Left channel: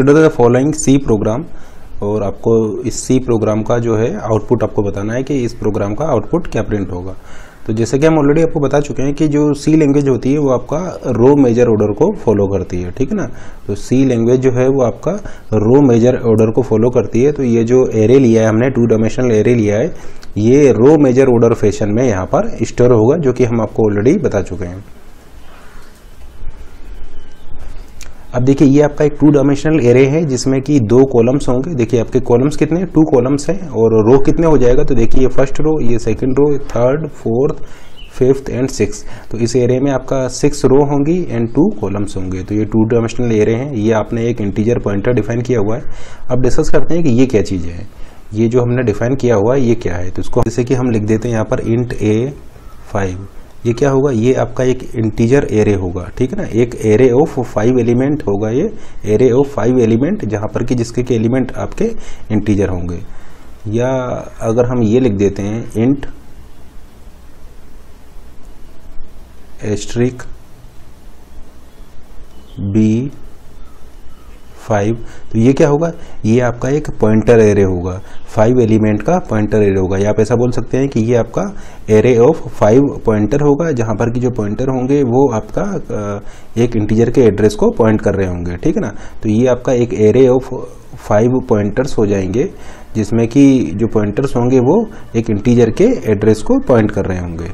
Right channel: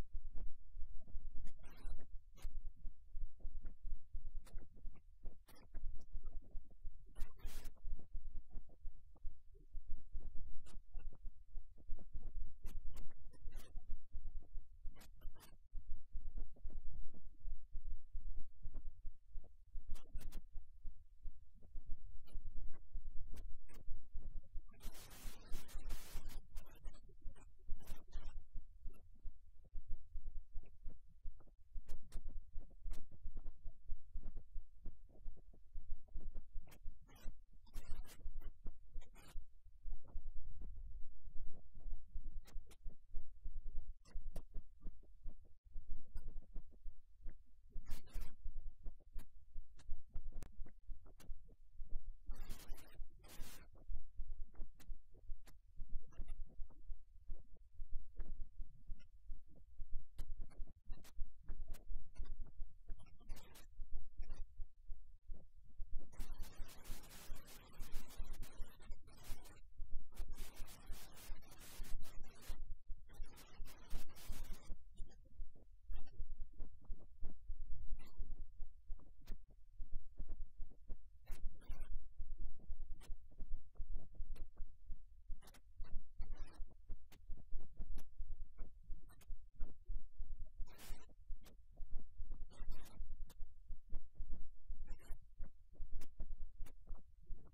Consider the following C program, और आपको इस सी प्रोग्राम का जो है आउटपुट आपको बताना है कि इस प्रोग्राम का आउटपुट क्या प्रिंट होगा। तो जैसे कि हम ऑलरेडी आपको बता चुके हैं कि जो सी लैंग्वेज होती है वो आपका रो मेजर ऑर्डर को फॉलो करती है, ठीक है ना। तो सी लैंग्वेज जो है वो आपका रो मेजर ऑर्डर को फॉलो करती है। तो ये जो एरे लिया है हमने, 2 डायमेंशनल एरे लिया है, ये रो मेजर ऑर्डर फैशन में यहाँ पर स्टोर होगा, जो कि हम आपको ऑलरेडी बता चुके हैं। अब देखिए ये आपका एक 2 डायमेंशनल एरे है जिसमें कि 2 कॉलम्स होंगे। देखिए आपके कॉलम्स कितने, 2 कॉलम्स हैं, और रो कितने हो जाएगा, तो देखिए ये फर्स्ट रो, ये second row, third, fourth, fifth and 6। तो इस एरे में आपका 6 रो होंगी एंड 2 कॉलम्स होंगे। तो ये 2 डायमेंशनल एरे हैं। ये आपने एक इंटीजर पॉइंटर डिफाइन किया हुआ है। अब डिस्कस करते हैं कि ये क्या चीज़ है, ये जो हमने डिफाइन किया हुआ है ये क्या है। तो इसको जैसे कि हम लिख देते हैं यहाँ पर int a5। ये क्या होगा, ये आपका एक इंटीजर एरे होगा, ठीक है ना। एक एरे ऑफ 5 एलिमेंट होगा, ये एरे ऑफ 5 एलिमेंट, जहाँ पर कि जिसके के एलिमेंट आपके इंटीजर होंगे। या अगर हम ये लिख देते हैं int एस्ट्रिक b5, तो ये क्या होगा, ये आपका एक पॉइंटर एरे होगा, 5 एलिमेंट का पॉइंटर एरे होगा। या आप ऐसा बोल सकते हैं कि ये आपका एरे ऑफ 5 पॉइंटर होगा, जहाँ पर कि जो पॉइंटर होंगे वो आपका एक इंटीजर के एड्रेस को पॉइंट कर रहे होंगे, ठीक है ना। तो ये आपका एक एरे ऑफ 5 पॉइंटर्स हो जाएंगे, जिसमें कि जो पॉइंटर्स होंगे वो एक इंटीजर के एड्रेस को पॉइंट कर रहे होंगे।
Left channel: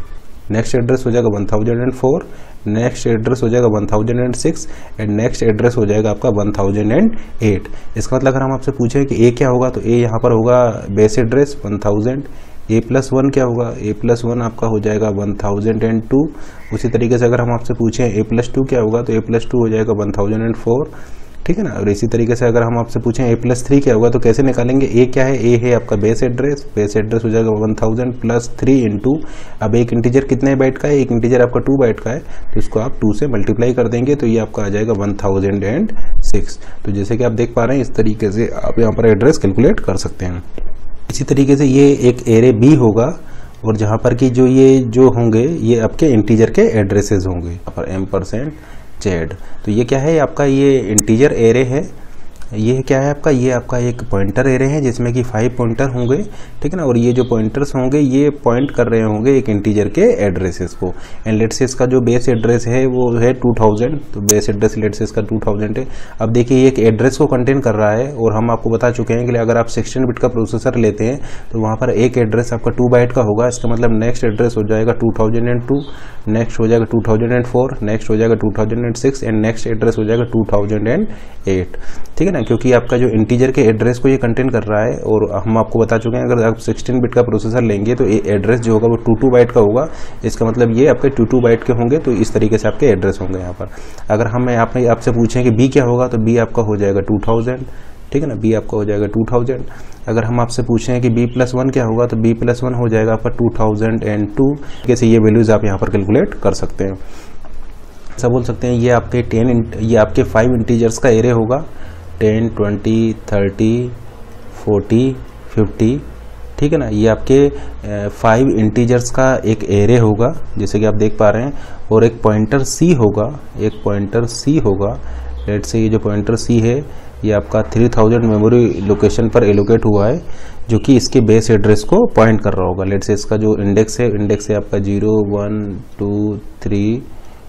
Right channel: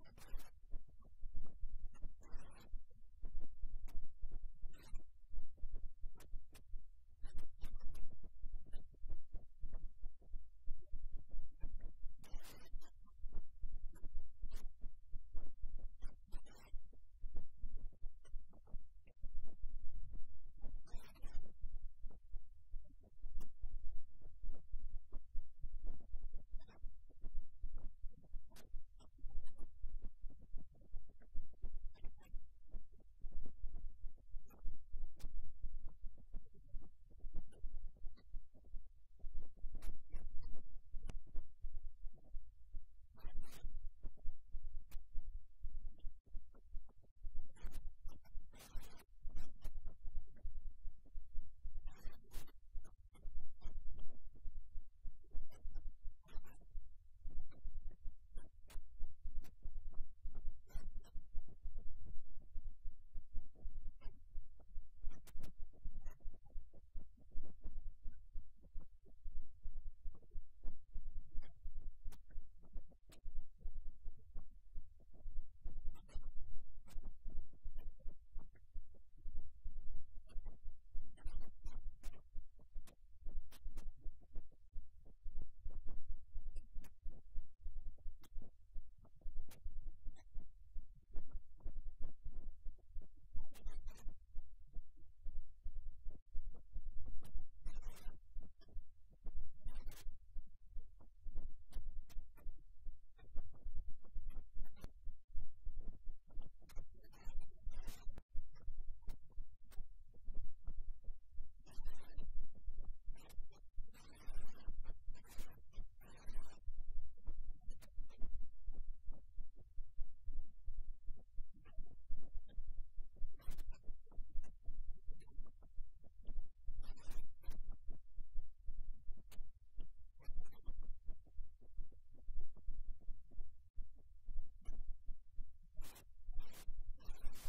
नेक्स्ट एड्रेस हो जाएगा 1004, नेक्स्ट एड्रेस हो जाएगा 1006 एंड नेक्स्ट एड्रेस हो जाएगा आपका 1008। इसका मतलब अगर हम आपसे पूछें कि ए क्या होगा, तो ए यहाँ पर होगा बेस एड्रेस 1000। a+1 क्या होगा, a+1 आपका हो जाएगा 1002। उसी तरीके से अगर हम आपसे पूछें a+2 क्या होगा, तो a+2 हो जाएगा 1004, ठीक है ना। और इसी तरीके से अगर हम आपसे पूछें a+3 क्या होगा, तो कैसे निकालेंगे, a क्या है, a है आपका बेस एड्रेस हो जाएगा 1000 प्लस 3 इंटू, अब एक इंटीजर कितने बाइट का है, एक इंटीजर आपका 2 बाइट का है, तो इसको आप 2 से मल्टीप्लाई कर देंगे, तो ये आपका आ जाएगा 1006। तो जैसे कि आप देख पा रहे हैं, इस तरीके से आप यहाँ पर एड्रेस कैलकुलेट कर सकते हैं। इसी तरीके से ये एक एरे बी होगा, और जहाँ पर कि ये जो होंगे ये आपके इंटीजर के एड्रेसेस होंगे, यहाँ पर %z। तो ये क्या है, आपका ये इंटीजर एरे है। ये क्या है आपका, ये आपका एक पॉइंटर एरे है जिसमें कि 5 पॉइंटर होंगे, ठीक है ना। और ये जो पॉइंटर्स होंगे ये पॉइंट कर रहे होंगे एक इंटीजर के एड्रेसेस को। एंड लेट्स से इसका जो बेस एड्रेस है वो है 2000, तो बेस एड्रेस लेट्स से इसका 2000 है। अब देखिए ये एक एड्रेस को कंटेन कर रहा है, और हम आपको बता चुके हैं कि अगर आप 16 बिट का प्रोसेसर लेते हैं तो वहाँ पर एक एड्रेस आपका 2 बाइट का होगा। इसका मतलब नेक्स्ट एड्रेस हो जाएगा 2002, नेक्स्ट हो जाएगा 2004, नेक्स्ट हो जाएगा 2006 एंड नेक्स्ट एड्रेस हो जाएगा 2008, ठीक है ना। क्योंकि आपका जो इंटीजर के एड्रेस को ये कंटेन कर रहा है, और हम आपको बता चुके हैं अगर आप 16 बिट का प्रोसेसर लेंगे तो ये एड्रेस जो होगा वो 22 बाइट का होगा। इसका मतलब ये आपके 22 बाइट के होंगे, तो इस तरीके से आपके एड्रेस होंगे यहाँ पर। अगर हम आपसे पूछें कि बी क्या होगा, तो बी आपका हो जाएगा 2000, ठीक है ना, बी आपका हो जाएगा 2000। अगर हम आपसे पूछें कि b+1 क्या होगा, तो b+1 हो जाएगा आपका 2002। कैसे ये वैल्यूज आप यहाँ पर कैलकुलेट कर सकते हैं। ऐसा बोल सकते हैं ये आपके 5 इंटीजर्स का एरे होगा, 10, 20, 30, 40, 50, ठीक है ना। ये आपके 5 इंटीजर्स का एक एरे होगा, जैसे कि आप देख पा रहे हैं। और एक पॉइंटर c होगा, लेट्स से ये जो पॉइंटर c है ये आपका 3000 मेमोरी लोकेशन पर एलोकेट हुआ है, जो कि इसके बेस एड्रेस को पॉइंट कर रहा होगा। लेट्स से इसका जो इंडेक्स है आपका 0, 1, 2, 3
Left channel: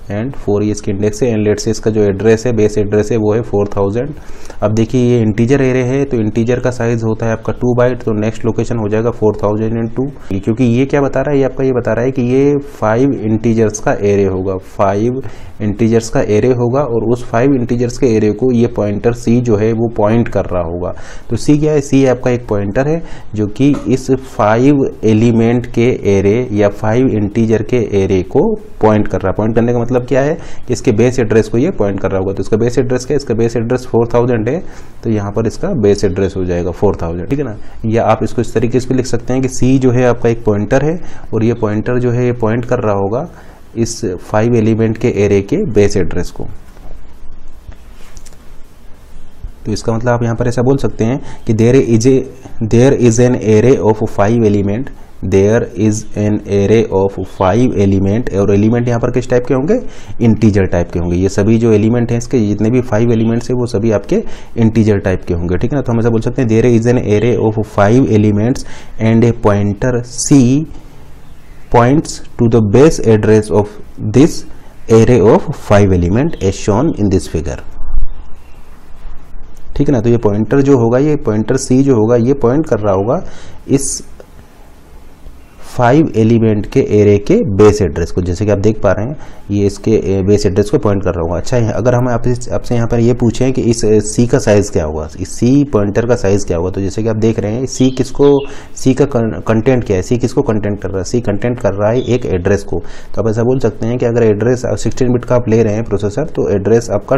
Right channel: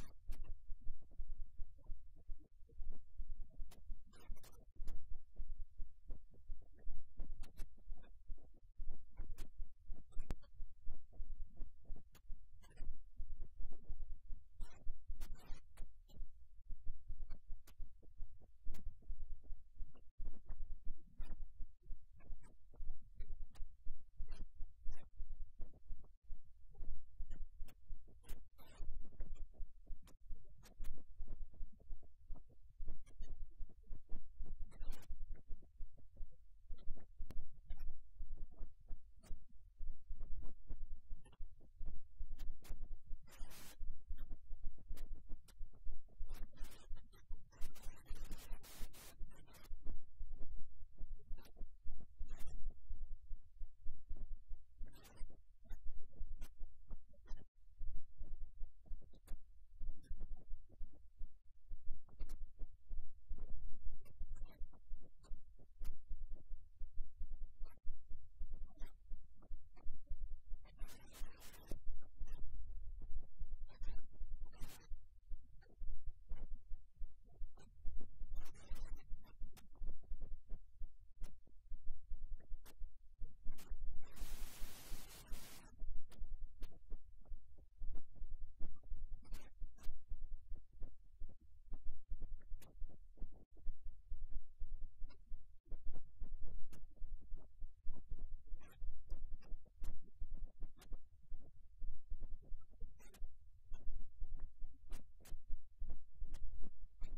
एंड 4, ये इसके इंडेक्स है। एंड लेट्स से इसका जो एड्रेस है, बेस एड्रेस है, वो है 4000। अब देखिए ये इंटीजर एरे है, तो इंटीजर का साइज होता है आपका 2 बाइट, तो नेक्स्ट लोकेशन हो जाएगा 4002। क्योंकि ये क्या बता रहा है, ये आपका ये बता रहा है कि ये 5 इंटीजर्स का एरे होगा, 5 इंटीजर्स का एरे होगा, और उस 5 इंटीजर्स के एरे को ये पॉइंटर c जो है वो पॉइंट कर रहा होगा। तो c क्या है, c आपका एक पॉइंटर है जो कि इस 5 एलिमेंट के एरे या 5 इंटीजर के एरे को पॉइंट कर रहा है। पॉइंट करने का मतलब क्या है कि इसके बेस एड्रेस को ये पॉइंट कर रहा होगा। तो इसका बेस एड्रेस क्या है, इसका बेस एड्रेस 4000 है, तो यहाँ पर इसका बेस एड्रेस हो जाएगा 4000, ठीक है ना। या आप इसको इस तरीके से भी लिख सकते हैं कि c जो है आपका एक पॉइंटर है, और ये पॉइंटर जो है ये पॉइंट कर रहा होगा इस 5 एलिमेंट के एरे के बेस एड्रेस को। तो इसका मतलब आप यहाँ पर ऐसा बोल सकते हैं कि there is an array of 5 element there is an array of 5 element, और एलिमेंट यहाँ पर किस टाइप के होंगे, इंटीजर टाइप के होंगे। ये सभी जो एलिमेंट हैं इसके जितने भी 5 एलिमेंट्स हैं वो सभी आपके इंटीजर टाइप के होंगे, ठीक है ना। तो हम ऐसा बोल सकते हैं there is an array of 5 elements and a pointer C points to the base address of this array of 5 element as shown in this figure, ठीक है ना। तो ये पॉइंटर जो होगा, ये पॉइंटर सी जो होगा, ये पॉइंट कर रहा होगा इस 5 एलिमेंट के एरे के बेस एड्रेस को, जैसे कि आप देख पा रहे हैं ये इसके बेस एड्रेस को पॉइंट कर रहा होगा। अच्छा, अगर हम आपसे यहाँ पर ये पूछें कि इस सी का साइज़ क्या होगा, इस सी पॉइंटर का साइज़ क्या होगा, तो जैसे कि आप देख रहे हैं सी का कंटेंट क्या है, सी किसको कंटेंट कर रहा है, सी कंटेंट कर रहा है एक एड्रेस को। तो आप ऐसा बोल सकते हैं कि अगर एड्रेस 16 बिट का आप ले रहे हैं प्रोसेसर, तो एड्रेस आपका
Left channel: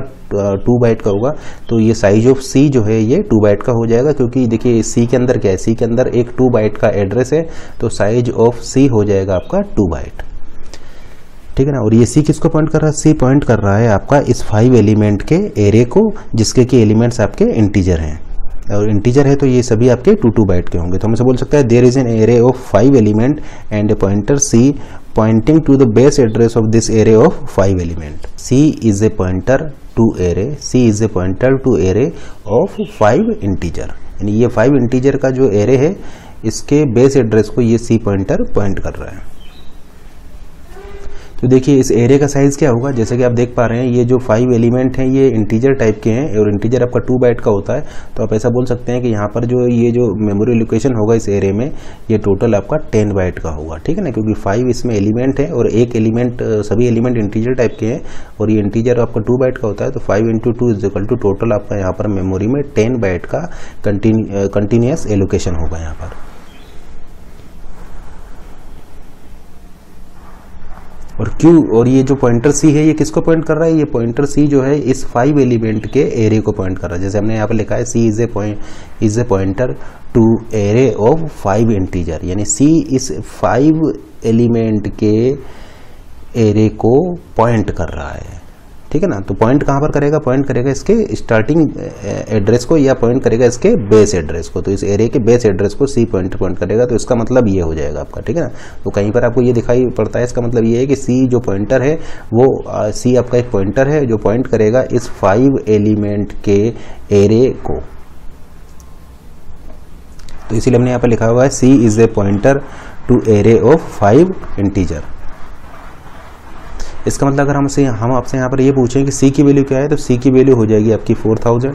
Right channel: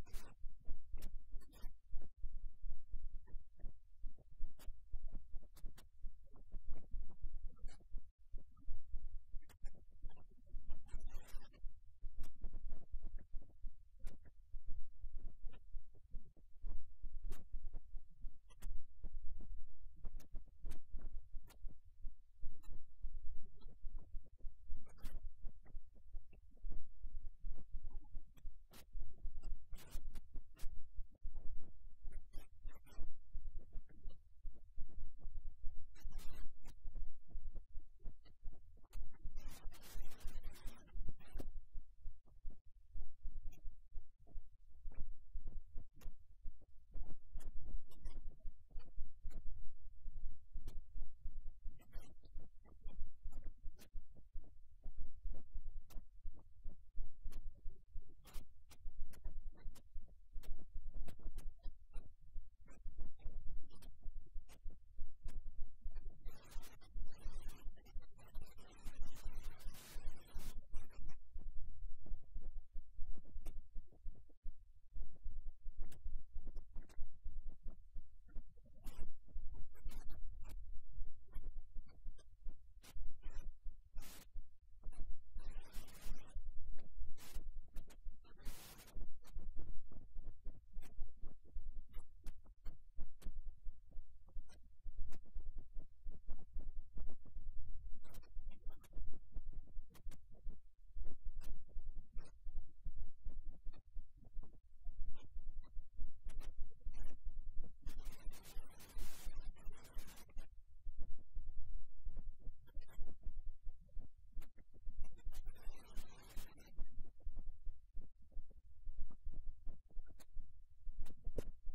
2 बाइट का होगा, तो ये साइज ऑफ सी जो है ये 2 बाइट का हो जाएगा, क्योंकि देखिए सी के अंदर क्या है, सी के अंदर एक 2 बाइट का एड्रेस है, तो साइज ऑफ सी हो जाएगा आपका 2 बाइट, ठीक है ना। और ये सी किसको पॉइंट कर रहा है, सी पॉइंट कर रहा है आपका इस 5 एलिमेंट के एरे को, जिसके कि एलिमेंट्स आपके इंटीजर हैं, और इंटीजर है तो ये सभी आपके 2 बाइट के होंगे। तो हम ऐसे बोल सकते हैं there is an array of 5 element and a pointer C pointing to the base address of this array of 5 element. C is a pointer to array, C is a pointer to array of 5 integer, यानी ये 5 integer का जो array है इसके base address को ये सी pointer point कर रहा है। तो देखिए इस एरे का साइज़ क्या होगा, जैसे कि आप देख पा रहे हैं ये जो 5 एलिमेंट हैं ये इंटीजर टाइप के हैं, और इंटीजर आपका 2 बाइट का होता है। तो आप ऐसा बोल सकते हैं कि यहाँ पर जो ये जो मेमोरी लोकेशन होगा इस एरे में, ये टोटल आपका 10 बाइट का होगा, ठीक है ना, क्योंकि 5 इसमें एलिमेंट है और एक एलिमेंट, सभी एलिमेंट इंटीजर टाइप के हैं, और ये इंटीजर आपका 2 बाइट का होता है। तो 5 × 2 = टोटल आपका यहाँ पर मेमोरी में 10 बाइट का कंटिन्यूस एलोकेशन होगा यहाँ पर। और क्यों, और ये जो पॉइंटर सी है ये किसको पॉइंट कर रहा है, ये पॉइंटर सी जो है इस 5 एलिमेंट के एरे को पॉइंट कर रहा है। जैसे हमने यहाँ पर लिखा है C is a pointer to array of 5 integer, यानी सी इस 5 एलिमेंट के एरे को पॉइंट कर रहा है, ठीक है ना। तो पॉइंट कहाँ पर करेगा, पॉइंट करेगा इसके स्टार्टिंग एड्रेस को, या पॉइंट करेगा इसके बेस एड्रेस को। तो इस एरे के बेस एड्रेस को सी पॉइंट करेगा, तो इसका मतलब ये हो जाएगा आपका, ठीक है ना। तो कहीं पर आपको ये दिखाई पड़ता है, इसका मतलब ये है कि सी जो पॉइंटर है वो सी आपका एक पॉइंटर है जो पॉइंट करेगा इस 5 एलिमेंट के एरे को। तो इसीलिए हमने यहाँ पर लिखा हुआ है C is a pointer to array of 5 integer. इसका मतलब अगर हम आपसे यहाँ पर ये पूछें कि सी की वैल्यू क्या है, तो सी की वैल्यू हो जाएगी आपकी 4000,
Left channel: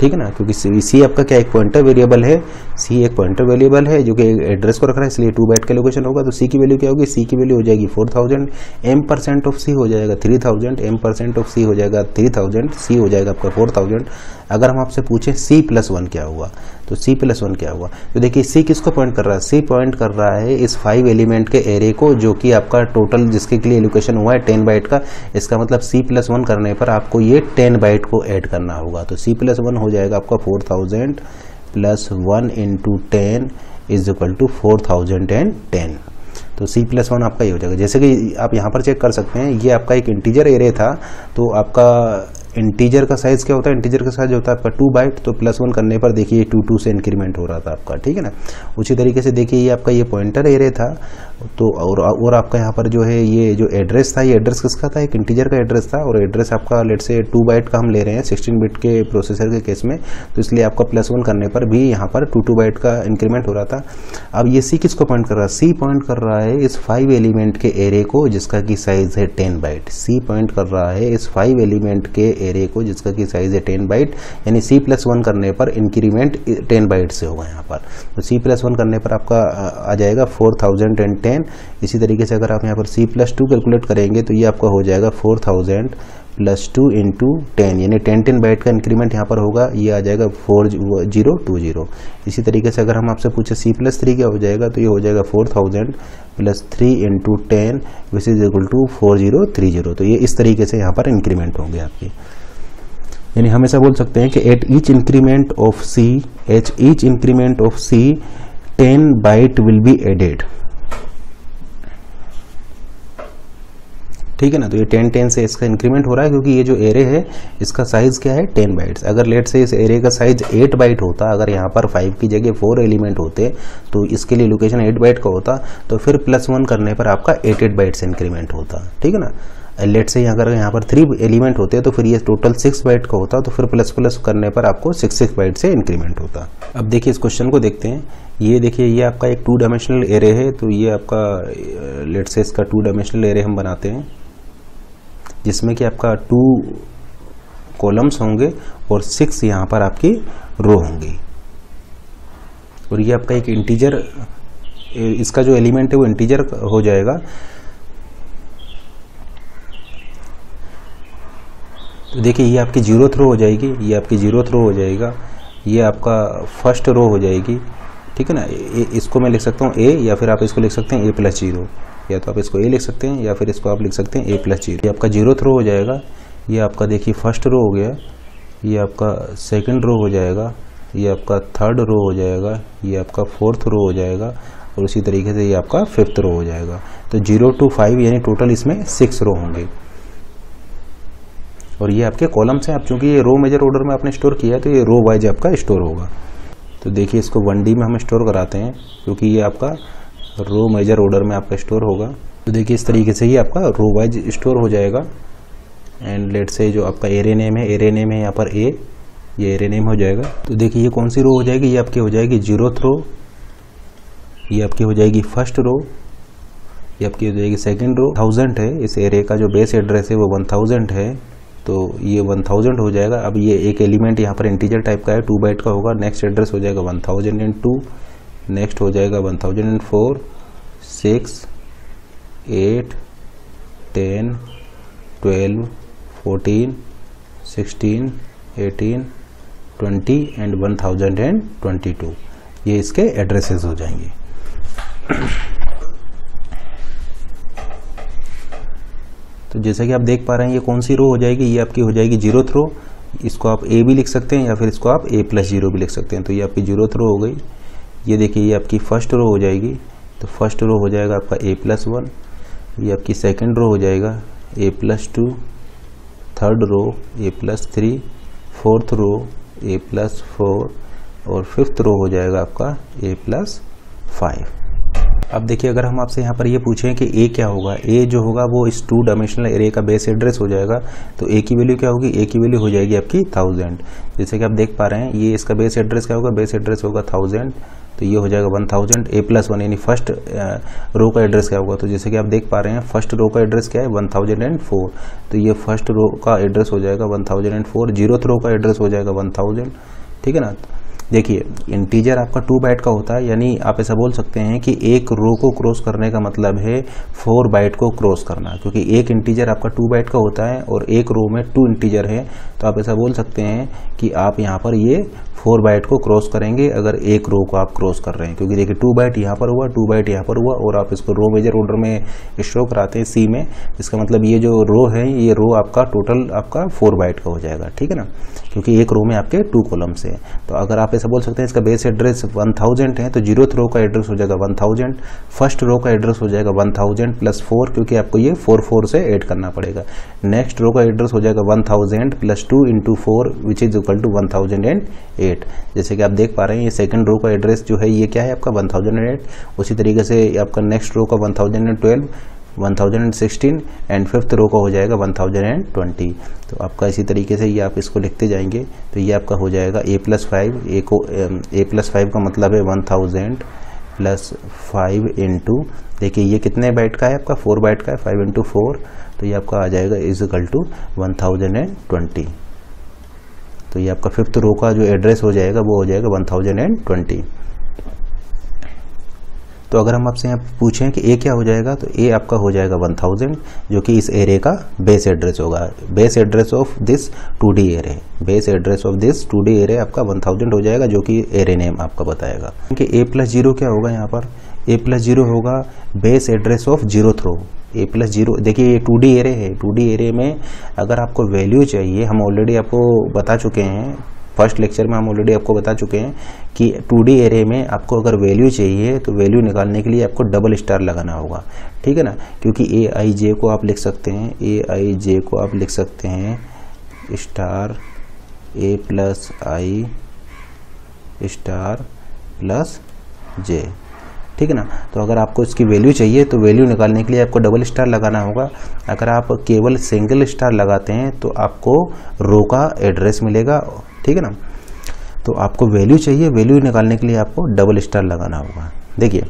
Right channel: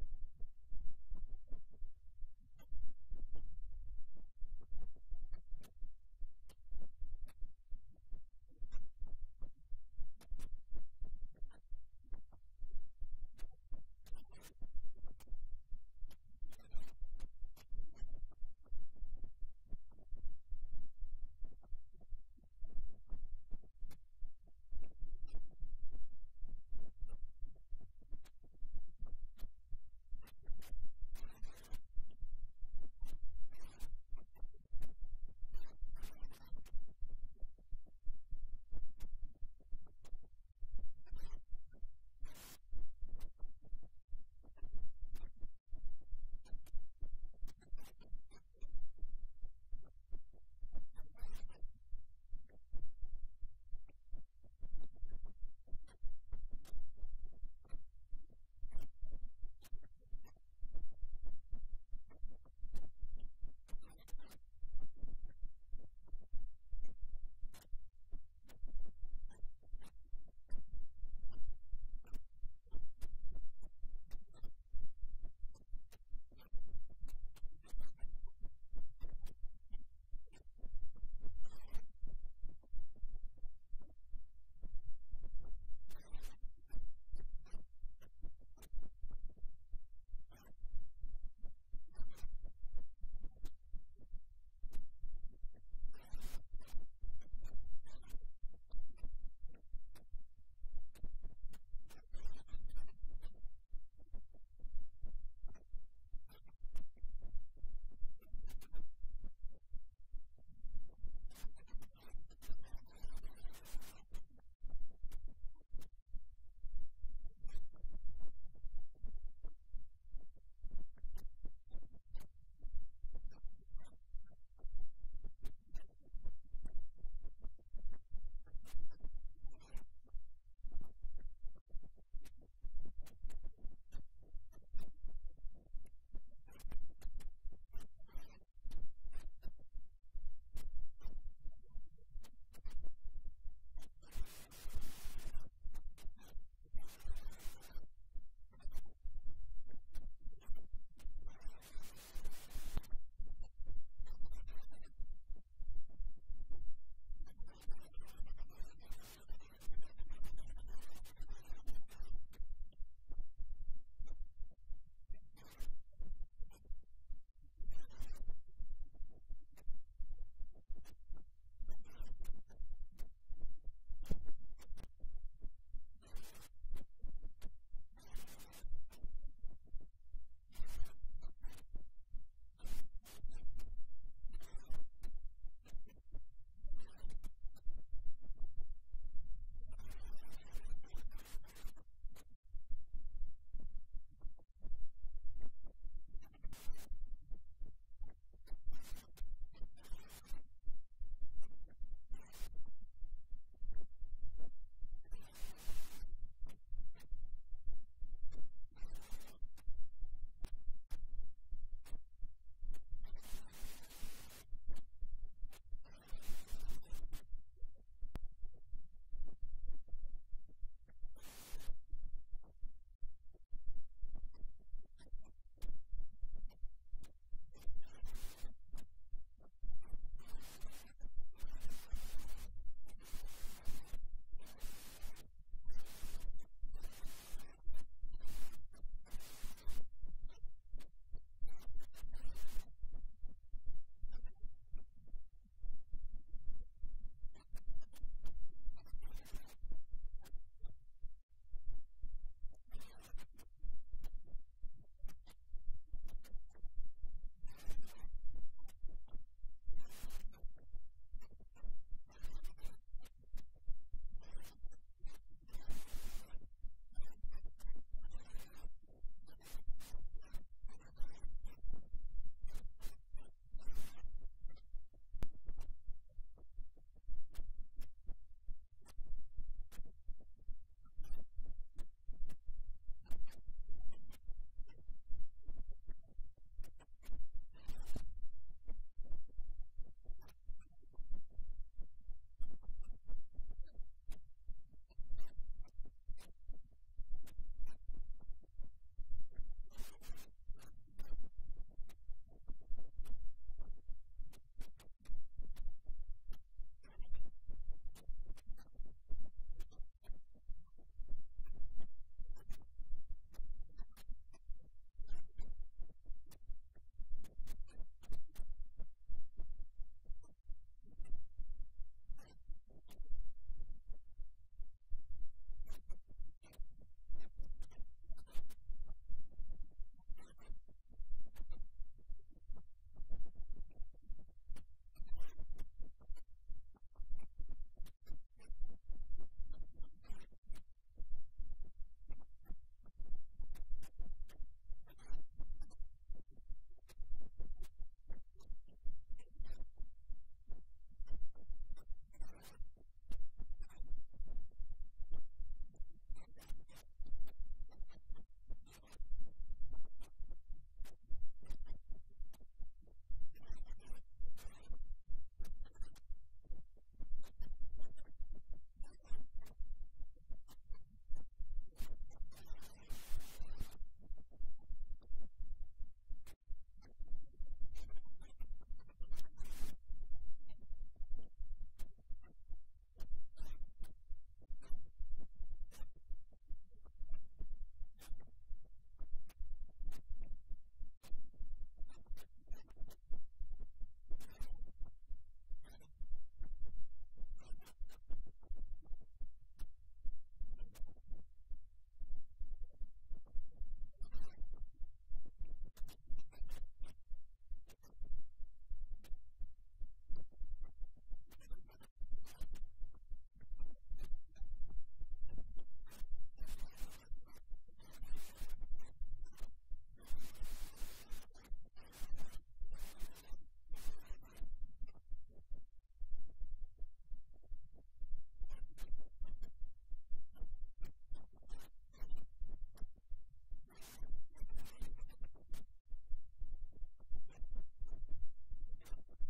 ठीक है ना, क्योंकि सी आपका क्या एक पॉइंटर वेरिएबल है, सी एक पॉइंटर वेरिएबल है जो कि एड्रेस को रख रहा है, इसलिए 2 बाइट का लोकेशन होगा। तो सी की वैल्यू क्या होगी, सी की वैल्यू हो जाएगी 4000, m% ऑफ सी हो जाएगा 3000, m% ऑफ सी हो जाएगा 3000, सी हो जाएगा आपका 4000। अगर हम आपसे पूछें C+1 क्या हुआ, तो C+1 क्या हुआ, तो देखिए सी किसको पॉइंट कर रहा है, सी पॉइंट कर रहा है इस 5 एलिमेंट के एरे को, जो कि आपका टोटल जिसके लिए एलोकेशन हुआ है 10 बाइट का। इसका मतलब C+1 करने पर आपको ये 10 बाइट को ऐड करना होगा। तो C+1 हो जाएगा आपका 4000 + 1 × 10 = 4010। तो C+1 आपका ये हो जाएगा। जैसे कि आप यहाँ पर चेक कर सकते हैं, ये आपका एक इंटीजर एरे था, तो आपका इंटीजर का साइज़ क्या होता है, इंटीजर का साइज होता है आपका 2 बाइट, तो +1 करने पर देखिए 2 से इंक्रीमेंट हो रहा था आपका, ठीक है ना। उसी तरीके से देखिए ये आपका ये पॉइंटर एरे था, तो और आपका यहाँ पर जो है ये जो एड्रेस था, ये एड्रेस किसका था, एक इंटीजर का एड्रेस था, और एड्रेस आपका लेट से 2 बाइट का हम ले रहे हैं 16 बिट के प्रोसेसर के केस में, तो इसलिए आपका +1 करने पर भी यहाँ पर 2 बाइट का इंक्रीमेंट हो रहा था। अब ये सी किसको पॉइंट कर रहा है, सी पॉइंट कर रहा है इस 5 एलिमेंट के एरे को जिसका कि साइज है 10 बाइट। सी पॉइंट कर रहा है इस 5 एलिमेंट के एरे को जिसका कि साइज है 10 बाइट, यानी C+1 करने पर इंक्रीमेंट 10 बाइट से होगा यहाँ पर। तो C+1 करने पर आपका आ जाएगा 4010। इसी तरीके से अगर आप यहाँ पर C+2 कैलकुलेट करेंगे तो ये आपका हो जाएगा 4000 + 2 × 10, यानी 10 बाइट का इंक्रीमेंट यहाँ पर होगा, ये आ जाएगा 4020। इसी तरीके से अगर हम आपसे पूछे C+3 क्या हो जाएगा, तो ये हो जाएगा 4000 + 3 × 10 = 4030। तो ये इस तरीके से यहाँ पर इंक्रीमेंट होंगे आपकी, यानी हम ऐसा बोल सकते हैं कि at each increment of C 10 byte will be added. ठीक है ना। तो ये 10 से इसका इंक्रीमेंट हो रहा है क्योंकि ये जो एरे है इसका साइज़ क्या है 10 बाइट्स। अगर लेट से इस एरे का साइज 8 बाइट होता, अगर यहाँ पर 5 की जगह 4 एलिमेंट होते तो इसके लिए लोकेशन 8 बाइट का होता, तो फिर +1 करने पर आपका 8 बाइट से इंक्रीमेंट होता, ठीक है ना। लेट से अगर यहाँ पर 3 एलिमेंट होते तो फिर ये टोटल 6 बाइट का होता, तो फिर प्लस करने पर आपको 6 बाइट से इंक्रीमेंट होता। अब देखिए इस क्वेश्चन को देखते हैं। ये देखिए ये आपका एक 2 डायमेंशनल एरे है, तो ये आपका लेट से इसका 2 डायमेंशनल एरे हम बनाते हैं जिसमें कि आपका 2 कॉलम्स होंगे और 6 यहाँ पर आपकी रो होंगी। और ये आपका एक इंटीजर, इसका जो एलिमेंट है वो इंटीजर हो जाएगा। तो देखिए ये आपकी 0th रो हो जाएगी, ये आपकी 0th रो हो जाएगा, ये आपका फर्स्ट रो हो जाएगी, ठीक है ना। इसको मैं लिख सकता हूँ a, या फिर आप इसको लिख सकते हैं a+0, या तो आप इसको a लिख सकते हैं या फिर इसको आप लिख सकते हैं a+0। ये आपका 0th रो हो जाएगा, ये आपका देखिए फर्स्ट रो हो गया, ये आपका सेकंड रो हो जाएगा, ये आपका थर्ड रो हो जाएगा, ये आपका 4th रो हो जाएगा और उसी तरीके से ये आपका 5th रो हो जाएगा। तो 0 to 5 यानी टोटल इसमें 6 रो होंगे। और ये आपके कॉलम्स हैं। अब चूंकि ये रो मेजर ऑर्डर में आपने स्टोर किया है तो ये रो वाइज आपका स्टोर होगा। तो देखिए इसको 1D में हम स्टोर कराते हैं क्योंकि ये आपका रो मेजर ऑर्डर में आपका स्टोर होगा। तो देखिए इस तरीके से ही आपका रो वाइज स्टोर हो जाएगा। एंड लेट से जो आपका एरे नेम है यहाँ पर A, ये एरे नेम हो जाएगा। तो देखिए ये कौन सी रो हो जाएगी, ये आपकी हो जाएगी 0th रो, ये आपकी हो जाएगी फर्स्ट रो, ये आपकी हो जाएगी सेकंड रो। 1000 है इस एरे का जो बेस एड्रेस है वो 1000 है, तो ये 1000 हो जाएगा। अब ये एक एलिमेंट यहाँ पर इंटीजर टाइप का है, 2 बाइट का होगा। नेक्स्ट एड्रेस हो जाएगा 1002, नेक्स्ट हो जाएगा 1004, 6, 8, 10, 12, 14, 16, 18, 20 एंड 1022। ये इसके एड्रेसेस हो जाएंगे। तो जैसा कि आप देख पा रहे हैं ये कौन सी रो हो जाएगी, ये आपकी हो जाएगी 0th रो। इसको आप A भी लिख सकते हैं या फिर इसको आप A+0 भी लिख सकते हैं। तो ये आपकी 0th रो हो गई। ये देखिए ये आपकी फर्स्ट रो हो जाएगी, तो फर्स्ट रो हो जाएगा आपका A+1, ये आपकी सेकंड रो हो जाएगा A+2, third row A+3, fourth row A+4 और फिफ्थ रो हो जाएगा आपका A+5। अब देखिए अगर हम आपसे यहाँ पर ये पूछें कि A क्या होगा, A जो होगा वो इस 2 डायमेंशनल एरे का बेस एड्रेस हो जाएगा। तो A की वैल्यू क्या होगी, A की वैल्यू हो जाएगी आपकी 1000। जैसे कि आप देख पा रहे हैं ये इसका बेस एड्रेस क्या होगा, बेस एड्रेस होगा 1000, तो ये हो जाएगा 1000। A+1 यानी फर्स्ट रो का एड्रेस क्या होगा, तो जैसे कि आप देख पा रहे हैं फर्स्ट रो का एड्रेस क्या है 1004, तो ये फर्स्ट रो का एड्रेस हो जाएगा 1004। 0th रो का एड्रेस हो जाएगा 1000, ठीक है ना। देखिए इंटीजर आपका 2 बाइट का होता है, यानी आप ऐसा बोल सकते हैं कि एक रो को क्रॉस करने का मतलब है 4 बाइट को क्रॉस करना, क्योंकि एक इंटीजर आपका 2 बाइट का होता है और एक रो में 2 इंटीजर है। तो आप ऐसा बोल सकते हैं कि आप यहाँ पर ये 4 बाइट को क्रॉस करेंगे अगर एक रो को आप क्रॉस कर रहे हैं, क्योंकि देखिए 2 बाइट यहाँ पर हुआ, 2 बाइट यहाँ पर हुआ और आप इसको रो मेजर ऑर्डर में शो कराते हैं C में। इसका मतलब ये जो रो है ये रो आपका टोटल आपका 4 बाइट का हो जाएगा, ठीक है ना, क्योंकि एक रो में आपके 2 कॉलम्स है। तो अगर आप ऐसा बोल सकते हैं इसका बेस एड्रेस 1000 है, तो 0th रो का एड्रेस हो जाएगा 1000, फर्स्ट रो का एड्रेस हो जाएगा 1000 + 4, क्योंकि आपको ये 4 से ऐड करना पड़ेगा। नेक्स्ट रो का एड्रेस हो जाएगा 1000 + 2 × 4 विच इज इक्वल टू 1008। जैसे कि आप देख पा रहे हैं ये सेकंड रो का एड्रेस जो है ये क्या है आपका 1008। उसी तरीके से आपका नेक्स्ट रो का 1012, 1016 एंड फिफ्थ रो का हो जाएगा 1020। तो आपका इसी तरीके से ये आप इसको लिखते जाएंगे। तो ये आपका हो जाएगा A+5, A+5 का मतलब है 1000 + 5 × देखिए ये कितने बाइट का है आपका 4 बाइट का है, 5 × 4, तो ये आपका आ जाएगा इज इक्वल टू 1020। तो ये आपका फिफ्थ रो का जो एड्रेस हो जाएगा वो हो जाएगा 1020। तो अगर हम आपसे यहाँ पूछें कि A क्या हो जाएगा, तो A आपका हो जाएगा 1000, जो कि इस एरे का बेस एड्रेस होगा। Base address of this 2D array, base address of this 2D array आपका 1000 हो जाएगा, जो कि एरे नेम आपका बताएगा। कि A+0 क्या होगा यहाँ पर, A+0 होगा base address of 0th row. A+0 देखिए ये 2D एरे है, 2D एरे में अगर आपको वैल्यू चाहिए, हम ऑलरेडी आपको बता चुके हैं फर्स्ट लेक्चर में हम ऑलरेडी आपको बता चुके हैं कि 2D एरे में आपको अगर वैल्यू चाहिए तो वैल्यू निकालने के लिए आपको डबल स्टार लगाना होगा, ठीक है ना, क्योंकि Aij को आप लिख सकते हैं, Aij को आप लिख सकते हैं star A plus I star plus J, ठीक है ना। तो अगर आपको इसकी वैल्यू चाहिए तो वैल्यू निकालने के लिए आपको डबल स्टार लगाना होगा। अगर आप केवल सिंगल स्टार लगाते हैं तो आपको रो का एड्रेस मिलेगा, ठीक है ना। तो आपको वैल्यू चाहिए, वैल्यू निकालने के लिए आपको डबल स्टार लगाना होगा। देखिए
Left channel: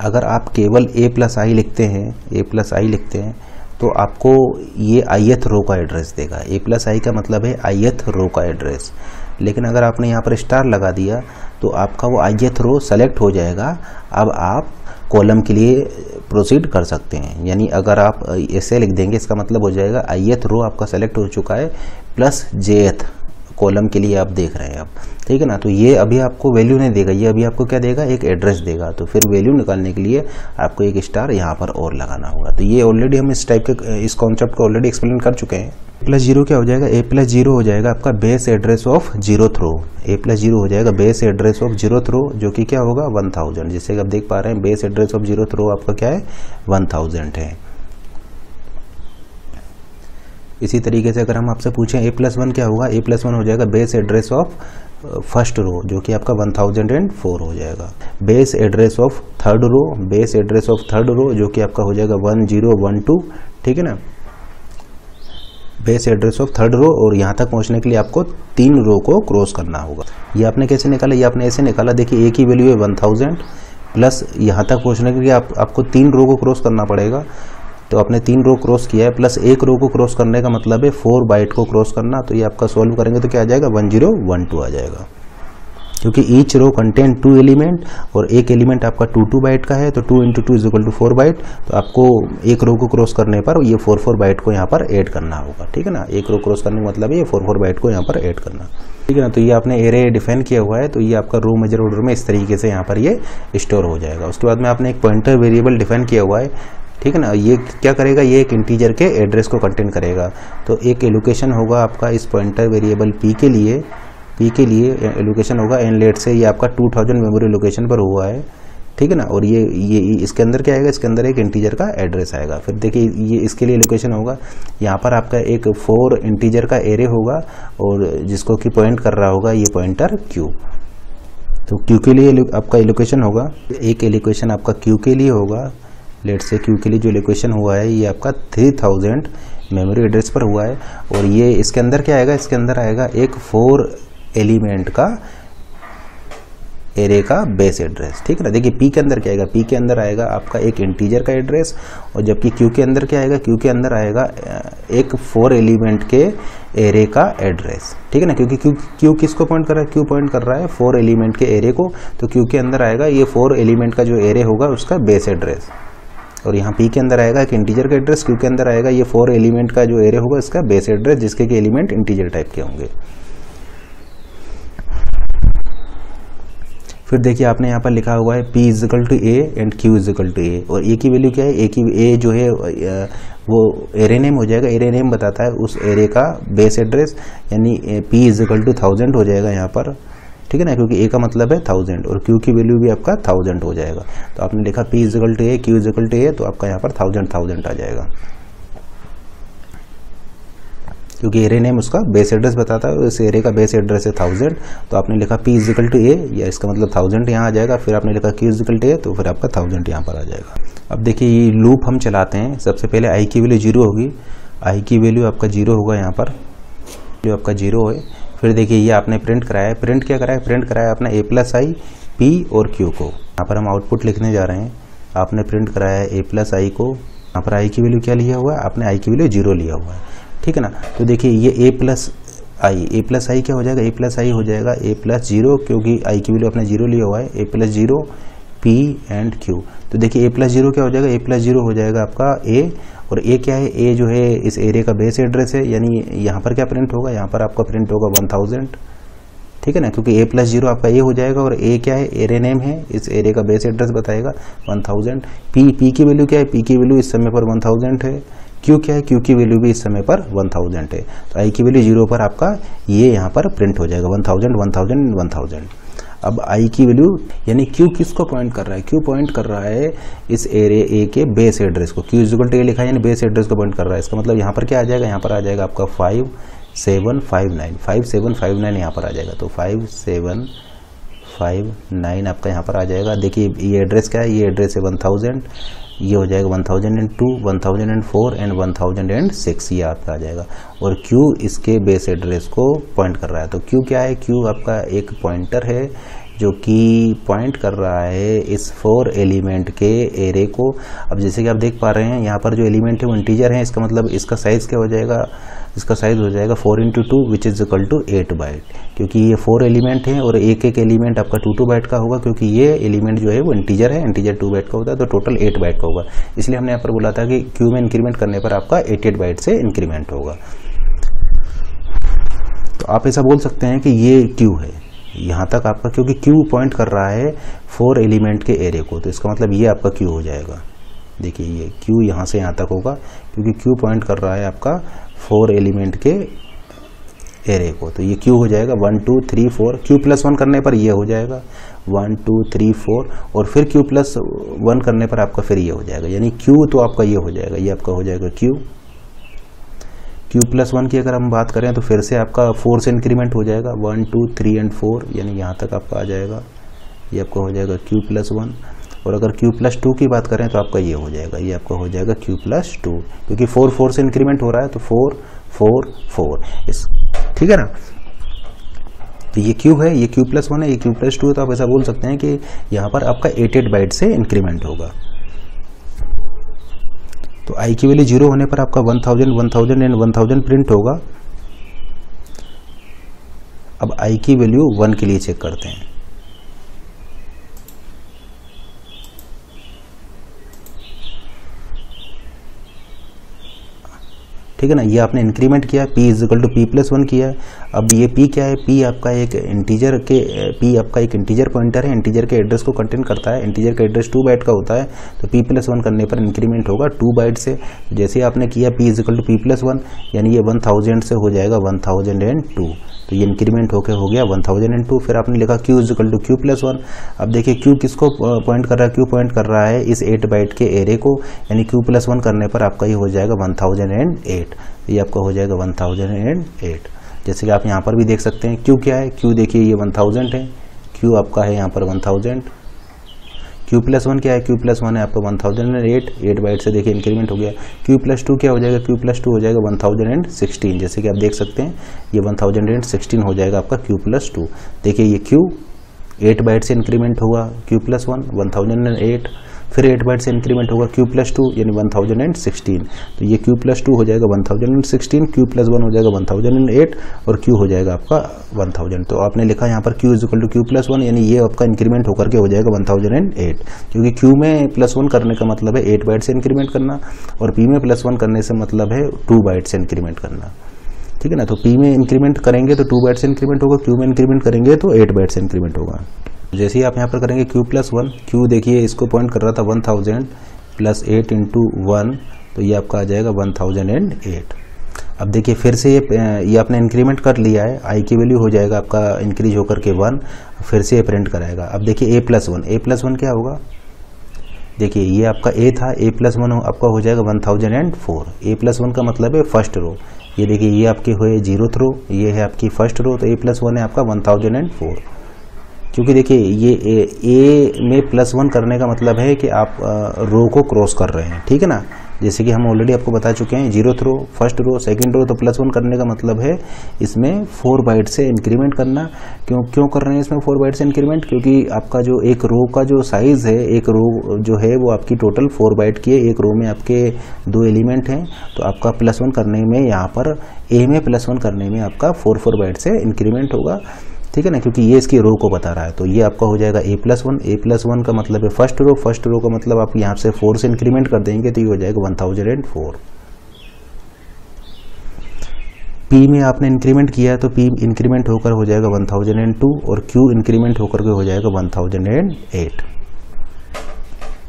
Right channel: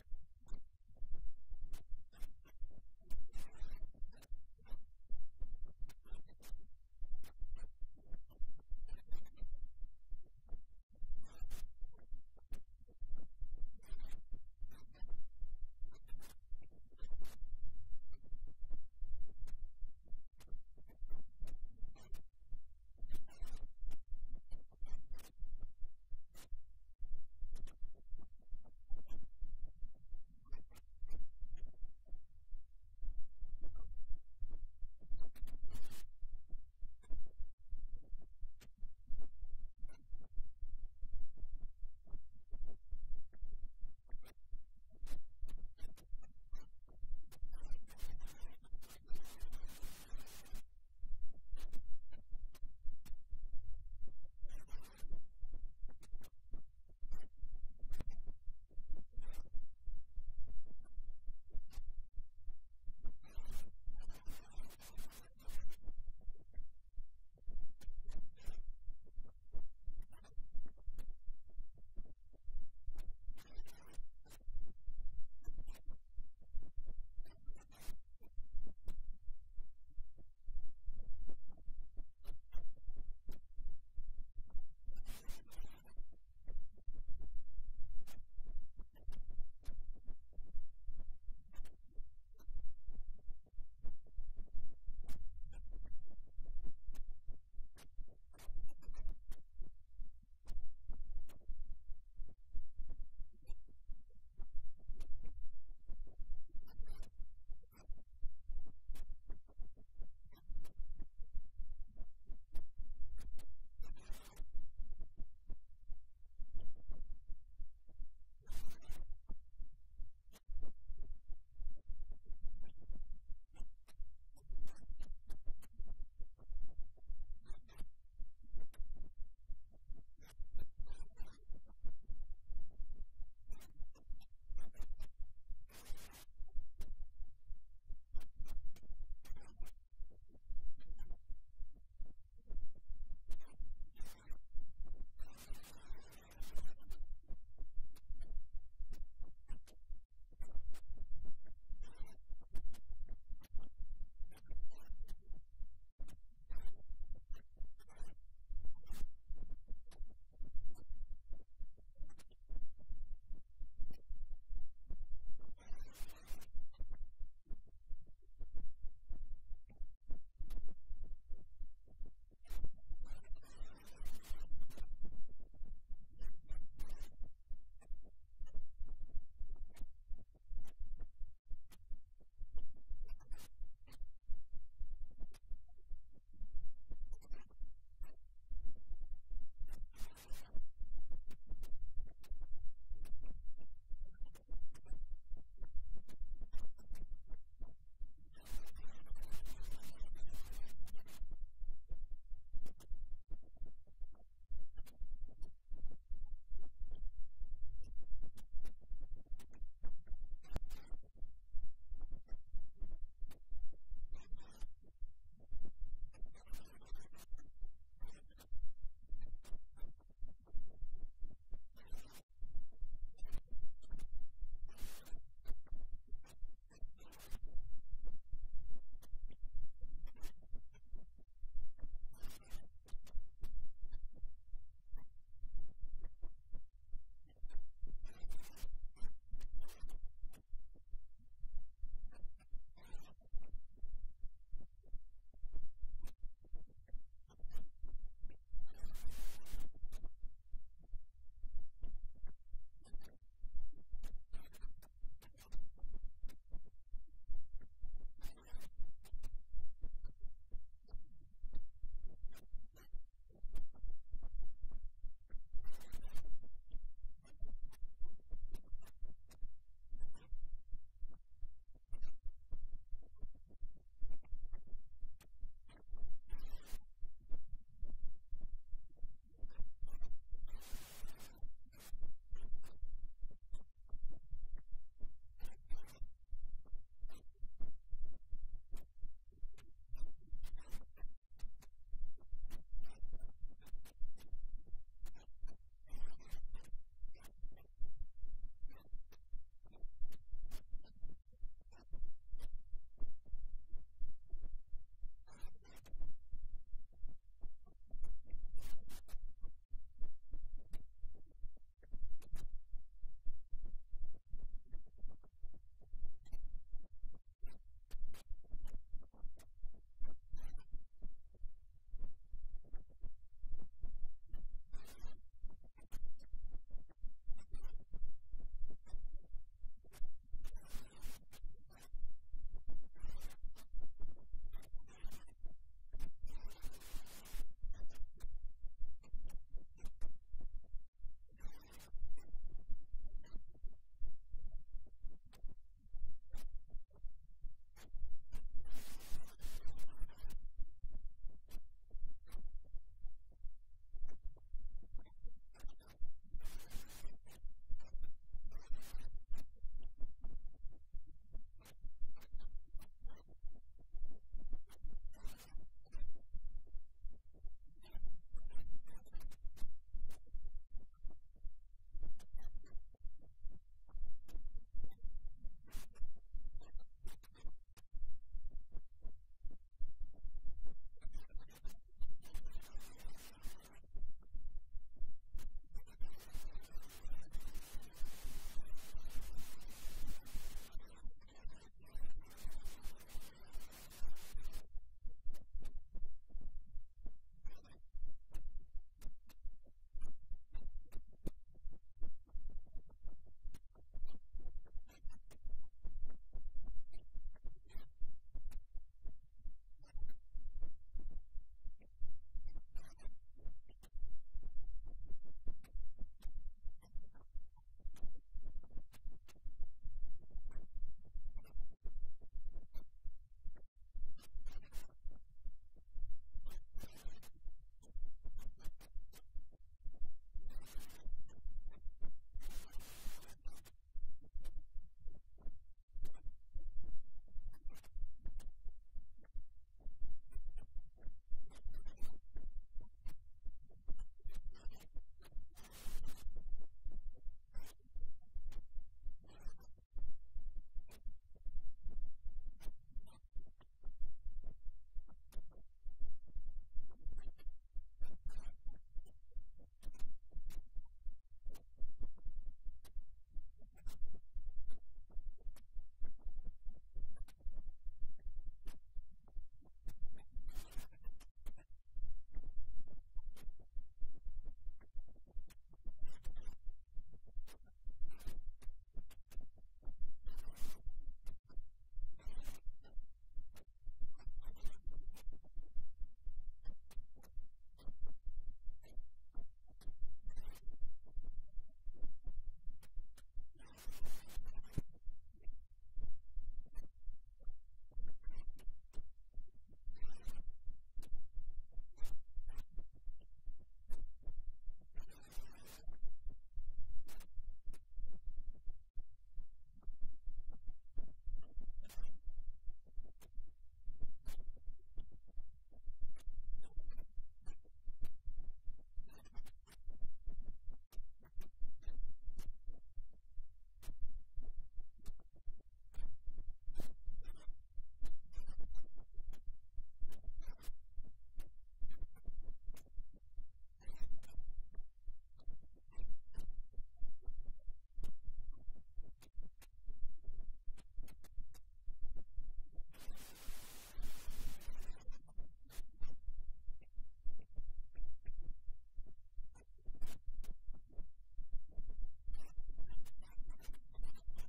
अगर आप केवल a प्लस आई लिखते हैं तो आपको ये ith रो का एड्रेस देगा। a प्लस आई का मतलब है ith रो का एड्रेस, लेकिन अगर आपने यहाँ पर स्टार लगा दिया तो आपका वो ith रो सेलेक्ट हो जाएगा। अब आप कॉलम के लिए प्रोसीड कर सकते हैं, यानी अगर आप ऐसे लिख देंगे इसका मतलब हो जाएगा ith रो आपका सेलेक्ट हो चुका है प्लस jth कॉलम के लिए आप देख रहे हैं अब, ठीक है ना। तो ये अभी आपको वैल्यू नहीं देगा, ये अभी आपको क्या देगा, एक एड्रेस देगा। तो फिर वैल्यू निकालने के लिए आपको एक स्टार यहाँ पर और लगाना होगा। तो ये ऑलरेडी हम इस टाइप के इस कॉन्सेप्ट को ऑलरेडी एक्सप्लेन कर चुके हैं। A+0 क्या हो जाएगा, A+0 हो जाएगा आपका base address of 0th row. A+0 हो जाएगा बेस एड्रेस ऑफ 0th रो, जो कि क्या होगा 1000। जैसे कि आप देख पा रहे हैं बेस एड्रेस ऑफ 0th रो आपका क्या है 1000 है। इसी तरीके से अगर हम आपसे पूछें A+1 क्या होगा, A+1 हो जाएगा base address of first row, जो कि आपका 1004 हो जाएगा। Base address of third row, base address of third row जो कि आपका हो जाएगा 1012, ठीक है ना। Base address of third row, और यहाँ तक पहुँचने के लिए आपको 3 रो को क्रॉस करना होगा। ये आपने कैसे निकाला, ये आपने ऐसे निकाला, देखिए एक ही वैल्यू है 1000 प्लस यहाँ तक पहुँचने के लिए आपको 3 रो को क्रॉस करना पड़ेगा। तो आपने 3 रो क्रॉस किया है, प्लस 1 रो को क्रॉस करने का मतलब है 4 बाइट को क्रॉस करना। तो ये आपका सॉल्व करेंगे तो क्या आ जाएगा 1012 आ जाएगा, क्योंकि ईच रो कंटेन 2 एलिमेंट और एक एलिमेंट आपका 2 बाइट का है। तो 2 × 2 = 4 बाइट। तो आपको एक रो को क्रॉस करने पर ये 4 बाइट को यहाँ पर ऐड करना होगा, ठीक है ना। एक रो क्रॉस करने का मतलब है ये 4 बाइट को यहाँ पर ऐड करना, ठीक है ना। तो ये आपने एरे डिफाइन किया हुआ है, तो ये आपका रो मेजर ऑर्डर में इस तरीके से यहाँ पर ये स्टोर हो जाएगा। उसके बाद में आपने एक पॉइंटर वेरिएबल डिफाइन किया हुआ है, ठीक है ना। ये क्या करेगा, ये एक इंटीजर के एड्रेस को कंटेन करेगा। तो एक एलोकेशन होगा आपका इस पॉइंटर वेरिएबल p के लिए एलोकेशन होगा एन लेट से, ये आपका 2000 मेमोरी लोकेशन पर हुआ है, ठीक है ना। और ये इसके अंदर क्या आएगा, इसके अंदर एक इंटीजर का एड्रेस आएगा। फिर देखिए ये इसके लिए एलोकेशन होगा, यहाँ पर आपका एक 4 इंटीजर का एरे होगा और जिसको कि पॉइंट कर रहा होगा ये पॉइंटर q। तो q के लिए आपका एलोकेशन होगा, एक एलोकेशन आपका q के लिए होगा। लेट से q के लिए जो एलोकेशन हुआ है ये आपका 3000 मेमोरी एड्रेस पर हुआ है। और ये इसके अंदर क्या आएगा, इसके अंदर आएगा एक 4 एलिमेंट का एरे का बेस एड्रेस, ठीक है ना। देखिए p के अंदर क्या आएगा, p के अंदर आएगा आपका एक इंटीजर का एड्रेस, और जबकि q के अंदर क्या आएगा, q के अंदर आएगा एक 4 एलिमेंट के एरे का एड्रेस, ठीक है ना। क्योंकि q किसको पॉइंट कर रहा है, q पॉइंट कर रहा है 4 एलिमेंट के एरे को। तो q के अंदर आएगा ये 4 एलिमेंट का जो एरे होगा उसका बेस एड्रेस, और यहाँ p के अंदर आएगा एक इंटीजर का एड्रेस, q के अंदर आएगा ये 4 एलिमेंट का जो एरे होगा इसका बेस एड्रेस, जिसके के एलिमेंट इंटीजर टाइप के होंगे। फिर देखिए आपने यहाँ पर लिखा हुआ है p = a and q = a, और a की वैल्यू क्या है, a जो है वो एरे नेम हो जाएगा। एरे नेम बताता है उस एरे का बेस एड्रेस, यानी p = 1000 हो जाएगा यहाँ पर, ठीक है ना, क्योंकि a का मतलब है 1000 और q की वैल्यू भी आपका 1000 हो जाएगा। तो आपने लिखा p = a q = a, तो आपका यहाँ पर 1000 आ जाएगा, क्योंकि एरे नेम उसका बेस एड्रेस बताता है। इस एरे का बेस एड्रेस है 1000, तो आपने लिखा p = a, या इसका मतलब 1000 यहाँ आ जाएगा। फिर आपने लिखा q = a, तो फिर आपका 1000 यहाँ पर आ जाएगा। अब देखिए ये लूप हम चलाते हैं। सबसे पहले i की वैल्यू 0 होगी, i की वैल्यू आपका 0 होगा यहाँ पर, जो आपका 0 है। फिर देखिए ये आपने प्रिंट कराया है, प्रिंट क्या कराया है, प्रिंट कराया आपने a+i p और q को। यहाँ पर हम आउटपुट लिखने जा रहे हैं। आपने प्रिंट कराया है a+i को, यहाँ पर i की वैल्यू क्या लिया हुआ है, आपने i की वैल्यू 0 लिया हुआ है, ठीक है ना। तो देखिए ये a+i क्या हो जाएगा, a+i हो जाएगा a+0, क्योंकि i की वैल्यू आपने 0 लिया हुआ है, a+0 p एंड q। तो देखिए a+0 क्या हो जाएगा, a+0 हो जाएगा आपका a, और a क्या है, a जो है इस एरे का बेस एड्रेस है, यानी यहाँ पर क्या प्रिंट होगा, यहाँ पर आपका प्रिंट होगा 1000, ठीक है ना, क्योंकि a+0 आपका a हो जाएगा, और a क्या है, एरे नेम है, इस एरे का बेस एड्रेस बताएगा 1000। p की वैल्यू क्या है, p की वैल्यू इस समय पर 1000 है, क्यू क्या है, क्यू की वैल्यू भी इस समय पर 1000 है, तो आई की वैल्यू 0 पर आपका ये यहाँ पर प्रिंट हो जाएगा 1000 1000 1000। अब आई की वैल्यू यानी क्यू किसको पॉइंट कर रहा है, क्यू पॉइंट कर रहा है इस एरे ए के बेस एड्रेस को, क्यू इक्वल टू ए लिखा है यानी बेस एड्रेस को पॉइंट कर रहा है। इसका मतलब यहाँ पर क्या आ जाएगा, यहाँ पर आ जाएगा आपका 5759 यहाँ पर आ जाएगा, तो 5759 आपका यहाँ पर आ जाएगा। देखिए ये एड्रेस क्या है, ये एड्रेस है 1000, ये हो जाएगा 1002 1004 एंड 1006 ये आपका आ जाएगा, और Q इसके बेस एड्रेस को पॉइंट कर रहा है। तो Q क्या है, Q आपका एक पॉइंटर है जो कि पॉइंट कर रहा है इस 4 एलिमेंट के एरे को। अब जैसे कि आप देख पा रहे हैं यहाँ पर जो एलिमेंट है वो इंटीजर है, इसका मतलब इसका साइज़ क्या हो जाएगा, इसका साइज़ हो जाएगा 4 × 2 which is equal to 8 byte, क्योंकि ये 4 एलिमेंट हैं और एक एक एलिमेंट आपका 2 बाइट का होगा, क्योंकि ये एलिमेंट जो है वो इंटीजर है, इंटीजर 2 बाइट का होता है, तो टोटल 8 बाइट का होगा। इसलिए हमने यहाँ पर बोला था कि क्यू में इंक्रीमेंट करने पर आपका 88 बाइट से इंक्रीमेंट होगा। तो आप ऐसा बोल सकते हैं कि ये क्यू है यहाँ तक आपका, क्योंकि क्यू पॉइंट कर रहा है 4 एलिमेंट के एरे को, तो इसका मतलब ये आपका क्यू हो जाएगा। देखिए ये क्यू यहाँ से यहाँ तक होगा, क्योंकि क्यू पॉइंट कर रहा है आपका 4 एलिमेंट के एरे को, तो ये क्यू हो जाएगा 1 2 3 4। क्यू प्लस 1 करने पर ये हो जाएगा 1 2 3 4, और फिर क्यू प्लस 1 करने पर आपका फिर ये हो जाएगा, यानी क्यू तो आपका ये हो जाएगा, ये आपका हो जाएगा क्यू प्लस 1 की अगर हम बात करें तो फिर से आपका 4 से इंक्रीमेंट हो जाएगा 1 2 3 एंड 4, यानी यहाँ तक आपका आ जाएगा, ये आपका हो जाएगा क्यू प्लस 1। और अगर क्यू प्लस 2 की बात करें तो आपका ये हो जाएगा, ये आपका हो जाएगा क्यू प्लस 2, क्योंकि 4 4 से इंक्रीमेंट हो रहा है, तो 4 4 4 इस, ठीक है ना। तो ये क्यू है, ये क्यू प्लस 1 है, ये क्यू प्लस 2 है, तो आप ऐसा बोल सकते हैं कि यहाँ पर आपका 88 बाइट से इंक्रीमेंट होगा। तो आई की वैल्यू 0 होने पर आपका 1000 1000 एंड 1000 प्रिंट होगा। अब आई की वैल्यू 1 के लिए चेक करते हैं। ठीक है ना, ये आपने इंक्रीमेंट किया, p is equal to p plus 1 किया। अब ये p क्या है, p आपका एक इंटीजर के p आपका एक इंटीजर पॉइंटर है, इंटीजर के एड्रेस को कंटेन करता है, इंटीजर का एड्रेस 2 बाइट का होता है, तो p प्लस 1 करने पर इंक्रीमेंट होगा 2 बाइट से। जैसे आपने किया p is equal to p plus 1, यानी ये 1000 से हो जाएगा 1002, तो ये इंक्रीमेंट होकर हो गया 1002। फिर आपने लिखा q is equal to q plus 1। अब देखिए q किसको पॉइंट कर रहा है, q पॉइंट कर रहा है इस 8 बाइट के एरे को, यानी q प्लस 1 करने पर आपका ये हो जाएगा 1008, ये आपका हो जाएगा 1008। जैसे कि आप यहाँ पर भी देख सकते हैं q क्या है, q देखिए ये 1000 है, q आपका है यहाँ पर 1000। q प्लस 1 क्या है, q प्लस 1 है आपका 1008, 8 बाइट से देखिए इंक्रीमेंट हो गया। q प्लस 2 क्या हो जाएगा, q प्लस 2 हो जाएगा 1016, जैसे कि आप देख सकते हैं ये 1016 हो जाएगा आपका q प्लस 2। देखिए ये q 8 बाइट से इंक्रीमेंट होगा q प्लस 1 1008, फिर 8 बाइट से इंक्रीमेंट होगा q प्लस 2 यानी 1016, तो ये q प्लस 2 हो जाएगा 1016, q प्लस 1 हो जाएगा 1008 और q हो जाएगा आपका 1000। तो आपने लिखा यहाँ पर q is equal to q plus 1, यानी ये आपका इंक्रीमेंट होकर के हो जाएगा 1008, क्योंकि q में प्लस 1 करने का मतलब है 8 बाइट से इंक्रीमेंट करना, और p में प्लस 1 करने से मतलब है 2 बाइट से इंक्रीमेंट करना। ठीक है ना, तो p में इंक्रीमेंट करेंगे तो 2 बाइट से इंक्रीमेंट होगा, q में इंक्रीमेंट करेंगे तो 8 बाइट से इंक्रीमेंट होगा। जैसे ही आप यहाँ पर करेंगे q प्लस 1, q देखिए इसको पॉइंट कर रहा था 1000 प्लस 8 इंटू 1, तो ये आपका आ जाएगा 1008। अब देखिए फिर से ये आपने इंक्रीमेंट कर लिया है, i की वैल्यू हो जाएगा आपका इंक्रीज होकर के 1, फिर से ये प्रिंट कराएगा। अब देखिए a प्लस 1 क्या होगा, देखिए ये आपका a था, a प्लस 1 आपका हो जाएगा 1004। a प्लस 1 का मतलब है फर्स्ट रो, ये देखिए ये आपकी हुए 0th रो, ये है आपकी फर्स्ट रो, तो a प्लस 1 है आपका 1004। क्योंकि देखिए ये ए में प्लस 1 करने का मतलब है कि आप रो को क्रॉस कर रहे हैं, ठीक है ना। जैसे कि हम ऑलरेडी आपको बता चुके हैं 0th रो, फर्स्ट रो, सेकंड रो, तो प्लस 1 करने का मतलब है इसमें 4 बाइट से इंक्रीमेंट करना। क्यों कर रहे हैं इसमें 4 बाइट से इंक्रीमेंट, क्योंकि आपका जो एक रो का जो साइज़ है, एक रो जो है वो आपकी टोटल 4 बाइट की है, एक रो में आपके 2 एलिमेंट हैं, तो आपका प्लस 1 करने में यहाँ पर ए में प्लस 1 करने में आपका 4 बाइट से इंक्रीमेंट होगा, ठीक है ना, क्योंकि ये इसकी रो को बता रहा है। तो ये आपका हो जाएगा a प्लस 1 का मतलब है फर्स्ट रो का मतलब आप यहाँ से 4 से इंक्रीमेंट कर देंगे तो ये हो जाएगा 1004। p में आपने इंक्रीमेंट किया है तो p इंक्रीमेंट होकर हो जाएगा 1002 और q इंक्रीमेंट होकर के हो जाएगा 1008।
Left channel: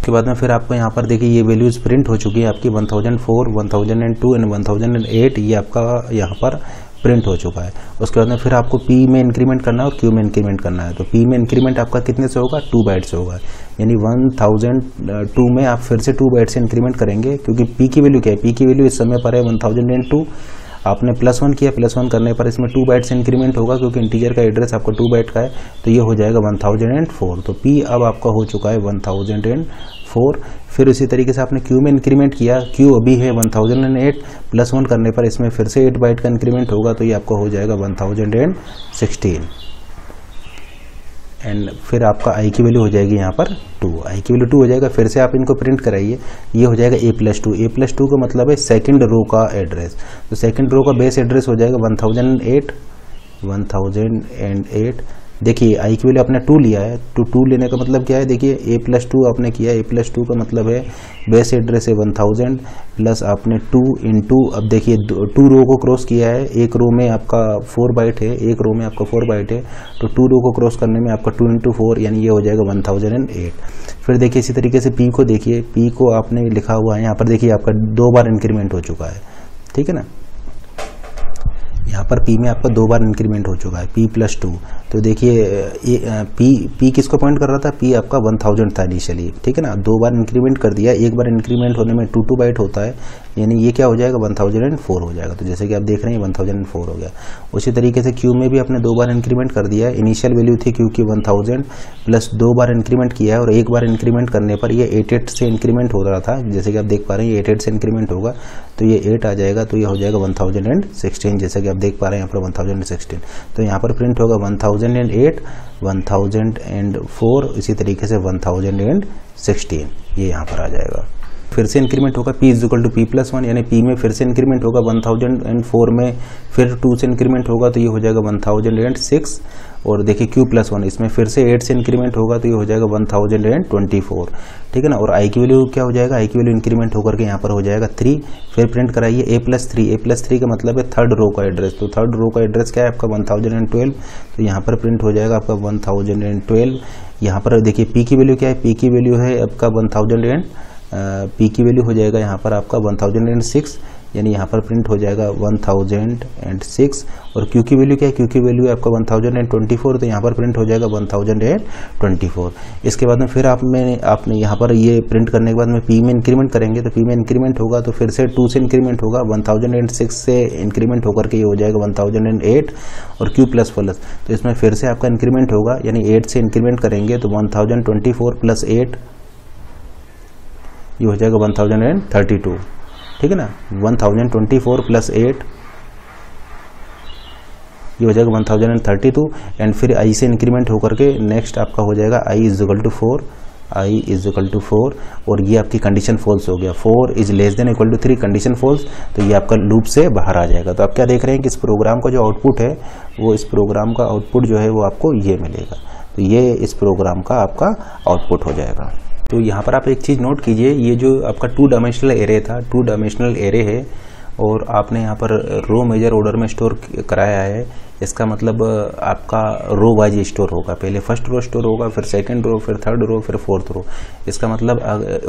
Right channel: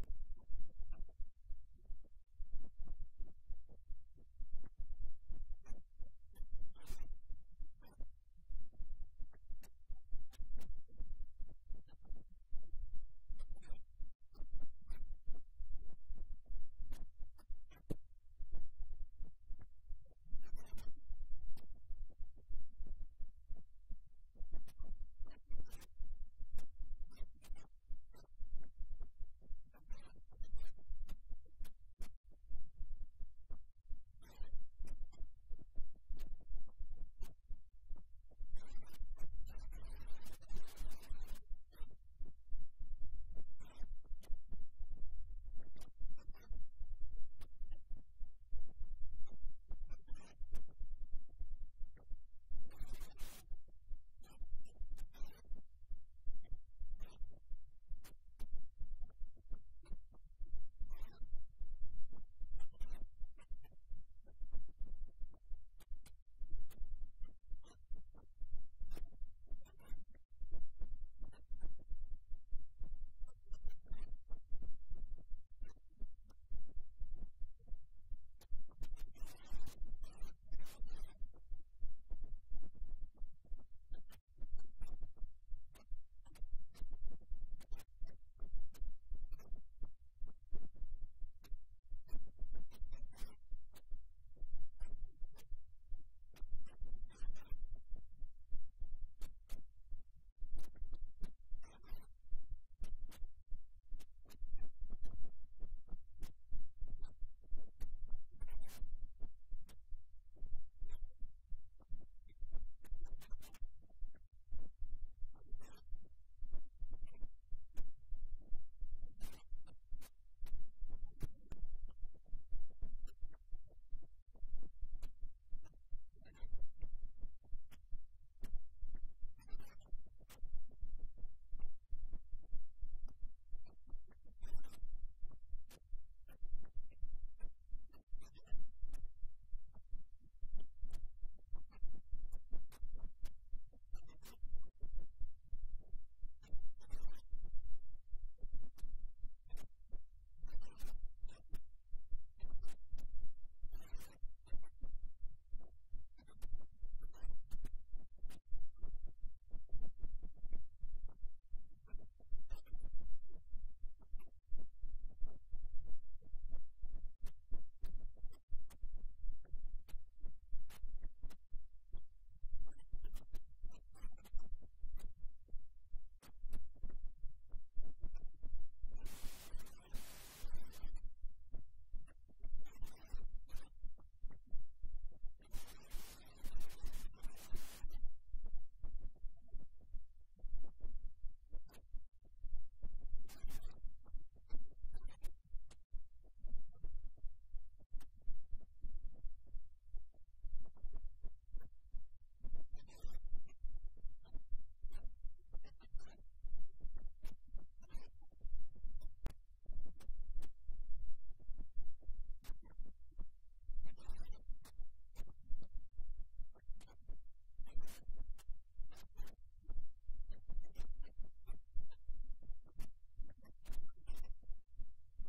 उसके बाद में फिर आपको यहाँ पर देखिए ये वैल्यूज़ प्रिंट हो चुकी है आपकी 1004, 1002 एंड 1008, ये आपका यहाँ पर प्रिंट हो चुका है। उसके बाद में फिर आपको P में इंक्रीमेंट करना है और Q में इंक्रीमेंट करना है। तो P में इंक्रीमेंट आपका कितने से होगा, 2 बाइट से होगा, यानी 1002 में आप फिर से 2 बाइट से इंक्रीमेंट करेंगे, क्योंकि P की वैल्यू क्या है, P की वैल्यू इस समय पर है 1002, आपने +1 किया, +1 करने पर इसमें 2 बाइट से इंक्रीमेंट होगा, क्योंकि इंटीजर का एड्रेस आपका 2 बाइट का है, तो ये हो जाएगा 1004। तो P अब आपका हो चुका है 1004। फिर उसी तरीके से आपने Q में इंक्रीमेंट किया, Q अभी है 1008, +1 करने पर इसमें फिर से 8 बाइट का इंक्रीमेंट होगा, तो ये आपका हो जाएगा 1016 एंड फिर आपका I की वैल्यू हो जाएगी यहाँ पर 2, I की वैल्यू 2 हो जाएगा। फिर से आप इनको प्रिंट कराइए, ये हो जाएगा A+2, A+2 का मतलब है सेकंड रो का एड्रेस, तो सेकंड रो का बेस एड्रेस हो जाएगा 1008। देखिए I की वैल्यू आपने 2 लिया है, तो 2 लेने का मतलब क्या है, देखिए A+2 आपने किया, A+2 का मतलब है बेस एड्रेस है 1000 प्लस आपने 2 इंटू, अब देखिए 2 रो को क्रॉस किया है, एक रो में आपका 4 बाइट है, एक रो में आपका 4 बाइट है, तो 2 रो को क्रॉस करने में आपका 2 इंटू 4 यानी ये हो जाएगा 1008। फिर देखिए इसी तरीके से P को देखिए, P को आपने लिखा हुआ है यहाँ पर, देखिए आपका 2 बार इंक्रीमेंट हो चुका है, ठीक है ना, यहाँ पर P में आपका 2 बार इंक्रीमेंट हो चुका है, P+2। तो देखिए P किसको पॉइंट कर रहा था, P आपका 1000 था इनिशियली, ठीक है ना, 2 बार इंक्रीमेंट कर दिया, एक बार इंक्रीमेंट होने में 2 बाइट होता है, यानी ये क्या हो जाएगा 1004 हो जाएगा। तो जैसे कि आप देख रहे हैं 1004 हो गया। उसी तरीके से Q में भी आपने 2 बार इंक्रीमेंट कर दिया है, इनिशियल वैल्यू थी Q की 1000 प्लस 2 बार इंक्रीमेंट किया है, और एक बार इंक्रीमेंट करने पर ये 88 से इंक्रीमेंट हो रहा था, जैसे कि आप देख पा रहे हैं ये 88 से इंक्रीमेंट होगा, तो ये 8 आ जाएगा, तो ये हो जाएगा 1016, जैसे कि आप देख पा रहे हैं यहाँ पर 1016। तो यहाँ पर प्रिंट होगा 1008, 1004, इसी तरीके से 1016, ये यहाँ पर आ जाएगा। फिर से इंक्रीमेंट होगा P = P+1, यानी P में फिर से इंक्रीमेंट होगा 1004 में, फिर 2 से इंक्रीमेंट होगा, तो ये हो जाएगा 1006। और देखिए Q+1 इसमें फिर से 8 से इंक्रीमेंट होगा, तो ये हो जाएगा 1024, ठीक है ना। और I की वैल्यू क्या हो जाएगा, I की वैल्यू इंक्रीमेंट होकर के यहाँ पर हो जाएगा 3। फिर प्रिंट कराइए A+3, A+3 का मतलब है थर्ड रो का एड्रेस, तो थर्ड रो का एड्रेस क्या है आपका 1012, तो यहाँ पर प्रिंट हो जाएगा आपका 1012। यहाँ पर देखिए P की वैल्यू क्या है, P की वैल्यू है आपका 1000, P की वैल्यू हो जाएगा यहाँ पर आपका 1006, यानी यहाँ पर प्रिंट हो जाएगा 1006। और Q की वैल्यू क्या है, Q की वैल्यू है आपका 1024, तो यहाँ पर प्रिंट हो जाएगा 1024। इसके बाद में फिर आपने यहाँ पर ये प्रिंट करने के बाद में P में इंक्रीमेंट करेंगे, तो P में इंक्रीमेंट होगा तो फिर से 2 से इंक्रीमेंट होगा, 1006 से इंक्रीमेंट होकर के ये हो जाएगा 1008। और Q++, तो इसमें फिर से आपका इंक्रीमेंट होगा, यानी 8 से इंक्रीमेंट करेंगे तो 1024 प्लस 8 ये हो जाएगा 1032, ठीक है ना। 1024 प्लस 8 ये हो जाएगा 1032। एंड फिर I से इंक्रीमेंट होकर के नेक्स्ट आपका हो जाएगा I = 4, और ये आपकी कंडीशन फॉल्स हो गया, 4 <= 3 कंडीशन फॉल्स, तो ये आपका लूप से बाहर आ जाएगा। तो आप क्या देख रहे हैं कि इस प्रोग्राम का जो आउटपुट है, वो इस प्रोग्राम का आउटपुट जो है वो आपको ये मिलेगा, तो ये इस प्रोग्राम का आपका आउटपुट हो जाएगा। तो यहाँ पर आप एक चीज़ नोट कीजिए, ये जो आपका 2 डायमेंशनल एरे था, 2 डायमेंशनल एरे है, और आपने यहाँ पर रो मेजर ऑर्डर में स्टोर कराया है, इसका मतलब आपका रो वाइज स्टोर होगा, पहले फर्स्ट रो स्टोर होगा, फिर सेकंड रो, फिर थर्ड रो, फिर फोर्थ रो, इसका मतलब।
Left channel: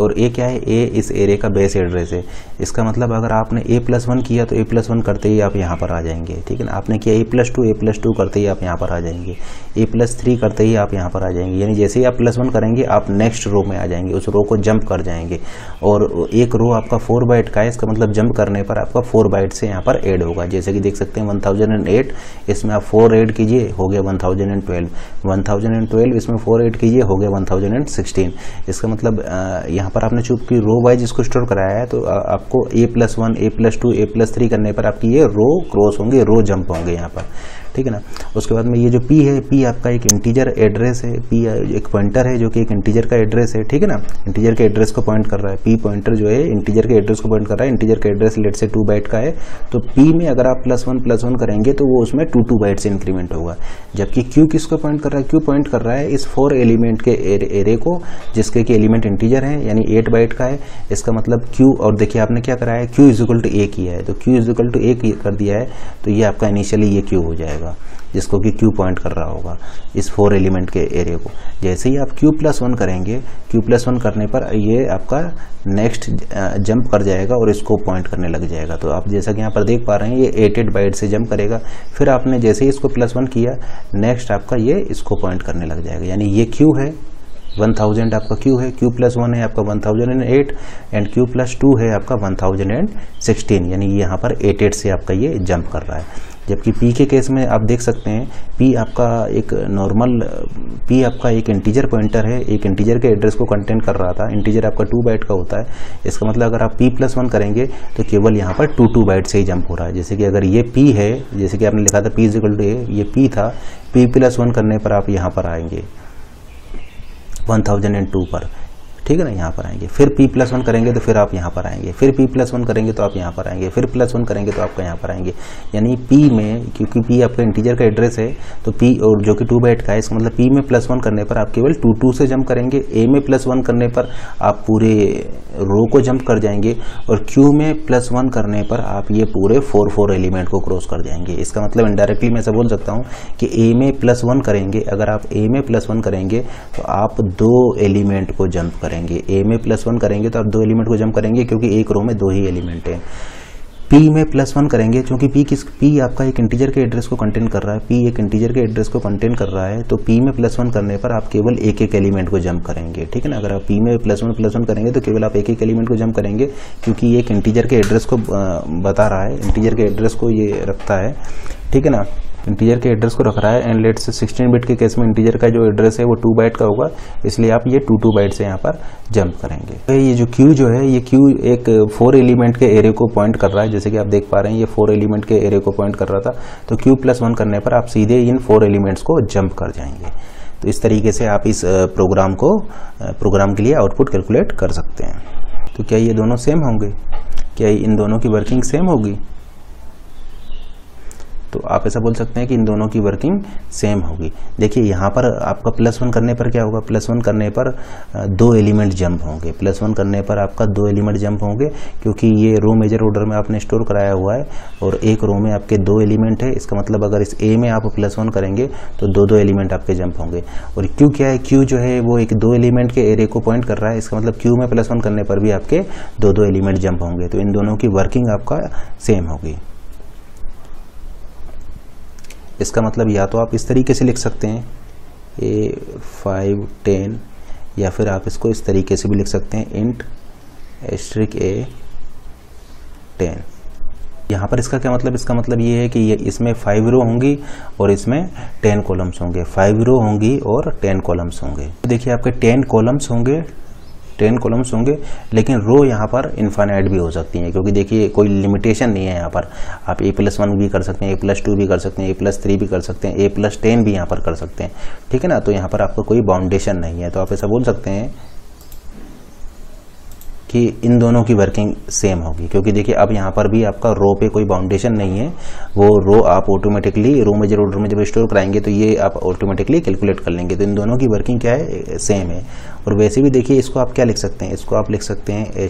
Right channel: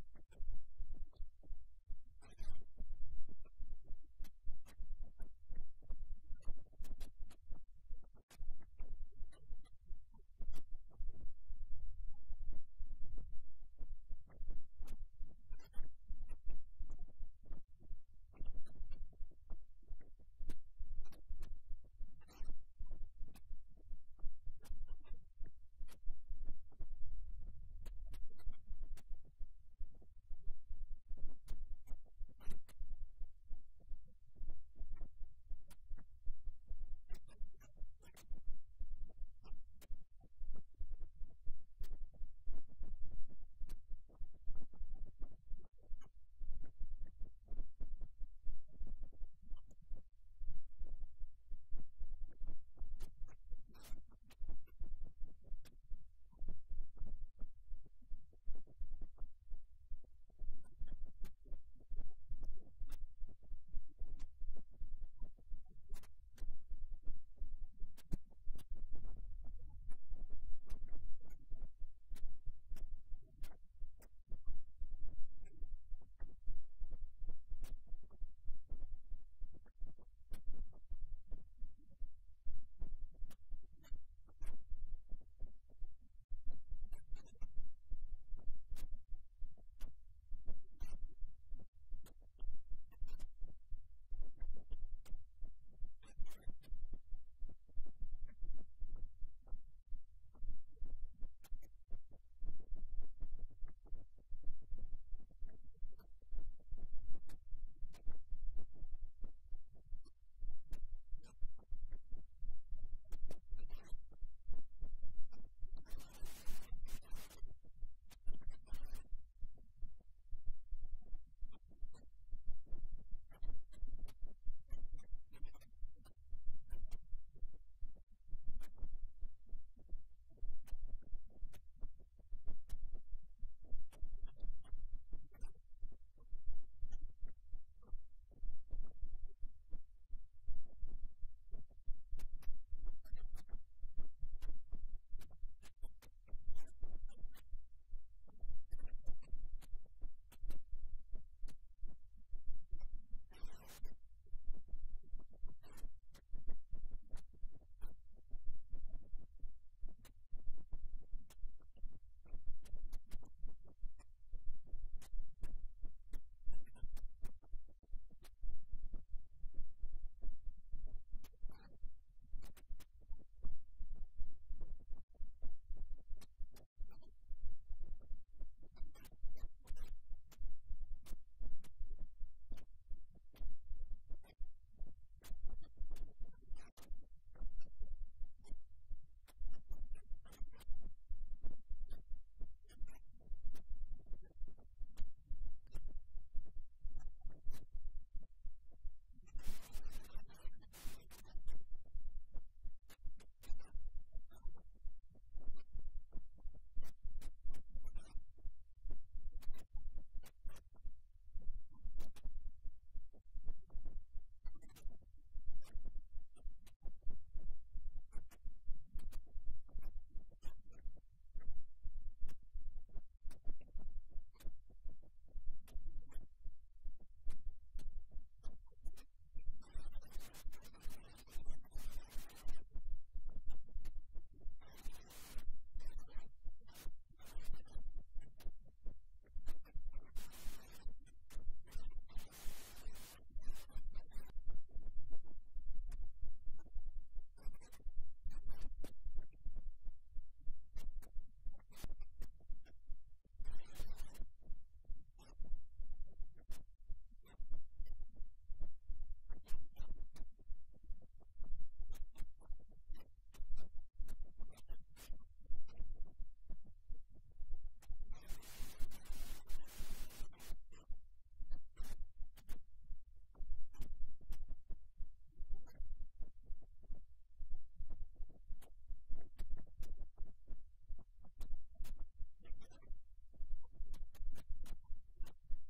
और ए क्या है, ए इस एरे का बेस एड्रेस है, इसका मतलब अगर आपने A+1 किया तो A+1 करते ही आप यहाँ पर आ जाएंगे, ठीक है ना। आपने किया A+2 करते ही आप यहाँ पर आ जाएंगे, A+3 करते ही आप यहाँ पर आ जाएंगे, यानी जैसे ही आप +1 करेंगे आप नेक्स्ट रो में आ जाएंगे, उस रो को जंप कर जाएंगे। और एक रो आपका 4 बाइट का है, इसका मतलब जंप करने पर आपका 4 बाइट से यहाँ पर ऐड होगा, जैसे कि देख सकते हैं 1008, इसमें आप 4 ऐड कीजिए हो गया 1012, इसमें 4 ऐड कीजिए हो गया 1016। इसका मतलब यहाँ पर आपने चूंकि रो वाइज इसको स्टोर कराया है, तो आपको A+1, A+2, A+3 करने पर आपकी ये रो क्रॉस होंगे, रो जंप होंगे यहाँ पर, ठीक है ना। उसके बाद में ये जो P है, P आपका एक इंटीजर एड्रेस है, P एक पॉइंटर है जो कि एक इंटीजर का एड्रेस है, ठीक है ना, इंटीजर के एड्रेस को पॉइंट कर रहा है। P पॉइंटर जो है इंटीजर के एड्रेस को पॉइंट कर रहा है, इंटीजर का एड्रेस लेट से 2 बाइट का है, तो P में अगर आप +1 करेंगे तो वो उसमें 2 बाइट से इंक्रीमेंट होगा। जबकि Q किसको पॉइंट कर रहा है, Q पॉइंट कर रहा है इस 4 एलिमेंट के एरे को, जिसके कि एलिमेंट इंटीजर है, यानी 8 बाइट का है। इसका मतलब Q, और देखिए आपने क्या करा है, Q = A किया है, तो Q = A कर दिया है, तो ये आपका इनिशियली ये Q हो जाएगा। जिसको कि Q पॉइंट कर रहा होगा इस 4 एलिमेंट के एरे को। जैसे ही आप Q+1 करेंगे, Q+1 करने पर ये आपका नेक्स्ट जंप कर जाएगा और इसको पॉइंट करने लग जाएगा। तो आप जैसा कि यहाँ पर देख पा रहे हैं ये 88 बाइट से जंप करेगा। फिर आपने जैसे ही इसको +1 किया, नेक्स्ट आपका ये इसको पॉइंट करने लग जाएगा। यानी ये Q है 1000 आपका Q है, Q+1 है आपका 1008 एंड Q+2 है आपका 1016, यानी यहाँ पर 88 से आपका ये जंप कर रहा है। जबकि P के केस में आप देख सकते हैं P आपका एक नॉर्मल P आपका एक इंटीजर पॉइंटर है, एक इंटीजर के एड्रेस को कंटेन कर रहा था। इंटीजर आपका 2 बाइट का होता है। इसका मतलब अगर आप P+1 करेंगे तो केवल यहाँ पर 2 बाइट से ही जंप हो रहा है। जैसे कि अगर ये P है, जैसे कि आपने लिखा था P = A, ये P था, P+1 करने पर आप यहाँ पर आएंगे 1002 पर, ठीक है ना, यहाँ पर आएंगे। फिर P+1 करेंगे तो फिर आप यहाँ पर आएंगे, फिर P+1 करेंगे तो आप यहाँ पर आएंगे, फिर +1 करेंगे तो आपका यहाँ पर आएंगे। यानी P में, क्योंकि P आपका इंटीजर का एड्रेस है तो P और जो कि 2 बाइट का है, इसका मतलब P में +1 करने पर आप केवल 2 से जंप करेंगे। A में +1 करने पर आप पूरे रो को जंप कर जाएंगे और Q में +1 करने पर आप ये पूरे 4 एलिमेंट को क्रॉस कर जाएंगे। इसका मतलब इनडायरेक्टली मैं ऐसा बोल सकता हूँ कि A में +1 करेंगे, अगर आप A में +1 करेंगे तो आप 2 एलिमेंट को जंप करेंगे। A में +1 करेंगे तो आप 2 एलिमेंट को जंप करेंगे, क्योंकि एक रो में 2 ही एलिमेंट हैं। P में +1 करेंगे, क्योंकि P आपका एक इंटीजर के एड्रेस को कंटेन कर रहा है। P एक इंटीजर के एड्रेस को कंटेन कर रहा है, तो P में +1 करने पर आप केवल एक एलिमेंट को जंप करेंगे, ठीक है ना। अगर आप P में +1 करेंगे तो केवल आप एक एलिमेंट को जंप करेंगे, क्योंकि ये एक इंटीजर के एड्रेस को बता रहा है, इंटीजर के एड्रेस को ये रखता है, ठीक है ना, इंटीजर के एड्रेस को रख रहा है। एंड लेट से 16 बिट के केस में इंटीजर का जो एड्रेस है वो 2 बाइट का होगा, इसलिए आप ये 2 बाइट से यहाँ पर जंप करेंगे। तो ये जो Q जो है, ये Q एक 4 एलिमेंट के एरे को पॉइंट कर रहा है। जैसे कि आप देख पा रहे हैं ये 4 एलिमेंट के एरे को पॉइंट कर रहा था, तो Q+1 करने पर आप सीधे इन 4 एलिमेंट्स को जंप कर जाएंगे। तो इस तरीके से आप इस प्रोग्राम के लिए आउटपुट कैलकुलेट कर सकते हैं। तो क्या ये दोनों सेम होंगे? क्या इन दोनों की वर्किंग सेम होगी? तो आप ऐसा बोल सकते हैं कि इन दोनों की वर्किंग सेम होगी। देखिए यहाँ पर आपका +1 करने पर क्या होगा, +1 करने पर 2 एलिमेंट जंप होंगे। +1 करने पर आपका 2 एलिमेंट जंप होंगे, क्योंकि ये रो मेजर ऑर्डर में आपने स्टोर कराया हुआ है और एक रो में आपके 2 एलिमेंट है। इसका मतलब अगर इस A में आप +1 करेंगे तो 2 एलिमेंट आपके जंप होंगे। और Q क्या है, Q जो है वो एक 2 एलिमेंट के एरे को पॉइंट कर रहा है। इसका मतलब Q में +1 करने पर भी आपके 2 एलिमेंट जंप होंगे। तो इन दोनों की वर्किंग आपका सेम होगी। इसका मतलब या तो आप इस तरीके से लिख सकते हैं A5 10, या फिर आप इसको इस तरीके से भी लिख सकते हैं int *A 10। यहाँ पर इसका क्या मतलब, इसका मतलब ये है कि ये इसमें 5 रो होंगी और इसमें 10 कॉलम्स होंगे। 5 रो होंगी और 10 कॉलम्स होंगे। देखिए आपके 10 कॉलम्स होंगे, 10 कॉलम्स होंगे, लेकिन रो यहाँ पर इनफाइनाइट भी हो सकती हैं, क्योंकि देखिए कोई लिमिटेशन नहीं है यहाँ पर। आप A+1 भी कर सकते हैं, A+2 भी कर सकते हैं, A+3 भी कर सकते हैं, A+10 भी यहाँ पर कर सकते हैं, ठीक है ना। तो यहाँ पर आपको कोई बाउंडेशन नहीं है। तो आप ऐसा बोल सकते हैं कि इन दोनों की वर्किंग सेम होगी, क्योंकि देखिए अब यहाँ पर भी आपका रो पे कोई बाउंडेशन नहीं है। वो रो आप ऑटोमेटिकली रो मेजर ऑर्डर में जब स्टोर कराएंगे तो ये आप ऑटोमेटिकली कैलकुलेट कर लेंगे। तो इन दोनों की वर्किंग क्या है, सेम है। और वैसे भी देखिए इसको आप क्या लिख सकते हैं, इसको आप लिख सकते हैं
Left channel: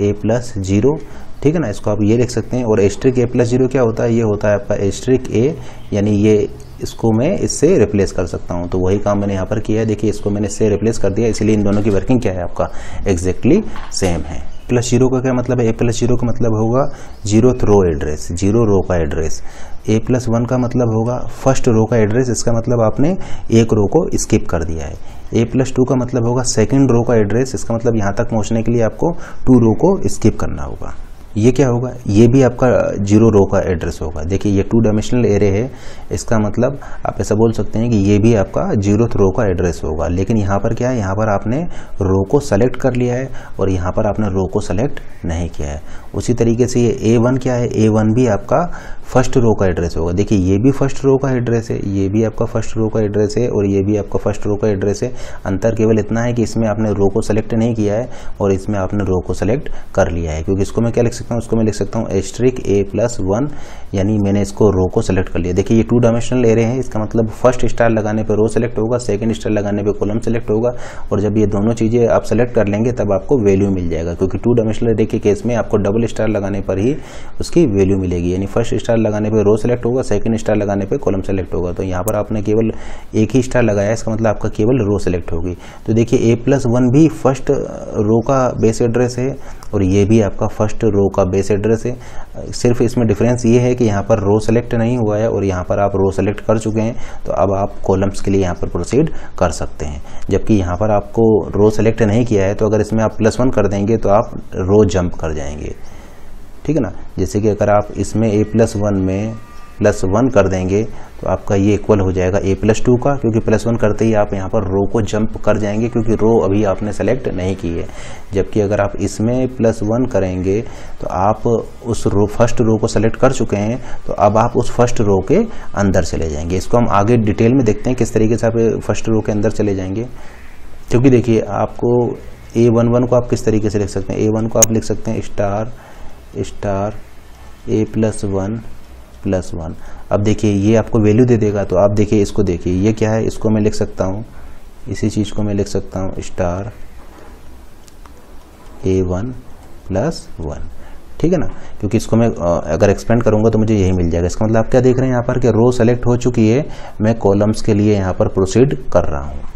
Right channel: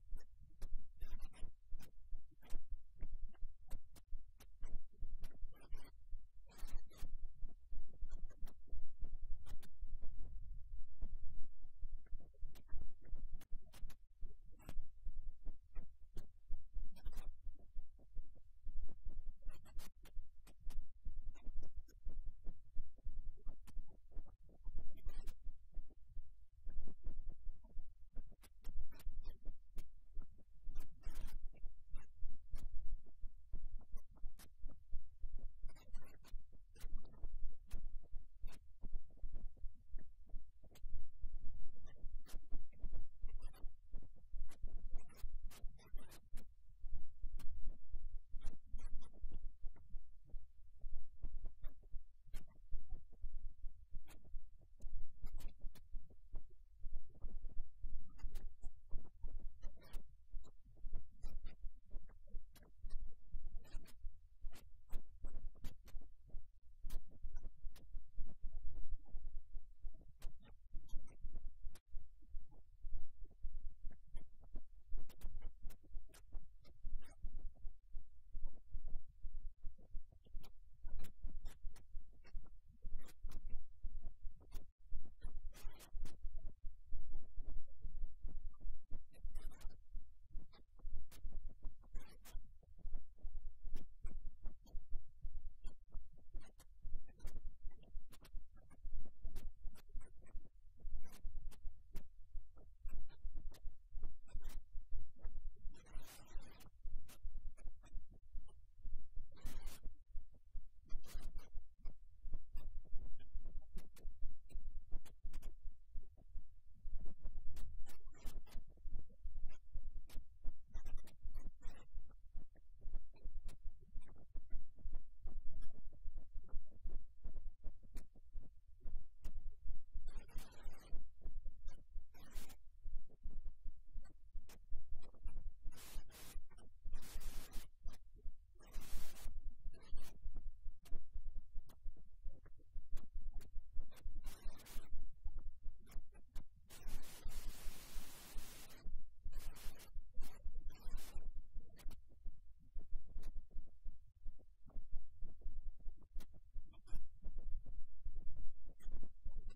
*A+0, ठीक है ना। इसको आप ये लिख सकते हैं। और *A+0 क्या होता है, ये होता है आपका *A, यानी ये इसको मैं इससे रिप्लेस कर सकता हूँ। तो वही काम मैंने यहाँ पर किया है। देखिए इसको मैंने इससे रिप्लेस कर दिया, इसलिए इन दोनों की वर्किंग क्या है आपका एग्जैक्टली सेम है। +0 का क्या मतलब है, A+0 का मतलब होगा 0th रो एड्रेस, 0 रो का एड्रेस। A+1 का मतलब होगा फर्स्ट रो का एड्रेस, इसका मतलब आपने एक रो को स्किप कर दिया है। A+2 का मतलब होगा सेकंड रो का एड्रेस, इसका मतलब यहाँ तक पहुँचने के लिए आपको 2 रो को स्किप करना होगा। ये क्या होगा, ये भी आपका 0 रो का एड्रेस होगा। देखिए ये 2 डायमेंशनल एरे है, इसका मतलब आप ऐसा बोल सकते हैं कि ये भी आपका 0th रो का एड्रेस होगा। लेकिन यहाँ पर क्या है, यहाँ पर आपने रो को सेलेक्ट कर लिया है और यहाँ पर आपने रो को सेलेक्ट नहीं किया है। उसी तरीके से ये A1 क्या है, A1 भी आपका फर्स्ट रो का एड्रेस होगा। देखिए ये भी फर्स्ट रो का एड्रेस है, ये भी आपका फर्स्ट रो का एड्रेस है और ये भी आपका फर्स्ट रो का एड्रेस है। अंतर केवल इतना है कि इसमें आपने रो को सेलेक्ट नहीं किया है और इसमें आपने रो को सेलेक्ट कर लिया है। क्योंकि इसको मैं क्या लिख सकता हूँ, इसको मैं लिख सकता हूँ *A+1, यानी मैंने इसको रो को सेलेक्ट कर लिया। देखिए ये 2 डायमेंशनल एरे है, इसका मतलब फर्स्ट स्टार लगाने पर रो सेलेक्ट होगा, सेकंड स्टार लगाने पर कॉलम सेलेक्ट होगा। और जब ये दोनों चीज़ें आप सेलेक्ट कर लेंगे तब आपको वैल्यू मिल जाएगा, क्योंकि 2 डायमेंशनल एरे के केस में आपको डबल डबल स्टार लगाने पर ही उसकी वैल्यू मिलेगी, यानी फर्स्ट स्टार लगाने पर रो सेलेक्ट होगा, सेकंड स्टार लगाने पर कॉलम सेलेक्ट होगा। तो यहाँ पर आपने केवल एक ही स्टार लगाया, इसका मतलब आपका केवल रो सेलेक्ट होगी। तो देखिए A+1 भी फर्स्ट रो का बेस एड्रेस है और ये भी आपका फर्स्ट रो का बेस एड्रेस है। सिर्फ इसमें डिफरेंस ये है कि यहाँ पर रो सेलेक्ट नहीं हुआ है और यहाँ पर आप रो सेलेक्ट कर चुके हैं, तो अब आप कॉलम्स के लिए यहाँ पर प्रोसीड कर सकते हैं। जबकि यहाँ पर आपको रो सेलेक्ट नहीं किया है, तो अगर इसमें आप +1 कर देंगे तो आप रो जंप कर जाएंगे, ठीक है ना। जैसे कि अगर आप इसमें A+1 में +1 कर देंगे तो आपका ये इक्वल हो जाएगा A+2 का, क्योंकि +1 करते ही आप यहाँ पर रो को जंप कर जाएंगे, क्योंकि रो अभी आपने सेलेक्ट नहीं की है। जबकि अगर आप इसमें +1 करेंगे तो आप उस रो फर्स्ट रो को सेलेक्ट कर चुके हैं, तो अब आप उस फर्स्ट रो के अंदर चले जाएंगे। इसको हम आगे डिटेल में देखते हैं किस तरीके से आप फर्स्ट रो के अंदर चले जाएंगे। क्योंकि देखिए आपको A11 को आप किस तरीके से लिख सकते हैं, A1 को आप लिख सकते हैं स्टार A+1+1। अब देखिए ये आपको वैल्यू दे देगा, तो आप देखिए इसको देखिए ये क्या है, इसको मैं लिख सकता हूँ, इसी चीज़ को मैं लिख सकता हूँ स्टार A1+1, ठीक है ना। क्योंकि इसको मैं अगर एक्सपेंड करूँगा तो मुझे यही मिल जाएगा। इसका मतलब आप क्या देख रहे हैं यहाँ पर कि रो सेलेक्ट हो चुकी है, मैं कॉलम्स के लिए यहाँ पर प्रोसीड कर रहा हूँ।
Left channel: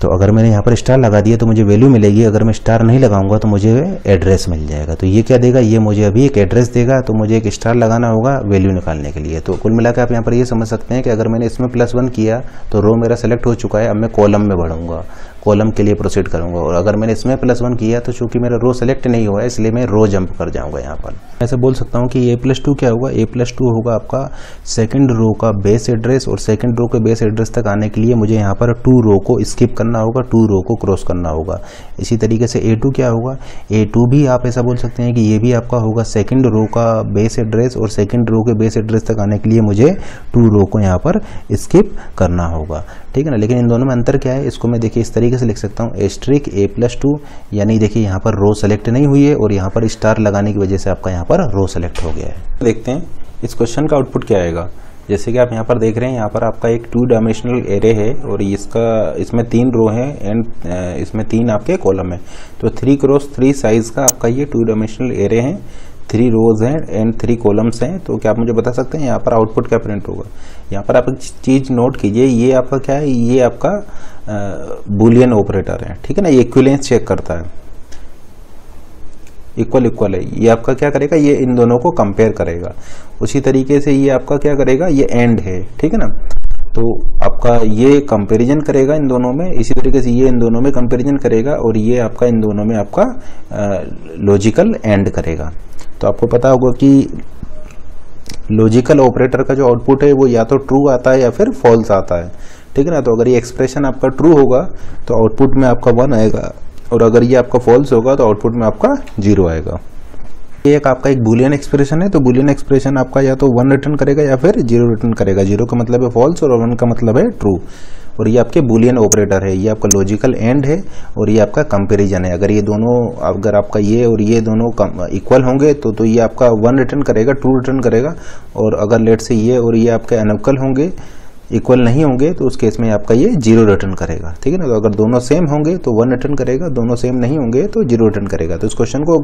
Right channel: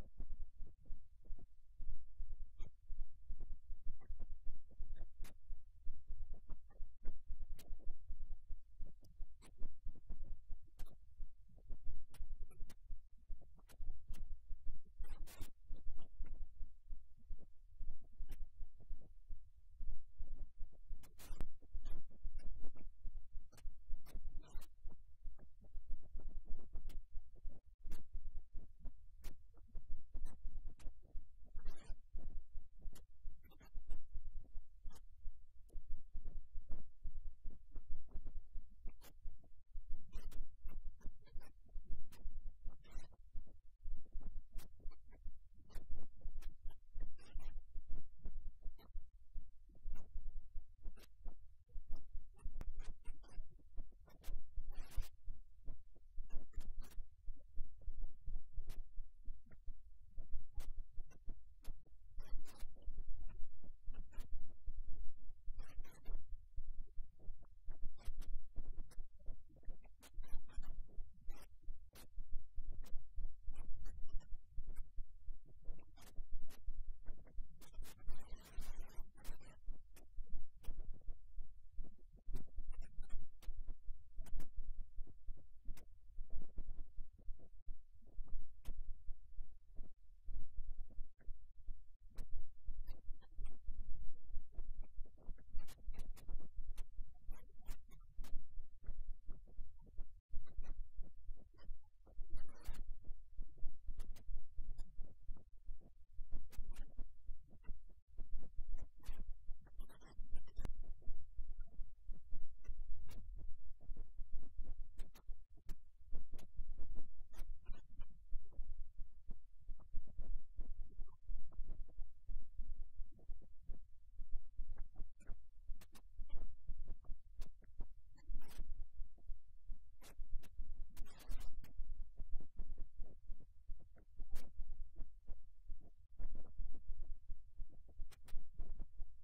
तो अगर मैंने यहाँ पर स्टार लगा दिया तो मुझे वैल्यू मिलेगी, अगर मैं स्टार नहीं लगाऊंगा तो मुझे एड्रेस मिल जाएगा। तो ये क्या देगा, ये मुझे अभी एक एड्रेस देगा, तो मुझे एक स्टार लगाना होगा वैल्यू निकालने के लिए। तो कुल मिलाकर आप यहाँ पर ये समझ सकते हैं कि अगर मैंने इसमें +1 किया तो रो मेरा सेलेक्ट हो चुका है, अब मैं कॉलम में बढ़ूंगा, कॉलम के लिए प्रोसीड करूंगा। और अगर मैंने इसमें +1 किया तो चूंकि मेरा रो सेलेक्ट नहीं हुआ है, इसलिए मैं रो जंप कर जाऊंगा। यहाँ पर ऐसे बोल सकता हूँ कि A+2 क्या होगा, A+2 होगा आपका सेकंड रो का बेस एड्रेस, और सेकंड रो के बेस एड्रेस तक आने के लिए मुझे यहाँ पर 2 रो को स्किप करना होगा, 2 रो को क्रॉस करना होगा। इसी तरीके से A2 क्या होगा, A2 भी आप ऐसा बोल सकते हैं कि ये भी आपका होगा सेकंड रो का बेस एड्रेस, और सेकंड रो के बेस एड्रेस तक आने के लिए मुझे 2 रो को यहाँ पर स्किप करना होगा, ठीक है ना। लेकिन इन दोनों में अंतर क्या है, इसको मैं देखिए इस तरीके से लिख सकता हूँ A+2, यानी देखिए यहाँ पर रो सेलेक्ट नहीं हुई है और यहाँ पर स्टार लगाने की वजह से आपका यहाँ पर रो सेलेक्ट हो गया है। देखते हैं इस क्वेश्चन का आउटपुट क्या आएगा। जैसे कि आप यहाँ पर देख रहे हैं, यहाँ पर आपका एक 2 डायमेंशनल एरे है और इसमें 3 रो हैं एंड इसमें 3 आपके कॉलम है। तो 3x3 साइज का आपका ये 2 डायमेंशनल एरे है, 3 रोज हैं एंड 3 कॉलम्स हैं। तो क्या आप मुझे बता सकते हैं यहाँ पर आउटपुट क्या प्रिंट होगा। यहाँ पर आप एक चीज़ नोट कीजिए, ये आपका क्या है, ये आपका बूलियन ऑपरेटर है, ठीक है ना। ये इक्विवेलेंस चेक करता है, इक्वल है, ये आपका क्या करेगा, ये इन दोनों को कंपेयर करेगा। उसी तरीके से ये आपका क्या करेगा, ये एंड है, ठीक है ना। तो आपका ये कंपैरिजन करेगा इन दोनों में, इसी तरीके से ये इन दोनों में कंपैरिजन करेगा और ये आपका इन दोनों में आपका लॉजिकल एंड करेगा। तो आपको पता होगा कि लॉजिकल ऑपरेटर का जो आउटपुट है वो या तो ट्रू आता है या फिर फॉल्स आता है, ठीक है ना। तो अगर ये एक्सप्रेशन आपका ट्रू होगा तो आउटपुट में आपका 1 आएगा, और अगर ये आपका फॉल्स होगा तो आउटपुट में आपका 0 आएगा। ये आपका एक बूलियन एक्सप्रेशन है, तो बूलियन एक्सप्रेशन आपका या तो 1 रिटर्न करेगा या फिर 0 रिटर्न करेगा। 0 का मतलब है फॉल्स और 1 का मतलब है ट्रू। और ये आपके बूलियन ऑपरेटर है, ये आपका लॉजिकल एंड है और ये आपका कंपैरिजन है। अगर ये दोनों, अगर आपका ये और ये दोनों इक्वल होंगे तो ये आपका 1 रिटर्न करेगा, ट्रू रिटर्न करेगा। और अगर लेट से ये और ये आपके अनइक्वल होंगे, इक्वल नहीं होंगे, तो उस केस में आपका ये 0 रिटर्न करेगा, ठीक है ना। तो अगर दोनों सेम होंगे तो 1 रिटर्न करेगा, दोनों सेम नहीं होंगे तो 0 रिटर्न करेगा। तो इस क्वेश्चन को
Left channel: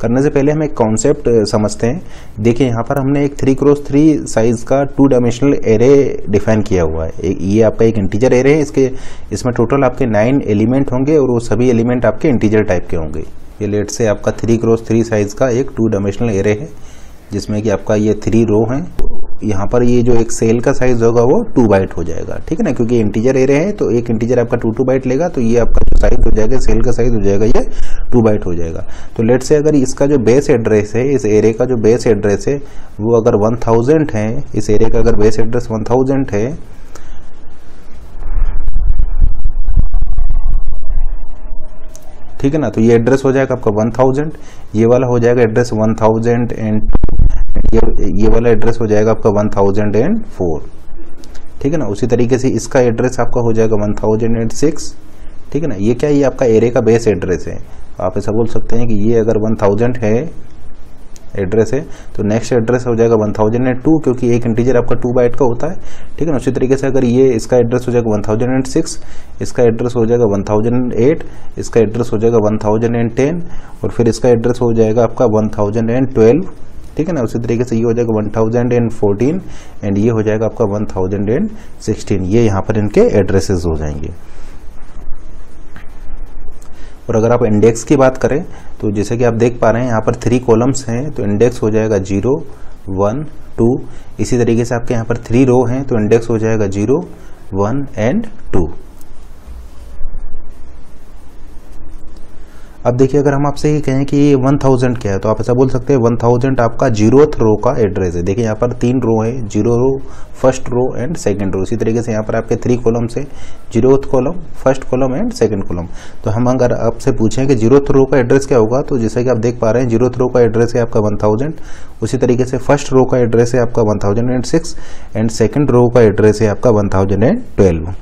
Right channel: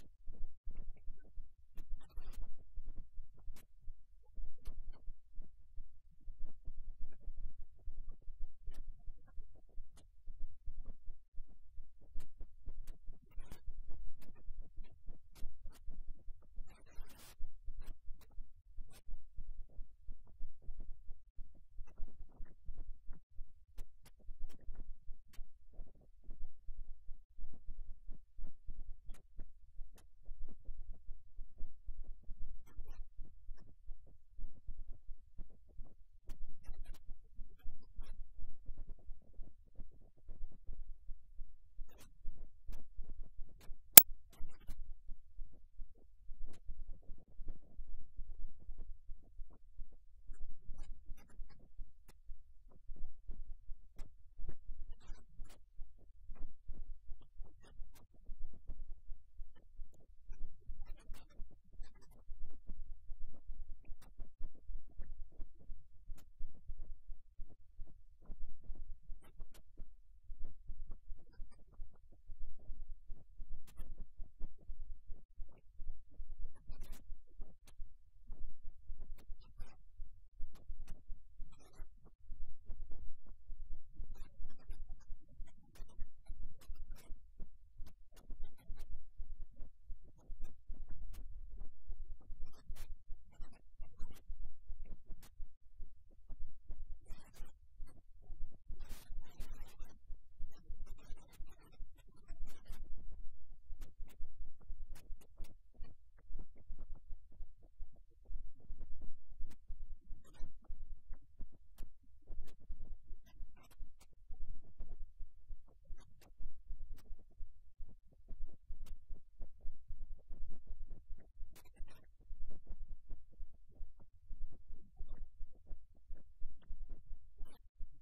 करने से पहले हम एक कॉन्सेप्ट समझते हैं। देखिए यहाँ पर हमने एक 3x3 साइज का 2 डायमेंशनल एरे डिफाइन किया हुआ है। ये आपका एक इंटीजर एरे है, इसमें टोटल आपके 9 एलिमेंट होंगे और वो सभी एलिमेंट आपके इंटीजर टाइप के होंगे। ये लेट से आपका 3x3 साइज का एक 2 डायमेंशनल एरे है, जिसमें कि आपका ये 3 रो हैं। यहाँ पर ये जो एक सेल का साइज होगा वो 2 बाइट हो जाएगा, ठीक है ना। क्योंकि इंटीजर एरे है तो एक इंटीजर आपका 2 बाइट लेगा, तो ये आपका जो साइज हो जाएगा, सेल का साइज हो जाएगा, ये 2 बाइट हो जाएगा। तो लेट से अगर इसका जो बेस एड्रेस है, इस एरे का जो बेस एड्रेस है वो अगर 1000 है, इस एरे का अगर बेस एड्रेस 1000 है, ठीक है ना। तो ये एड्रेस हो जाएगा आपका 1000, ये वाला हो जाएगा एड्रेस 1000 एंड ये वाला एड्रेस हो जाएगा आपका 1004, ठीक है ना। उसी तरीके से इसका एड्रेस आपका हो जाएगा 1006, ठीक है ना। ये क्या, ये आपका एरे का बेस एड्रेस है। आप ऐसा बोल सकते हैं कि ये अगर 1000 है एड्रेस है, तो नेक्स्ट एड्रेस हो जाएगा 1002, क्योंकि एक इंटीजर आपका 2 बाइट का होता है, ठीक है ना। उसी तरीके से अगर ये इसका एड्रेस हो जाएगा 1006, इसका एड्रेस हो जाएगा 1008, इसका एड्रेस हो जाएगा 1010 और फिर इसका एड्रेस हो जाएगा आपका 1012, ठीक है ना। उसी तरीके से ये हो जाएगा 1014 एंड ये हो जाएगा आपका 1016। ये यहाँ पर इनके एड्रेसेस हो जाएंगे। और अगर आप इंडेक्स की बात करें तो जैसे कि आप देख पा रहे हैं यहाँ पर 3 कॉलम्स हैं, तो इंडेक्स हो जाएगा 0, 1, 2। इसी तरीके से आपके यहाँ पर 3 रो हैं, तो इंडेक्स हो जाएगा 0, 1 एंड 2। अब देखिए अगर हम आपसे ये कहें कि ये 1000 क्या है, तो आप ऐसा बोल सकते हैं 1000 आपका 0th रो का एड्रेस है। देखिए यहाँ पर 3 रो है, 0 row, first row and second row. इसी तरीके से यहाँ पर आपके 3 कॉलम्स है, 0th column, first column and second column. तो हम अगर आपसे पूछें कि 0th रो का एड्रेस क्या होगा, तो जैसे कि आप देख पा रहे हैं 0th रो का एड्रेस है आपका 1000। उसी तरीके से फर्स्ट रो का एड्रेस है आपका 1006 एंड सेकेंड रो का एड्रेस है आपका 1012।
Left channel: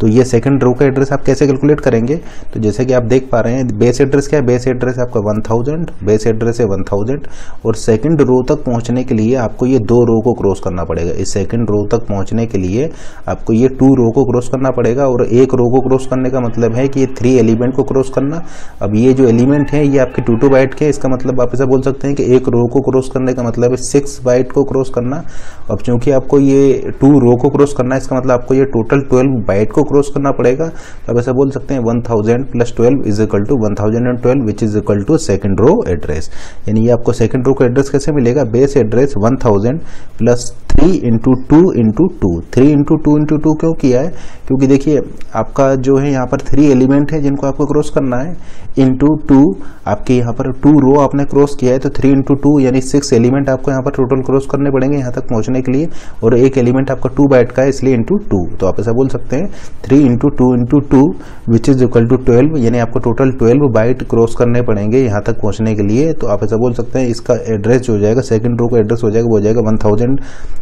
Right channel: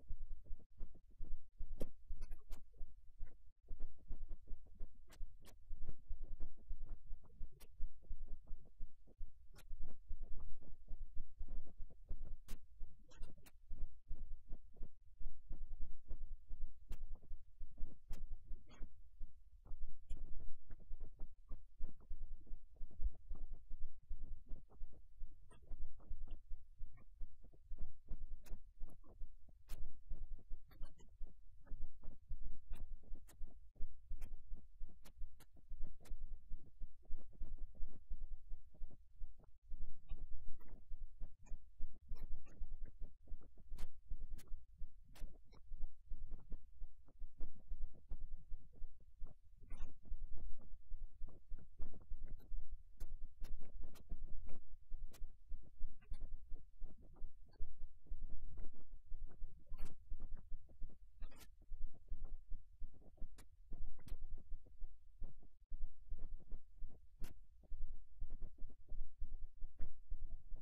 तो ये सेकंड रो का एड्रेस आप कैसे कैलकुलेट करेंगे, तो जैसे कि आप देख पा रहे हैं बेस एड्रेस क्या है, बेस एड्रेस है आपका 1000, बेस एड्रेस है 1000 और सेकंड रो तक पहुंचने के लिए आपको ये 2 रो को क्रॉस करना पड़ेगा। इस सेकंड रो तक पहुंचने के लिए आपको ये 2 रो को क्रॉस करना पड़ेगा और एक रो को क्रॉस करने का मतलब है कि ये 3 एलिमेंट को क्रॉस करना। अब ये जो एलिमेंट है ये आपके 2 बाइट के, इसका मतलब आप ऐसा बोल सकते हैं कि एक रो को क्रॉस करने का मतलब है 6 बाइट को क्रॉस करना। अब चूंकि आपको ये 2 रो को क्रॉस करना है, इसका मतलब आपको ये टोटल 12 बाइट को क्रॉस करना पड़ेगा। तो आप ऐसा बोल सकते हैं 1000 + 12 is equal to 1012 which is equal to second row address. यानी ये आपको सेकंड रो का एड्रेस कैसे मिलेगा, बेस एड्रेस 1000 + 3 × 2 × 2। 3 × 2 × 2 क्यों किया है, क्योंकि देखिए आपका जो है यहाँ पर 3 एलिमेंट है जिनको आपको क्रॉस करना है, इंटू 2 आपके यहाँ पर 2 रो आपने क्रॉस किया है, तो 3 × 2 यानी 6 एलिमेंट आपको यहाँ पर टोटल क्रॉस करने पड़ेंगे यहाँ तक पहुँचने के लिए, और एक एलिमेंट आपका 2 बाइट का है इसलिए इंटू 2। तो आप ऐसा बोल सकते हैं 3 × 2 × 2 विच इज इक्वल टू 12, यानी आपको टोटल 12 बाइट क्रॉस करने पड़ेंगे यहाँ तक पहुँचने के लिए। तो आप ऐसा बोल सकते हैं इसका एड्रेस जो हो जाएगा, सेकंड रो का एड्रेस हो जाएगा, वो हो जाएगा 1000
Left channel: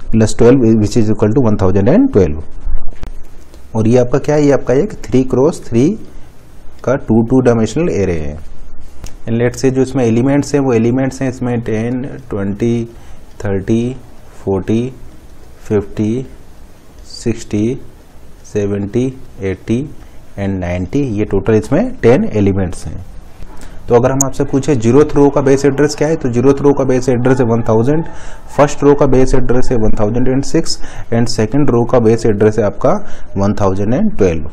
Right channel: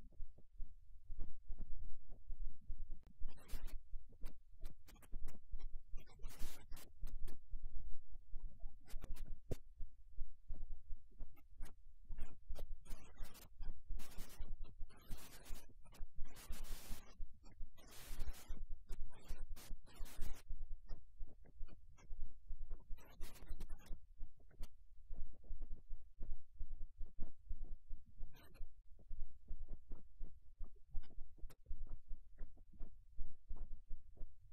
+ 12 विच इज इक्वल टू 1012। और ये आपका क्या है, ये आपका एक 3 × 3 का 2 डायमेंशनल एरे है। एंड लेट्स से जो इसमें एलिमेंट्स हैं वो एलिमेंट्स हैं इसमें 10, 20, 30, 40, 50, 60, 70, 80 एंड 90। ये टोटल इसमें 10 एलिमेंट्स हैं। तो अगर हम आपसे पूछे 0th रो का बेस एड्रेस क्या है, तो 0th रो का बेस एड्रेस है 1000, फर्स्ट रो का बेस एड्रेस है 1006 एंड सेकंड रो का बेस एड्रेस है आपका 1012,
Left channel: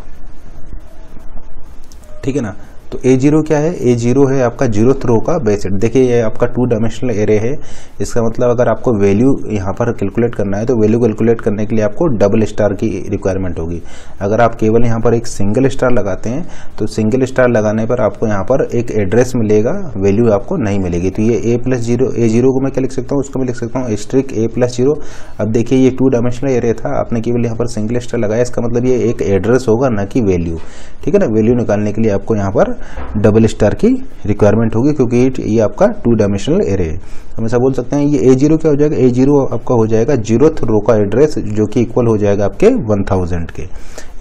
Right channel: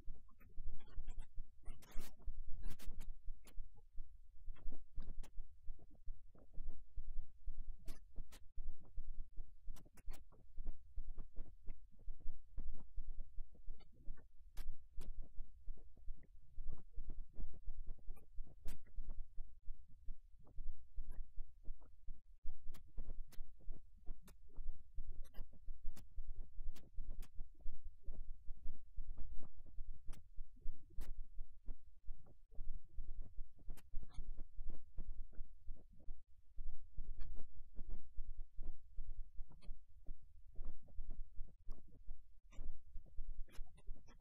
ठीक है ना। तो A0 क्या है, A0 है आपका 0th रो का बेस एड्रेस। देखिए ये आपका 2 डायमेंशनल एरे है, इसका मतलब अगर आपको वैल्यू यहाँ पर कैलकुलेट करना है तो वैल्यू कैलकुलेट करने के लिए आपको डबल स्टार की रिक्वायरमेंट होगी। अगर आप केवल यहाँ पर एक सिंगल स्टार लगाते हैं तो सिंगल स्टार लगाने पर आपको यहाँ पर एक एड्रेस मिलेगा, वैल्यू आपको नहीं मिलेगी। तो ये A0 को मैं क्या लिख सकता हूँ, उसको मैं लिख सकता हूँ एस्ट्रिक A+0। अब देखिए ये 2 डायमेंशनल एरे था, आपने केवल यहाँ पर सिंगल स्टार लगाया, इसका मतलब ये एक एड्रेस होगा ना कि वैल्यू, ठीक है ना। वैल्यू निकालने के लिए आपको यहाँ पर डबल स्टार की रिक्वायरमेंट होगी क्योंकि ये आपका 2 डायमेंशनल एरे है। हम ऐसा बोल सकते हैं ये A0 क्या हो जाएगा, A0 आपका हो जाएगा 0th रो का एड्रेस जो कि इक्वल हो जाएगा आपके 1000 के।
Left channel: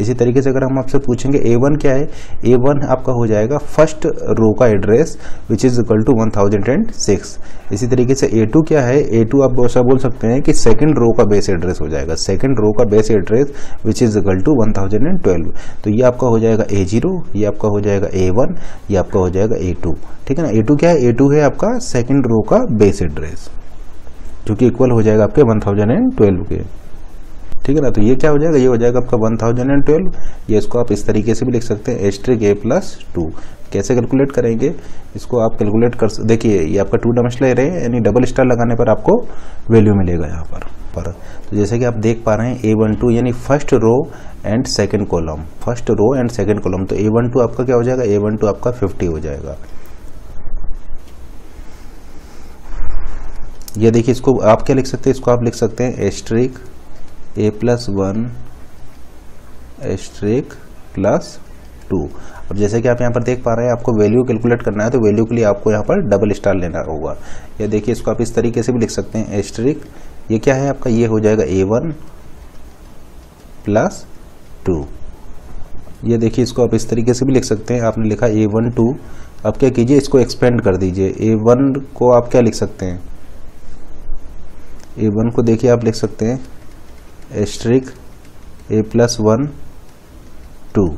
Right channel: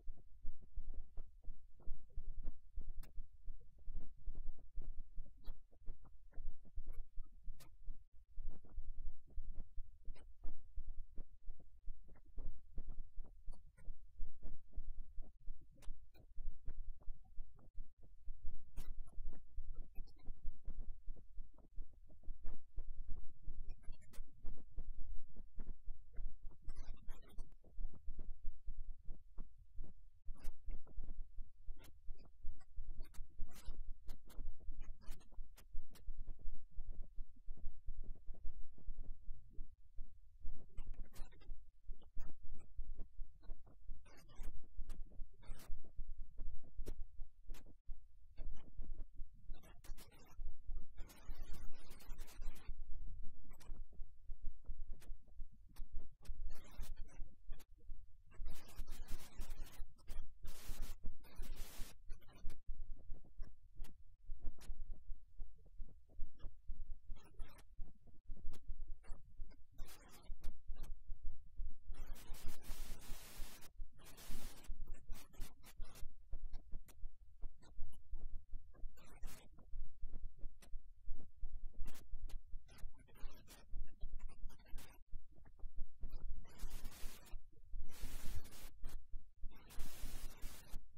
इसी तरीके से अगर हम आपसे पूछेंगे A1 क्या है, A1 आपका हो जाएगा फर्स्ट रो का address which is equal to 1006। इसी तरीके से A2 क्या है, A2 आप ऐसा बोल सकते हैं कि सेकंड रो का बेस एड्रेस हो जाएगा, सेकंड रो का base address which is equal to 1012। तो ये आपका हो जाएगा A0, ये आपका हो जाएगा A1, ये आपका हो जाएगा A2, ठीक है ना। A2 क्या है, A2 है आपका सेकंड रो का बेस एड्रेस जो कि इक्वल हो जाएगा आपके 1012 के, ठीक है ना। तो ये क्या हो जाएगा, ये हो जाएगा आपका 1012। ये इसको आप इस तरीके से भी लिख सकते हैं एस्ट्रिक A+2। कैसे कैलकुलेट करेंगे इसको आप कैलकुलेट कर, देखिए ये आपका 2 डायमेंशनल एरे है, यानी डबल स्टार लगाने पर आपको वैल्यू मिलेगा यहाँ पर। तो जैसे कि आप देख पा रहे हैं A12 यानी first row and second column, first row and second column. तो A12 आपका क्या हो जाएगा, A12 आपका 50 हो जाएगा। ये देखिए इसको आप क्या लिख सकते हैं, इसको आप लिख सकते हैं एस्ट्रिक A+1 एस्ट्रिक +2। अब जैसे कि आप यहाँ पर देख पा रहे हैं आपको वैल्यू कैलकुलेट करना है, तो वैल्यू के लिए आपको यहाँ पर डबल स्टार लेना होगा। या देखिए इसको आप इस तरीके से भी लिख सकते हैं एस्ट्रिक, ये क्या है आपका, ये हो जाएगा A1 +2। ये देखिए इसको आप इस तरीके से भी लिख सकते हैं, आपने लिखा A1 2। अब क्या कीजिए इसको एक्सपेंड कर दीजिए, A1 को आप क्या लिख सकते हैं, A1 को देखिए आप लिख सकते हैं एस्ट्रिक A+1 2,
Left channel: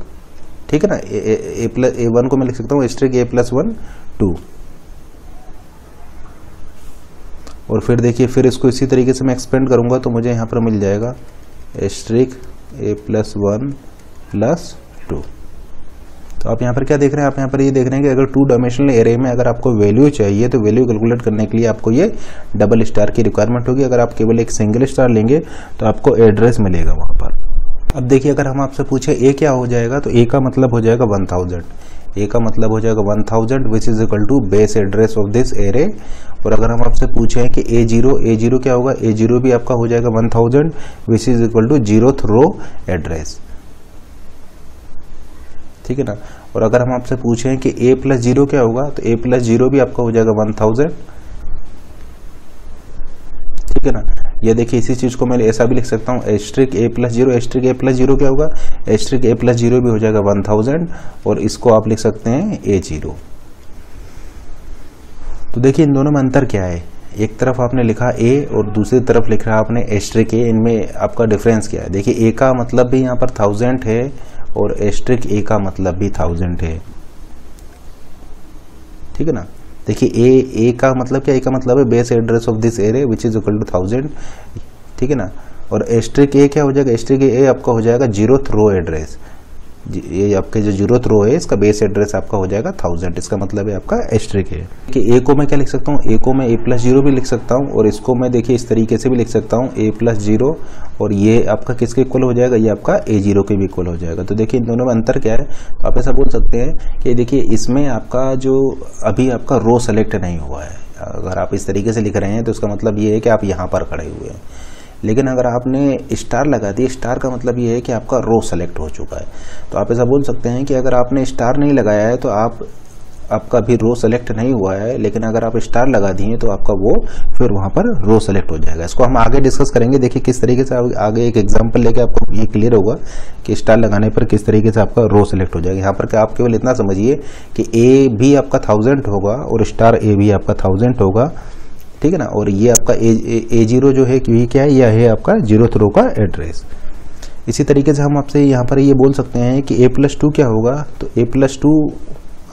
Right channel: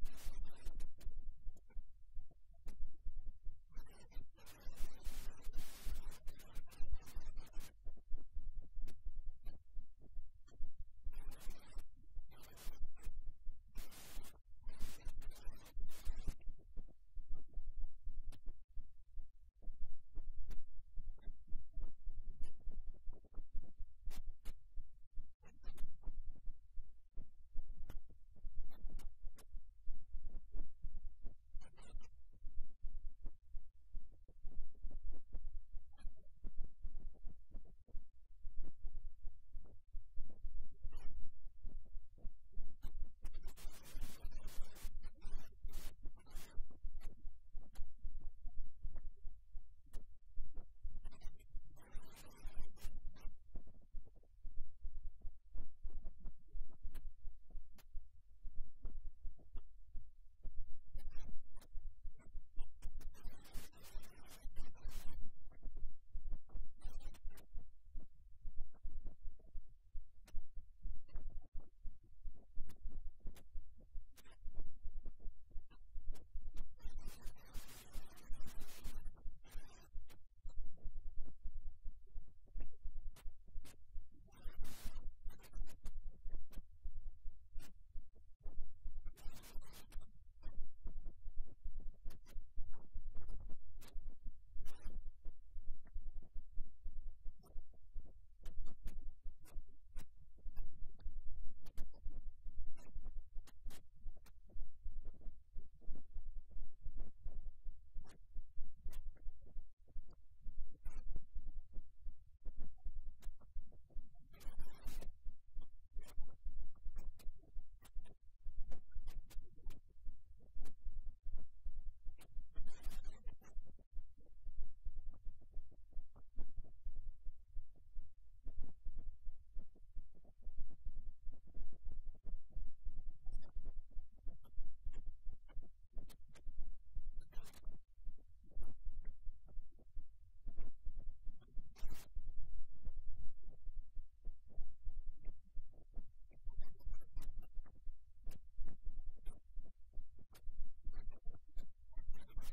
ठीक है ना। A1 को मैं लिख सकता हूँ एस्ट्रिक A+1 2, और फिर देखिए फिर इसको इसी तरीके से मैं एक्सपेंड करूँगा तो मुझे यहाँ पर मिल जाएगा एस्ट्रिक A+1 + 2। तो आप यहाँ पर क्या देख रहे हैं, आप यहाँ पर ये देख रहे हैं कि अगर 2 डायमेंशनल एरे में अगर आपको वैल्यू चाहिए तो वैल्यू कैलकुलेट करने के लिए आपको ये डबल स्टार की रिक्वायरमेंट होगी। अगर आप केवल एक सिंगल स्टार लेंगे तो आपको एड्रेस मिलेगा वहाँ पर। अब देखिए अगर हम आपसे पूछे ए क्या हो जाएगा, तो ए का मतलब हो जाएगा 1000, ए का मतलब हो जाएगा 1000 which is equal to base address of this array. और अगर हम आपसे पूछें कि A0 क्या होगा, A0 भी आपका हो जाएगा 1000 which is equal to 0th row address, ठीक है ना। और अगर हम आपसे पूछें कि A+0 क्या होगा, तो A+0 भी आपका हो जाएगा 1000, ठीक है ना। ये देखिए इसी चीज को मैं ऐसा भी लिख सकता हूँ एस्ट्रिक A+0, एस्ट्रिक A+0 क्या होगा, एस्ट्रिक A+0 भी हो जाएगा 1000, और इसको आप लिख सकते हैं A0। तो देखिए इन दोनों में अंतर क्या है, एक तरफ आपने लिखा A और दूसरी तरफ लिख रहा आपने एस्ट्रिक A, इनमें आपका डिफरेंस क्या है। देखिए A का मतलब भी यहाँ पर 1000 है और एस्ट्रिक A का मतलब भी 1000 है, ठीक है ना। देखिए A का मतलब क्या, A का मतलब है base address of this array which is equal to 1000, ठीक है ना। और एस्ट्रिक A क्या हो जाएगा, एस्ट्रिक A आपका हो जाएगा 0th रो एड्रेस, ये आपके जो 0th रो है इसका बेस एड्रेस आपका हो जाएगा 1000, इसका मतलब है आपका एस्ट्रिक है। कि A को मैं क्या लिख सकता हूँ, A को मैं A+0 भी लिख सकता हूँ, और इसको मैं देखिए इस तरीके से भी लिख सकता हूँ A+0, और ये आपका किसके इक्वल हो जाएगा, ये आपका A0 के भी इक्वल हो जाएगा। तो देखिए इन दोनों में अंतर क्या है, तो आप ऐसा बोल सकते हैं कि देखिए इसमें आपका जो अभी आपका रो सेलेक्ट नहीं हुआ है। अगर आप इस तरीके से लिख रहे हैं तो इसका मतलब ये है कि आप यहाँ पर खड़े हुए हैं, लेकिन अगर आपने स्टार लगा दिया, स्टार का मतलब ये है कि आपका रो सेलेक्ट हो चुका है। तो आप ऐसा बोल सकते हैं कि अगर आपने स्टार नहीं लगाया है तो आपका भी रो सेलेक्ट नहीं हुआ है, लेकिन अगर आप स्टार लगा दिए तो आपका वो फिर वहाँ पर रो सेलेक्ट हो जाएगा। इसको हम आगे डिस्कस करेंगे, देखिए किस तरीके से आगे एक एग्जांपल लेके आपको ये क्लियर होगा कि स्टार लगाने पर किस तरीके से आपका रो सेलेक्ट हो जाएगा। यहाँ पर क्या आप केवल इतना समझिए कि A भी आपका 1000 होगा और स्टार A भी आपका 1000 होगा, ठीक है ना। और ये आपका A0 जो है ये क्या है, यह है आपका 0th रो का एड्रेस। इसी तरीके से हम आपसे यहाँ पर ये बोल सकते हैं कि A+2 क्या होगा, तो A+2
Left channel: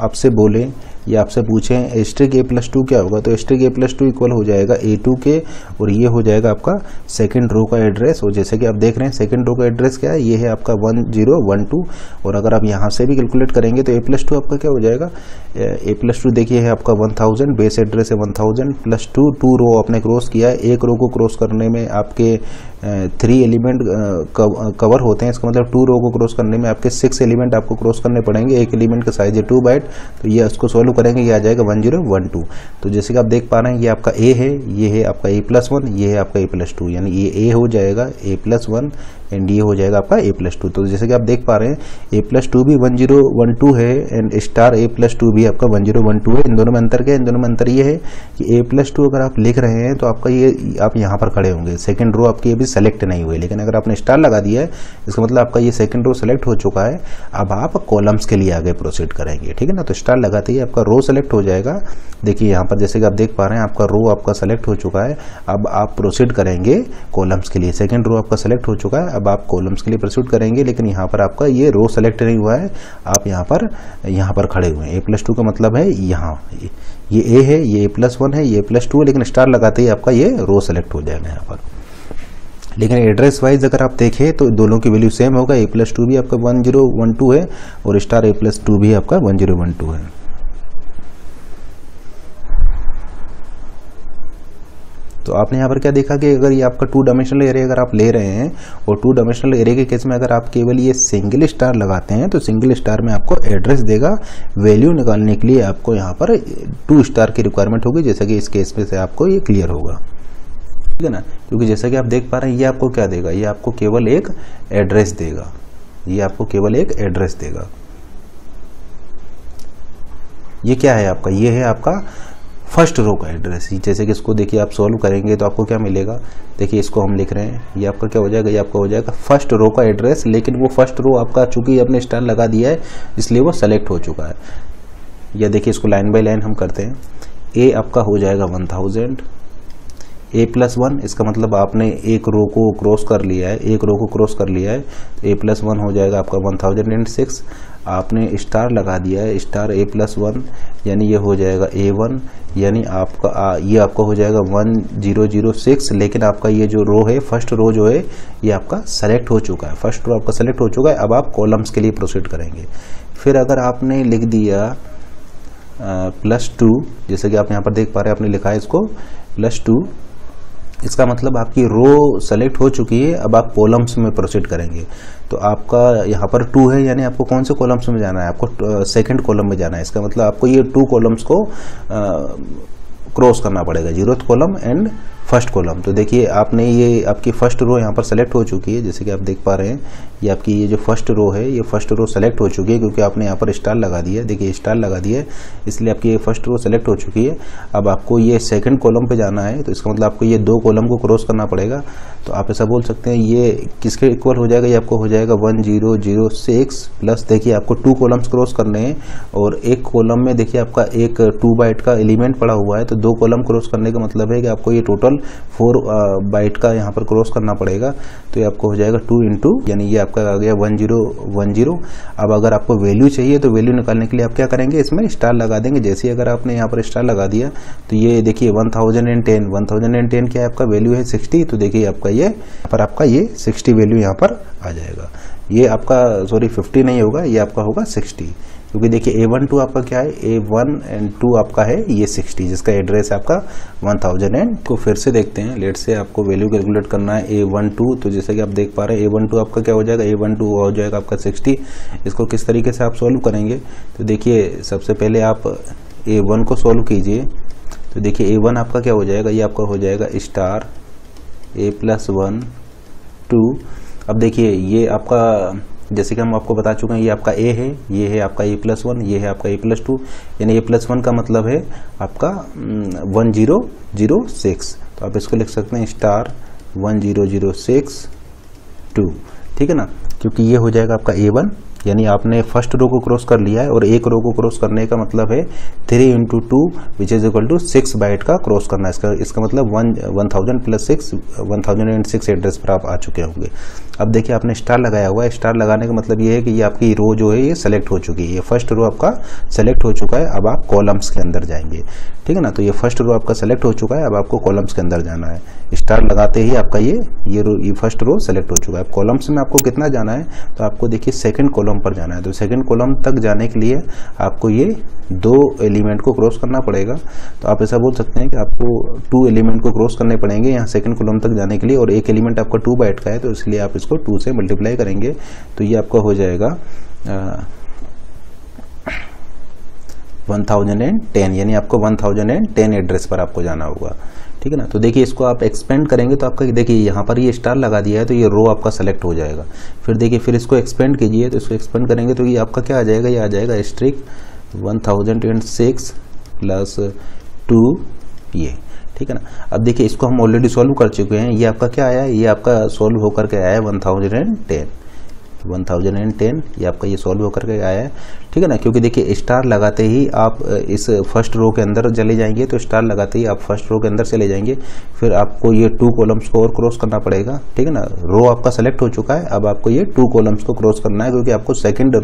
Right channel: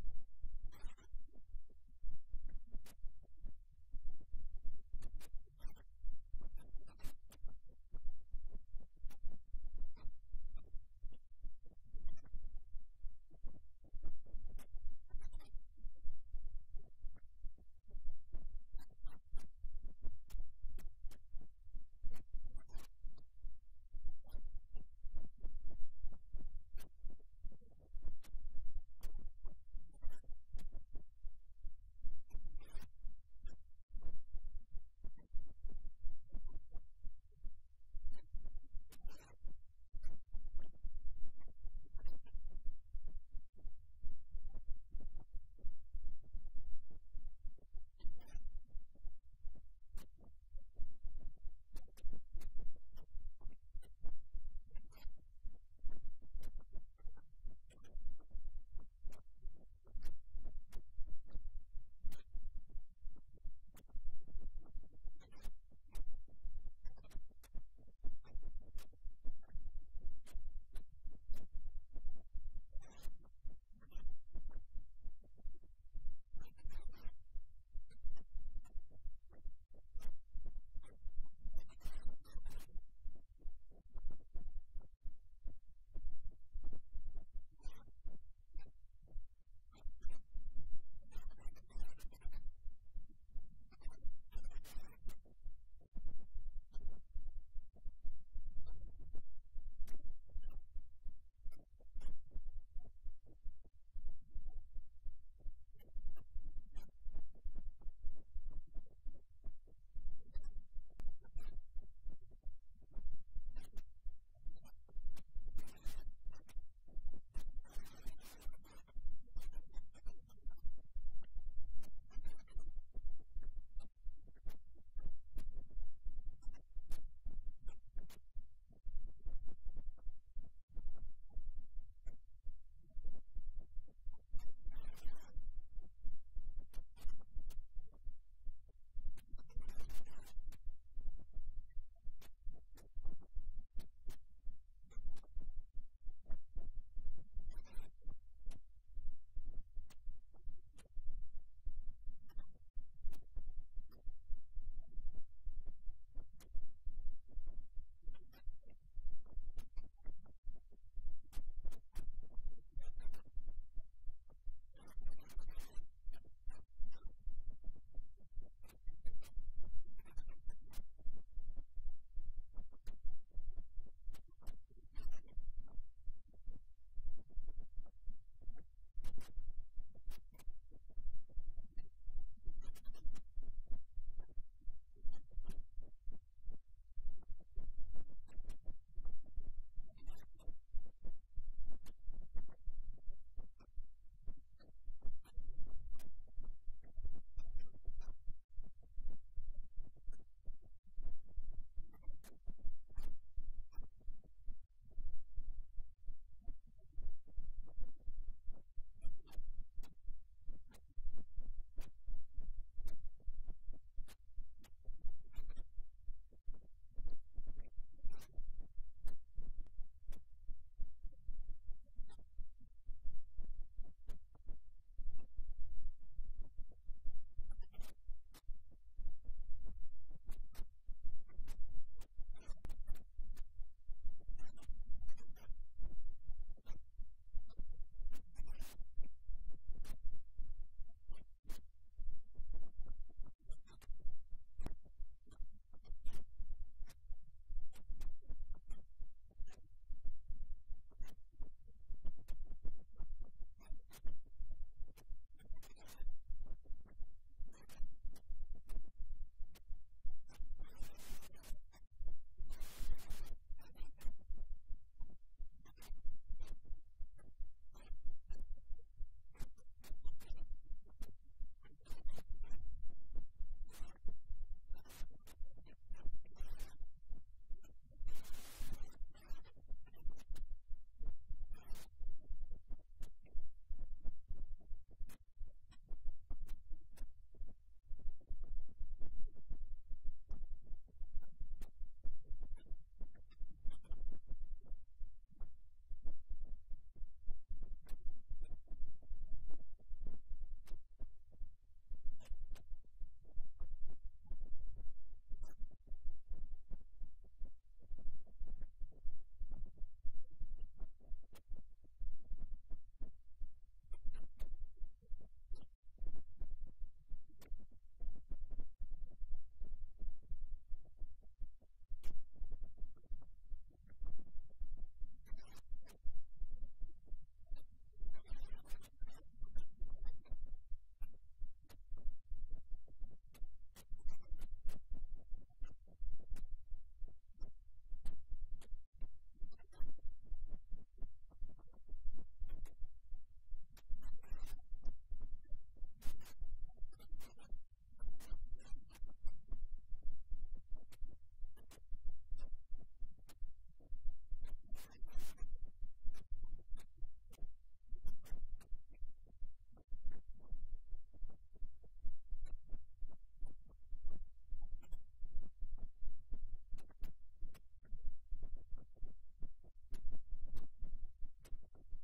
आपसे बोले या आपसे पूछें एस्ट्रिक A+2 क्या होगा, तो एस्ट्रिक A+2 इक्वल हो जाएगा A2 के, और ये हो जाएगा आपका सेकंड रो का एड्रेस। और जैसे कि आप देख रहे हैं सेकंड रो का एड्रेस क्या है, ये है आपका 1012, और अगर आप यहाँ से भी कैलकुलेट करेंगे तो A+2 आपका क्या हो जाएगा, A+2 देखिए है आपका 1000, बेस एड्रेस है 1000 + 2 रो आपने क्रॉस किया है। एक रो को क्रॉस करने में आपके 3 एलिमेंट कवर होते हैं, इसका मतलब 2 रो को क्रॉस करने में आपके 6 एलिमेंट आपको क्रॉस करने पड़ेंगे। एक एलिमेंट का साइज है 2 बाइट, तो ये उसको सॉल्व करेंगे, ये आ जाएगा 1012। तो जैसे कि आप देख पा रहे हैं ये आपका A है, ये है आपका A+1, ये है आपका A+2, यानी ये A हो जाएगा A+1 एंड ये हो जाएगा आपका A+2। तो जैसे कि आप देख पा रहे हैं A+2 भी 1012 है एंड स्टार A+2 भी आपका 1012 है। इन दोनों में अंतर क्या है, इन दोनों में अंतर ये है कि A+2 अगर आप लिख रहे हैं तो आपका ये आप यहाँ पर खड़े होंगे, सेकंड रो आपकी अभी सेलेक्ट नहीं हुई, लेकिन अगर आपने स्टार लगा दिया है इसका मतलब आपका ये सेकंड रो सेलेक्ट हो चुका है। अब आप कॉलम्स के लिए आगे प्रोसीड करेंगे, ठीक है ना। तो स्टार लगाते ही आपका रो सेलेक्ट हो जाएगा। देखिए यहाँ पर जैसे कि आप देख पा रहे हैं आपका रो आपका सेलेक्ट हो चुका है। अब आप प्रोसीड करेंगे कॉलम्स के लिए, सेकंड रो आपका सेलेक्ट हो चुका है, अब आप कॉलम्स के लिए प्रोसीड करेंगे, लेकिन यहाँ पर आपका ये रो सेलेक्ट नहीं हुआ है, आप यहाँ पर खड़े हुए हैं। A+2 का मतलब है यहाँ ये A है, ये A+1 है, ये A+2 है, लेकिन स्टार लगाते ही आपका ये रो सेलेक्ट हो जाएगा यहाँ पर। लेकिन एड्रेस वाइज अगर आप देखें तो दोनों की वैल्यू सेम होगा, A+2 भी आपका 1012 है और स्टार A+2 भी आपका 1012 है। तो आपने यहाँ पर क्या देखा कि अगर ये आपका 2 डायमेंशनल एरे अगर आप ले रहे हैं, और 2 डायमेंशनल एरे के केस में अगर आप केवल ये सिंगल स्टार लगाते हैं तो सिंगल स्टार में आपको एड्रेस देगा। वैल्यू निकालने के लिए आपको यहाँ पर 2 स्टार की रिक्वायरमेंट होगी, जैसा कि इस केस में से आपको ये क्लियर होगा, ठीक है ना। क्योंकि जैसा कि आप देख पा रहे हैं ये आपको क्या देगा, ये आपको केवल एक एड्रेस देगा, ये आपको केवल एक एड्रेस देगा। ये क्या है आपका, ये है आपका फर्स्ट रो का एड्रेस। जैसे कि इसको देखिए आप सॉल्व करेंगे तो आपको क्या मिलेगा, देखिए इसको हम लिख रहे हैं, ये आपका क्या हो जाएगा, ये आपका हो जाएगा फर्स्ट रो का एड्रेस, लेकिन वो फर्स्ट रो आपका चूंकि आपने स्टार लगा दिया है इसलिए वो सेलेक्ट हो चुका है। या देखिए इसको लाइन बाय लाइन हम करते हैं, A आपका हो जाएगा 1000, A+1, इसका मतलब आपने एक रो को क्रॉस कर लिया है, एक रो को क्रॉस कर लिया है, तो A+1 हो जाएगा आपका 1006। आपने स्टार लगा दिया है, स्टार A+1 यानी ये हो जाएगा A1, यानी आपका ये आपका हो जाएगा 1006। लेकिन आपका ये जो रो है, फर्स्ट रो जो है ये आपका सेलेक्ट हो चुका है, फर्स्ट रो आपका सेलेक्ट हो चुका है। अब आप कॉलम्स के लिए प्रोसीड करेंगे। फिर अगर आपने लिख दिया +2, जैसे कि आप यहाँ पर देख पा रहे हैं, आपने लिखा है इसको +2, इसका मतलब आपकी रो सेलेक्ट हो चुकी है। अब आप कॉलम्स में प्रोसीड करेंगे। तो आपका यहाँ पर 2 है, यानी आपको कौन से कॉलम्स में जाना है, आपको सेकंड कॉलम में जाना है। इसका मतलब आपको ये 2 कॉलम्स को क्रॉस करना पड़ेगा, 0th column and first column. तो देखिए आपने ये आपकी फर्स्ट रो यहाँ पर सेलेक्ट हो चुकी है, जैसे कि आप देख पा रहे हैं। ये आपकी ये जो फर्स्ट रो है, ये फर्स्ट रो सेलेक्ट हो चुकी है क्योंकि आपने यहाँ पर स्टार लगा दिया है। देखिए स्टार लगा दिया है, इसलिए आपकी ये फर्स्ट रो सेलेक्ट हो चुकी है। अब आपको ये सेकंड कॉलम पे जाना है, तो इसका मतलब आपको ये 2 कॉलम को क्रॉस करना पड़ेगा। तो आप ऐसा बोल सकते हैं ये किसके इक्वल हो जाएगा, ये आपको हो जाएगा 1006 प्लस, देखिए आपको 2 कॉलम्स क्रॉस करने हैं और एक कॉलम में देखिए आपका एक 2 बाइट का एलिमेंट पड़ा हुआ है। तो 2 कॉलम क्रॉस करने का मतलब है कि आपको ये टोटल 4 बाइट का यहाँ पर क्रॉस करना पड़ेगा। तो ये आपको हो जाएगा 2 इंटू, यानी ये आपका आ गया 1010। अब अगर आपको वैल्यू चाहिए तो वैल्यू निकालने के लिए आप क्या करेंगे, इसमें स्टार लगा देंगे। जैसे ही अगर आपने यहाँ पर स्टार लगा दिया तो ये देखिए 1010 क्या है, आपका वैल्यू है 60। तो देखिए आपका ये पर आपका ये 60 वैल्यू यहाँ पर आ जाएगा। ये आपका सॉरी 50 नहीं होगा, ये आपका होगा 60, क्योंकि देखिए A12 आपका क्या है, A1 एंड 2 आपका है ये 60, जिसका एड्रेस है आपका 1000। तो फिर से देखते हैं, लेट से आपको वैल्यू कैलकुलेट करना है A12। तो जैसे कि आप देख पा रहे हैं A12 आपका क्या हो जाएगा, A12 हो जाएगा आपका 60। इसको किस तरीके से आप सॉल्व करेंगे, तो देखिए सबसे पहले आप A1 को सॉल्व कीजिए। तो देखिए A1 आपका क्या हो जाएगा, ये आपका हो जाएगा स्टार A+1 2। अब देखिए ये आपका, जैसे कि हम आपको बता चुके हैं, ये आपका A है, ये है आपका A+1, ये है आपका A+2, यानी A+1 का मतलब है आपका 1006। तो आप इसको लिख सकते हैं स्टार 1006 2, ठीक है ना, क्योंकि ये हो जाएगा आपका A1, यानी आपने फर्स्ट रो को क्रॉस कर लिया है और एक रो को क्रॉस करने का मतलब है 3 into 2 which is equal to 6 byte का क्रॉस करना है। इसका मतलब 1000 प्लस 6 1006 एड्रेस पर आप आ चुके होंगे। अब देखिए आपने स्टार लगाया हुआ है, स्टार लगाने का मतलब ये है कि ये आपकी रो जो है ये सेलेक्ट हो चुकी है, ये फर्स्ट रो आपका सेलेक्ट हो चुका है। अब आप कॉलम्स के अंदर जाएंगे, ठीक है ना। तो ये फर्स्ट रो आपका सेलेक्ट हो चुका है, अब आपको कॉलम्स के अंदर जाना है। स्टार लगाते ही आपका ये फर्स्ट रो सेलेक्ट हो चुका है। कॉलम्स में आपको कितना जाना है, तो आपको देखिए सेकंड कॉलम पर जाना है। तो सेकंड कॉलम तक जाने के लिए आपको ये 2 एलिमेंट को क्रॉस करना पड़ेगा। तो आप ऐसा बोल सकते हैं कि आपको 2 एलिमेंट को क्रॉस करने पड़ेंगे यहाँ सेकंड कॉलम तक जाने के लिए, और एक एलिमेंट आपका 2 बाइट का है, तो इसलिए आप इसको 2 से मल्टीप्लाई करेंगे। तो ये आपका हो जाएगा 1010, यानी आपको 1010 एड्रेस पर आपको जाना होगा, ठीक है ना। तो देखिए इसको आप एक्सपेंड करेंगे तो आपका देखिए यहाँ पर ये स्टार लगा दिया है, तो ये रो आपका सेलेक्ट हो जाएगा। फिर देखिए फिर इसको एक्सपेंड कीजिए, तो इसको एक्सपेंड करेंगे तो ये आपका क्या आ जाएगा, ये आ जाएगा स्ट्रिक 1006 प्लस 2 ये, ठीक है ना। अब देखिए इसको हम ऑलरेडी सॉल्व कर चुके हैं। ये आपका क्या आया है, ये आपका सॉल्व होकर के आया है 1010, ये आपका ये सॉल्व होकर के आया है, ठीक है ना। क्योंकि देखिए स्टार लगाते ही आप इस फर्स्ट रो के अंदर चले जाएंगे, तो स्टार लगाते ही आप फर्स्ट रो के अंदर चले जाएंगे। फिर आपको ये 2 कॉलम्स को और क्रॉस करना पड़ेगा, ठीक है ना। रो आपका सेलेक्ट हो चुका है, अब आपको ये 2 कॉलम्स को क्रॉस करना है, क्योंकि आपको सेकंड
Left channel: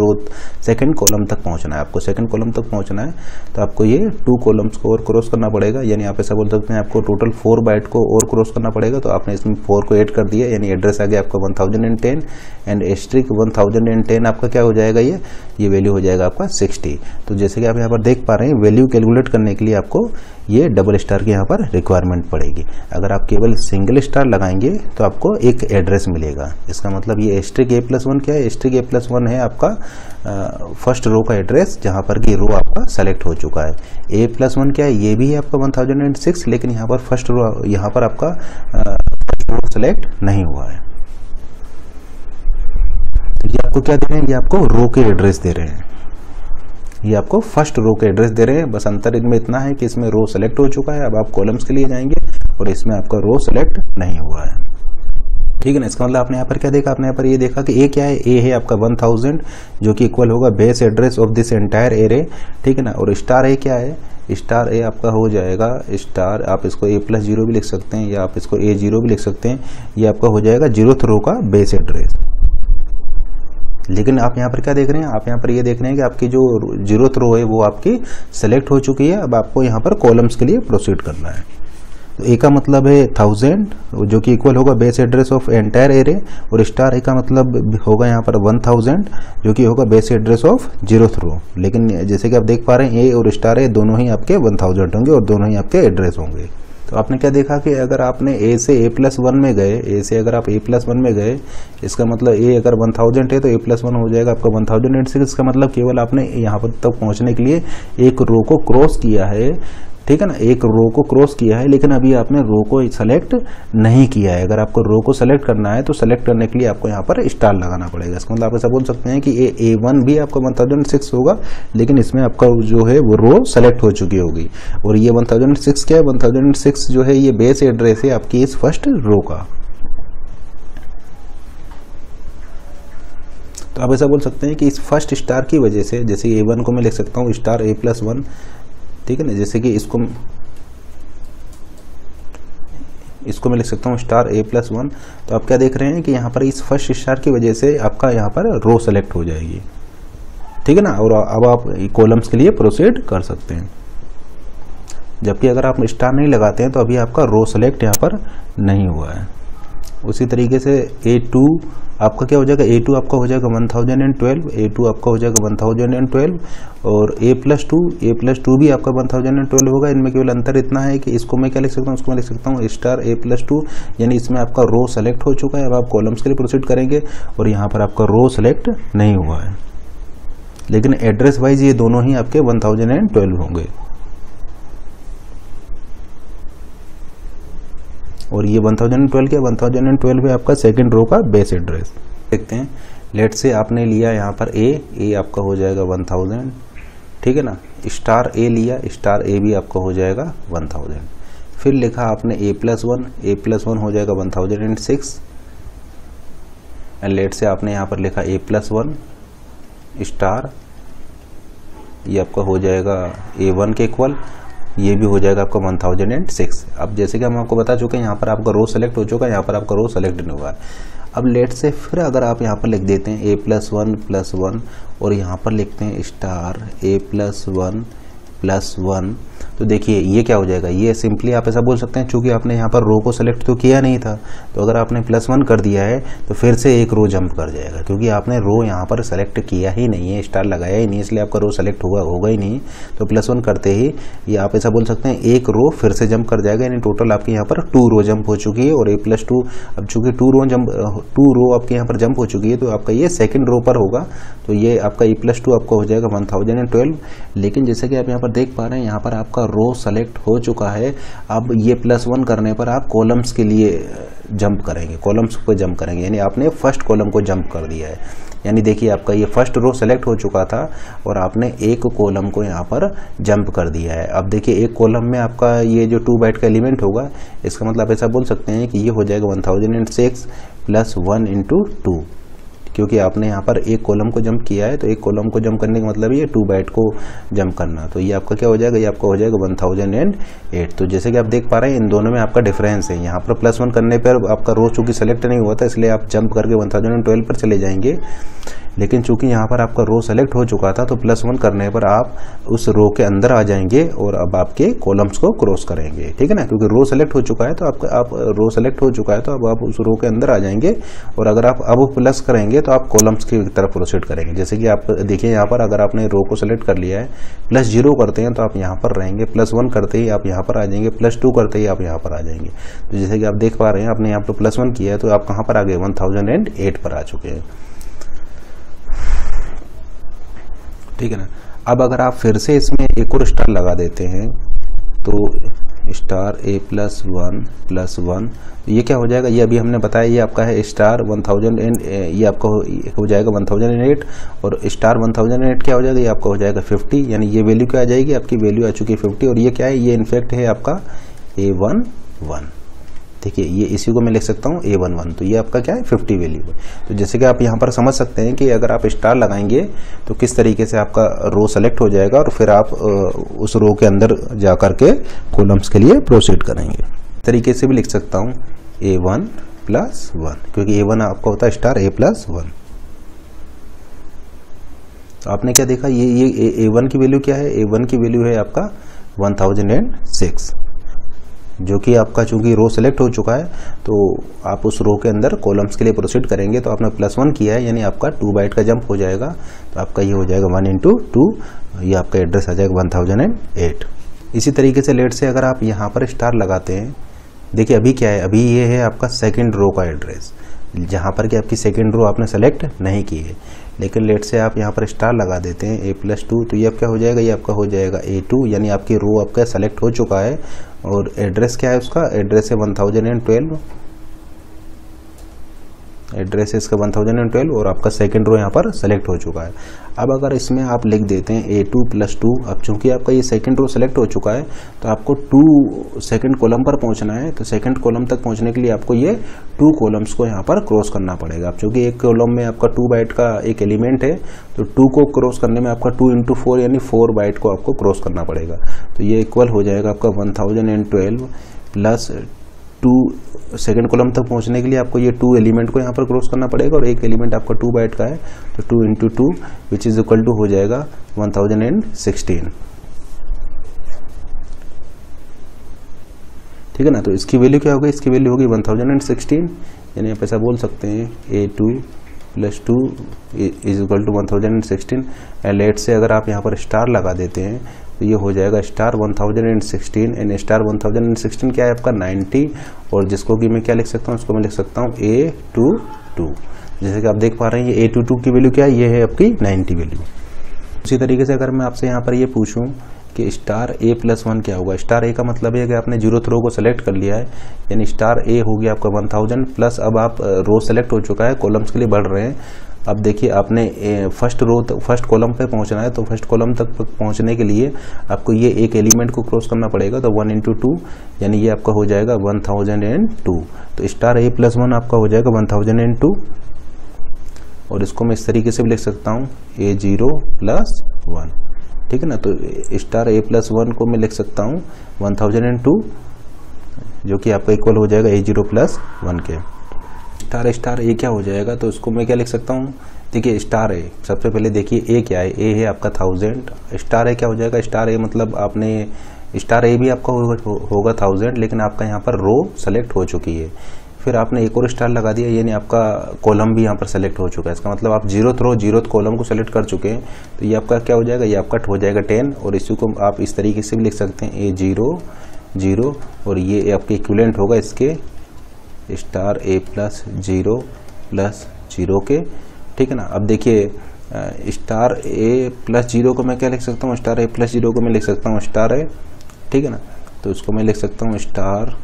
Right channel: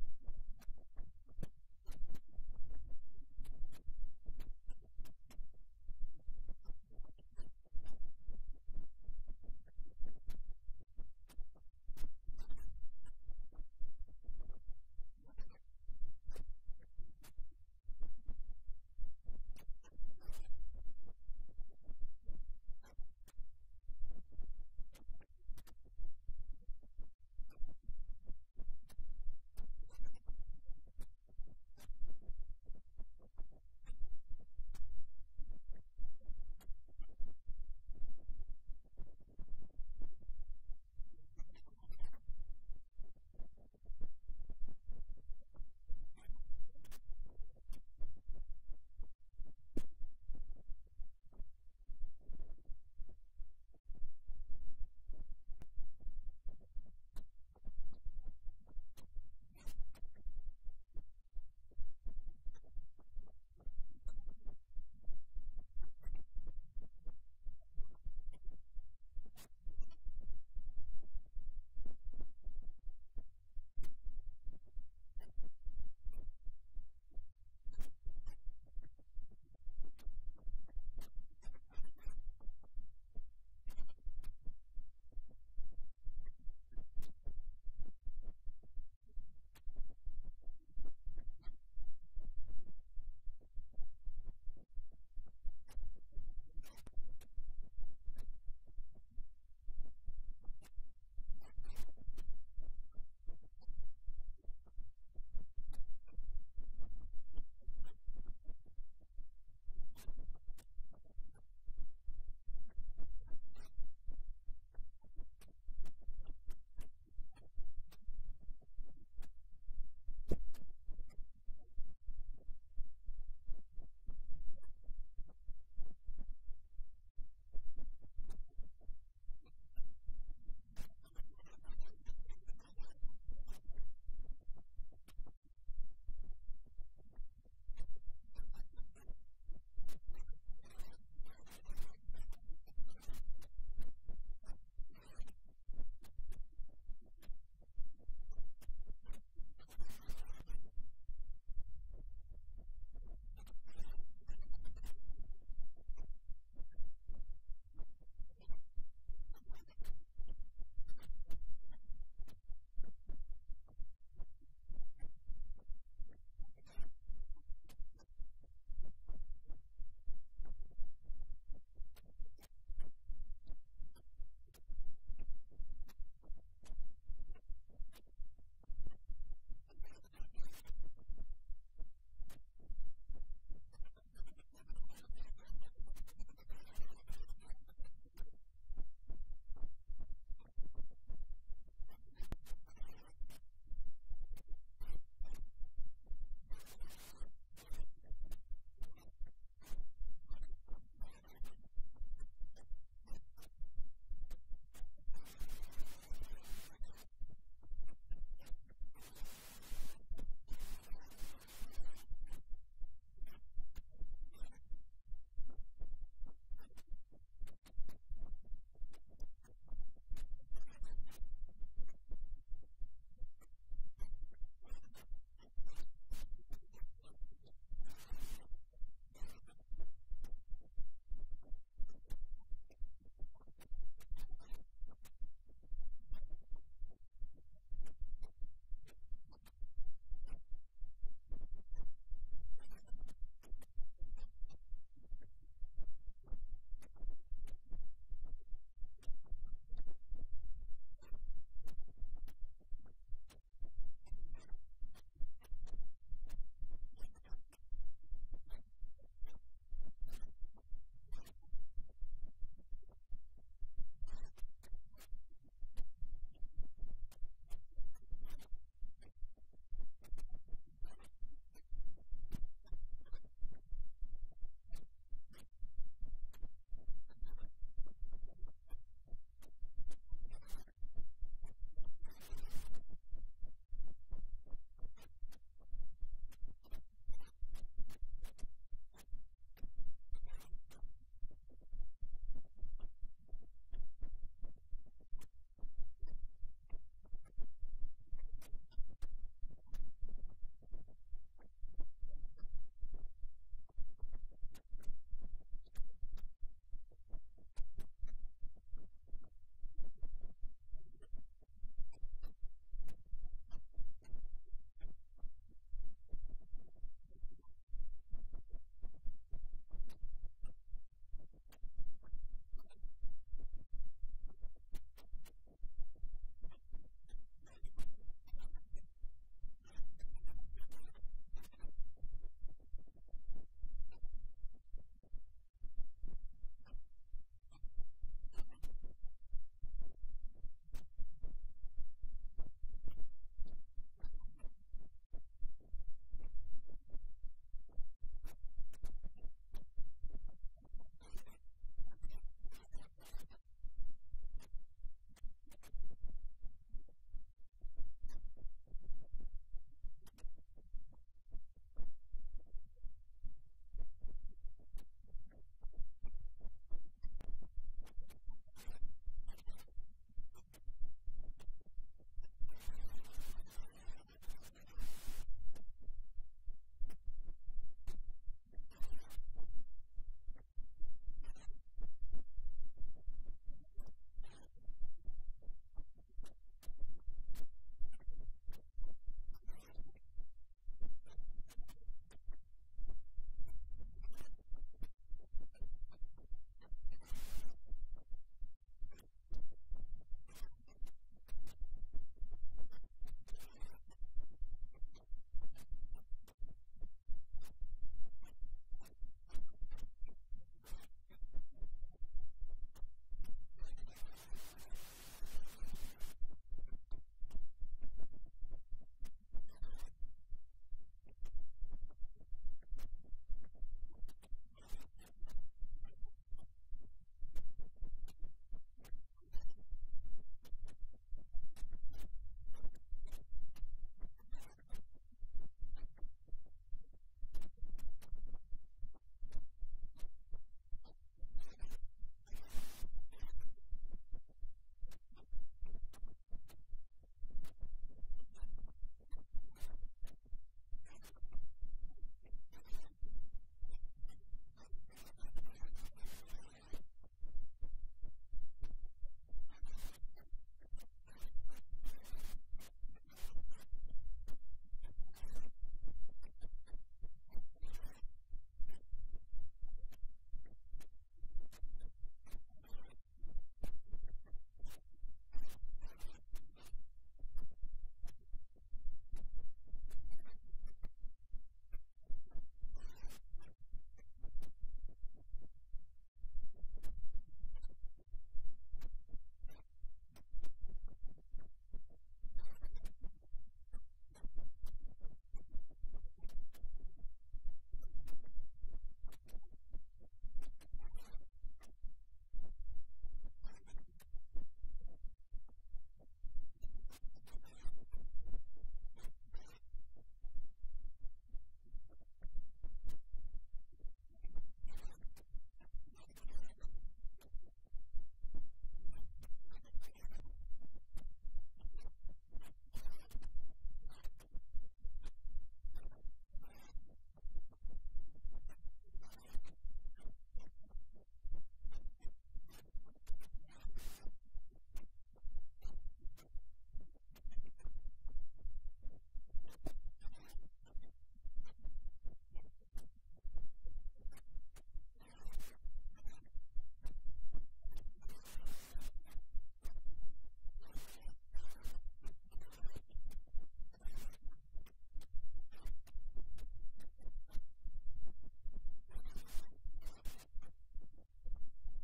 कॉलम तक पहुंचना है। आपको सेकंड कॉलम तक पहुंचना है, तो आपको ये 2 कॉलम्स को और क्रॉस करना पड़ेगा। यानी आप ऐसा बोल सकते हैं आपको टोटल 4 बाइट को और क्रॉस करना पड़ेगा। तो आपने इसमें 4 को ऐड कर दिया, यानी एड्रेस आ गया आपका 1010 एंड स्ट्रिक 1010 आपका क्या हो जाएगा, ये वैल्यू हो जाएगा आपका 60। तो जैसे कि आप यहाँ पर देख पा रहे हैं, वैल्यू कैलकुलेट करने के लिए आपको ये डबल स्टार की यहाँ पर रिक्वायरमेंट पड़ेगी। अगर आप केवल सिंगल स्टार लगाएंगे तो आपको एक एड्रेस मिलेगा। इसका मतलब ये स्ट्रिक A+1 क्या है, स्ट्रिक A+1 है आपका फर्स्ट रो का एड्रेस, जहाँ पर कि रो आपका सेलेक्ट हो चुका है। A+1 क्या है, ये भी है आपका 1006, लेकिन यहाँ पर फर्स्ट रो, यहाँ पर आपका फर्स्ट रो सेलेक्ट नहीं हुआ है। तो ये आपको क्या दे रहे हैं, ये आपको रो के एड्रेस दे रहे हैं, ये आपको फर्स्ट रो के एड्रेस दे रहे हैं। बस अंतर इनमें इतना है कि इसमें रो सेलेक्ट हो चुका है, अब आप कॉलम्स के लिए जाएंगे, और इसमें आपका रो सेलेक्ट नहीं हुआ है, ठीक है ना। इसका मतलब आपने यहाँ पर क्या देखा, आपने यहाँ पर ये देखा कि ए क्या है, ए है आपका 1000, जो कि इक्वल होगा base address of this entire array, ठीक है ना। और स्टार ए क्या है, स्टार ए आपका हो जाएगा स्टार, आप इसको A+0 भी लिख सकते हैं या आप इसको A0 भी लिख सकते हैं, ये आपका हो जाएगा 0th रो का बेस एड्रेस। लेकिन आप यहाँ पर क्या देख रहे हैं, आप यहाँ पर ये देख रहे हैं कि आपकी जो 0th रो है वो आपकी सेलेक्ट हो चुकी है। अब आपको यहाँ पर कॉलम्स के लिए प्रोसीड करना है। तो ए का मतलब है 1000 जो कि इक्वल होगा base address of entire array, और स्टार ए का मतलब होगा यहाँ पर 1000 जो कि होगा बेस एड्रेस ऑफ 0th रो। लेकिन जैसे कि आप देख पा रहे हैं ए और स्टार ए दोनों ही आपके 1000 होंगे और दोनों ही आपके एड्रेस होंगे। तो आपने क्या देखा कि अगर आपने ए से A+1 में गए, ए से अगर आप A+1 में गए, इसका मतलब ए अगर 1000 है तो A+1 हो जाएगा आपका 1006। इसका मतलब केवल आपने यहाँ पर तक पहुँचने के लिए एक रो को क्रॉस किया है, ठीक है ना, एक रो को क्रॉस किया है, लेकिन अभी आपने रो को सेलेक्ट नहीं किया है। अगर आपको रो को सेलेक्ट करना है तो सेलेक्ट करने के लिए आपको यहाँ पर स्टार लगाना पड़ेगा। इसका मतलब आप ऐसा बोल सकते हैं कि A1 भी आपका 1006 होगा, लेकिन इसमें आपका जो है वो रो सेलेक्ट हो चुकी होगी। और ये 1006 क्या है, 1006 जो है ये बेस एड्रेस है आपकी इस फर्स्ट रो का। तो आप ऐसा बोल सकते हैं कि इस फर्स्ट स्टार की वजह से, जैसे A1 को मैं लिख सकता हूँ स्टार A+1, ठीक है ना, जैसे कि इसको मैं लिख सकता हूँ स्टार A+1। तो आप क्या देख रहे हैं कि यहाँ पर इस फर्स्ट स्टार की वजह से आपका यहाँ पर रो सेलेक्ट हो जाएगी, ठीक है ना, और अब आप कॉलम्स के लिए प्रोसीड कर सकते हैं। जबकि अगर आप स्टार नहीं लगाते हैं तो अभी आपका रो सेलेक्ट यहाँ पर नहीं हुआ है। उसी तरीके से A2 आपका क्या हो जाएगा, A2 आपका हो जाएगा 1012, A2 आपका हो जाएगा 1012, और A+2 भी आपका 1012 होगा। इनमें केवल अंतर इतना है कि इसको मैं क्या लिख सकता हूँ, उसको मैं लिख सकता हूँ स्टार A+2, यानी इसमें आपका रो सेलेक्ट हो चुका है। अब आप कॉलम्स के लिए प्रोसीड करेंगे और यहाँ पर आपका रो सेलेक्ट नहीं हुआ है, लेकिन एड्रेस वाइज ये दोनों ही आपके 1012 होंगे। और ये 1012 क्या, 1012 है आपका सेकंड रो का बेस एड्रेस। देखते हैं, लेट से आपने लिया यहाँ पर ए आपका हो जाएगा 1000, ठीक है ना, स्टार ए लिया, स्टार ए भी आपका हो जाएगा 1000। फिर लिखा आपने A+1 हो जाएगा 1006, एंड लेट से आपने यहाँ पर लिखा A+1 स्टार, ये आपका हो जाएगा A1 के इक्वल, ये भी हो जाएगा आपका 1006। अब जैसे कि हम आपको बता चुके हैं यहाँ पर आपका रो सेलेक्ट हो चुका है, यहाँ पर आपका रो सेलेक्ट नहीं हुआ है। अब लेट से फिर अगर आप यहाँ पर लिख देते हैं A+1 और यहाँ पर लिखते हैं स्टार A+1, तो देखिए ये क्या हो जाएगा, ये सिंपली आप ऐसा बोल सकते हैं चूंकि आपने यहाँ पर रो को सेलेक्ट तो किया नहीं था, तो अगर आपने +1 कर दिया है तो फिर से एक रो जंप कर जाएगा, क्योंकि आपने रो यहाँ पर सेलेक्ट किया ही नहीं है, स्टार लगाया ही नहीं, इसलिए आपका रो सेलेक्ट होगा ही नहीं। तो +1 करते ही ये आप ऐसा बोल सकते हैं एक रो फिर से जंप कर जाएगा, यानी टोटल आपके यहाँ पर 2 रो जंप हो चुकी है। और A+2 अब चूंकि 2 रो आपके यहाँ पर जंप हो चुकी है, तो आपका ये सेकेंड रो पर होगा, तो ये आपका A+2 आपका हो जाएगा 1012। लेकिन जैसे कि आप यहाँ पर देख पा रहे हैं, यहाँ पर आपका रो सेलेक्ट हो चुका है। अब ये +1 करने पर आप कॉलम्स के लिए जंप करेंगे, कॉलम्स पे जंप करेंगे, यानी आपने फर्स्ट कॉलम को जंप कर दिया है। यानी देखिए आपका ये फर्स्ट रो सेलेक्ट हो चुका था और आपने एक कॉलम को यहाँ पर जंप कर दिया है। अब देखिए एक कॉलम में आपका ये जो 2 बाइट का एलिमेंट होगा, इसका मतलब ऐसा बोल सकते हैं कि ये हो जाएगा 1006 + 1 × 2, क्योंकि आपने यहाँ पर एक कॉलम को जंप किया है, तो एक कॉलम को जंप करने का मतलब ये 2 बाइट को जंप करना। तो ये आपका क्या हो जाएगा, ये आपका हो जाएगा 1008। तो जैसे कि आप देख पा रहे हैं इन दोनों में आपका डिफरेंस है। यहाँ पर +1 करने पर आपका रो चूंकि सेलेक्ट नहीं हुआ था, इसलिए आप जंप करके 1012 पर चले जाएंगे। लेकिन चूंकि यहाँ पर आपका रो सेलेक्ट हो चुका था, तो +1 करने पर आप उस रो के अंदर आ जाएंगे और अब आपके कॉलम्स को क्रॉस करेंगे, ठीक है ना, क्योंकि रो सेलेक्ट हो चुका है, तो आप रो सेलेक्ट हो चुका है तो अब आप उस रो के अंदर आ जाएंगे। और अगर आप अब प्लस करेंगे तो आप कॉलम्स की तरफ प्रोसीड करेंगे। जैसे कि आप देखिए यहाँ पर अगर आपने रो को सेलेक्ट कर लिया है, +0 करते हैं तो आप यहाँ पर रहेंगे, +1 करते ही आप यहाँ पर आ जाएंगे, +2 करते ही आप यहाँ पर आ जाएंगे। तो जैसे कि आप देख पा रहे हैं, आपने यहाँ पर +1 किया है तो आप कहाँ पर आ गए, 1008 पर आ चुके हैं, ठीक है ना। अब अगर आप फिर से इसमें एक और स्टार लगा देते हैं, तो स्टार A+1, ये क्या हो जाएगा, ये अभी हमने बताया, ये आपका है स्टार 1000, ये आपका हो जाएगा 1008, और स्टार 1008 क्या हो जाएगा, ये आपका हो जाएगा 50, यानी ये वैल्यू क्या आ जाएगी, आपकी वैल्यू आ चुकी है 50। और ये क्या है, ये इनफैक्ट है आपका A11, देखिए ये इसी को मैं लिख सकता हूँ A11, तो ये आपका क्या है 50 वैल्यू है। तो जैसे कि आप यहाँ पर समझ सकते हैं कि अगर आप स्टार लगाएंगे तो किस तरीके से आपका रो सेलेक्ट हो जाएगा और फिर आप उस रो के अंदर जा करके कॉलम्स के लिए प्रोसीड करेंगे। तरीके से भी लिख सकता हूँ A1 + 1, क्योंकि A1 आपका होता है स्टार A + 1। तो आपने क्या देखा, ये A1 की वैल्यू क्या है, A1 की वैल्यू है आपका 1006, जो कि आपका चूंकि रो सेलेक्ट हो चुका है तो आप उस रो के अंदर कॉलम्स के लिए प्रोसीड करेंगे। तो आपने +1 किया है, यानी आपका 2 बाइट का जंप हो जाएगा। तो आपका ये हो जाएगा 1 × 2, ये आपका एड्रेस आ जाएगा 1008। इसी तरीके से लेट से अगर आप यहाँ पर स्टार लगाते हैं, देखिए अभी क्या है, अभी ये है आपका सेकेंड रो का एड्रेस, जहाँ पर कि आपकी सेकेंड रो आपने सेलेक्ट नहीं की है। लेकिन लेट से आप यहाँ पर स्टार लगा देते हैं A+2, तो ये अब क्या हो जाएगा, ये आपका हो जाएगा A2, यानी आपकी रो आपका सेलेक्ट हो चुका है। और एड्रेस क्या है उसका, एड्रेस है 1012, एड्रेस है इसका 1012 और आपका सेकंड रो यहाँ पर सेलेक्ट हो चुका है। अब अगर इसमें आप लिख देते हैं A2 + 2, अब चूंकि आपका ये सेकंड रो सेलेक्ट हो चुका है तो आपको 2 सेकंड कॉलम पर पहुंचना है। तो सेकंड कॉलम तक पहुंचने के लिए आपको ये 2 कॉलम्स को यहाँ पर क्रॉस करना पड़ेगा। अब चूंकि एक कॉलम में आपका 2 बाइट का एक एलिमेंट है, तो 2 को क्रॉस करने में आपका 2 × 4 यानी 4 बाइट को आपको क्रॉस करना पड़ेगा। तो ये इक्वल हो जाएगा आपका 1012 + 2। सेकंड कॉलम तक पहुंचने के लिए आपको ये 2 एलिमेंट को यहाँ पर क्रॉस करना पड़ेगा, और एक एलिमेंट आपका 2 बाइट का है, तो 2 × 2 विच इज इक्वल टू हो जाएगा 1016। ठीक है ना। तो इसकी वैल्यू क्या होगी, इसकी वैल्यू होगी 1016, यानी आप ऐसा बोल सकते हैं A2 + 2 is equal to 1016। Late से अगर आप यहाँ पर स्टार लगा देते हैं तो ये हो जाएगा स्टार 1016, एंड स्टार 1016 क्या है आपका 90, और जिसको कि मैं क्या लिख सकता हूँ, उसको मैं लिख सकता हूँ A22। जैसे कि आप देख पा रहे हैं ये A22 की वैल्यू क्या है, ये है आपकी 90 वैल्यू। उसी तरीके से अगर मैं आपसे यहाँ पर ये पूछूं कि स्टार A+1 क्या होगा, स्टार A का मतलब है कि आपने 0th रो को सेलेक्ट कर लिया है, यानी स्टार A हो गया आपका 1000 प्लस अब आप रो सेलेक्ट हो चुका है, कॉलम्स के लिए बढ़ रहे हैं। अब देखिए आपने फर्स्ट कॉलम पे पहुंचना है, तो फर्स्ट कॉलम तक पहुंचने के लिए आपको ये एक एलिमेंट को क्रॉस करना पड़ेगा। तो 1 × 2 यानी ये आपका हो जाएगा 1002। तो स्टार A+1 आपका हो जाएगा 1002, और इसको मैं इस तरीके से भी लिख सकता हूँ A0 + 1। ठीक है ना। तो स्टार A+1 को मैं लिख सकता हूँ 1002, जो कि आपका इक्वल हो जाएगा A0 + 1 के। स्टार A क्या हो जाएगा, तो उसको मैं क्या लिख सकता हूँ, देखिए स्टार A सबसे पहले देखिए A क्या है, A है आपका 1000। स्टार A क्या हो जाएगा, स्टार A मतलब आपने स्टार A भी आपका होगा 1000, लेकिन आपका यहाँ पर रो सेलेक्ट हो चुकी है। फिर आपने एक और स्टार लगा दिया, यानी आपका कॉलम भी यहाँ पर सेलेक्ट हो चुका है। इसका मतलब आप 0th रो 0th कॉलम को सेलेक्ट कर चुके हैं। तो ये आपका क्या हो जाएगा, ये आपका हो जाएगा 10, और इसी को आप इस तरीके से भी लिख सकते हैं A0 0, और ये आपके इक्विवेलेंट होगा इसके स्टार A+0 + 0 के। ठीक है ना। अब देखिए स्टार A+0 को मैं क्या लिख सकता हूँ, स्टार A+0 को मैं लिख सकता हूँ स्टार A। ठीक है ना। तो उसको मैं लिख सकता हूँ स्टार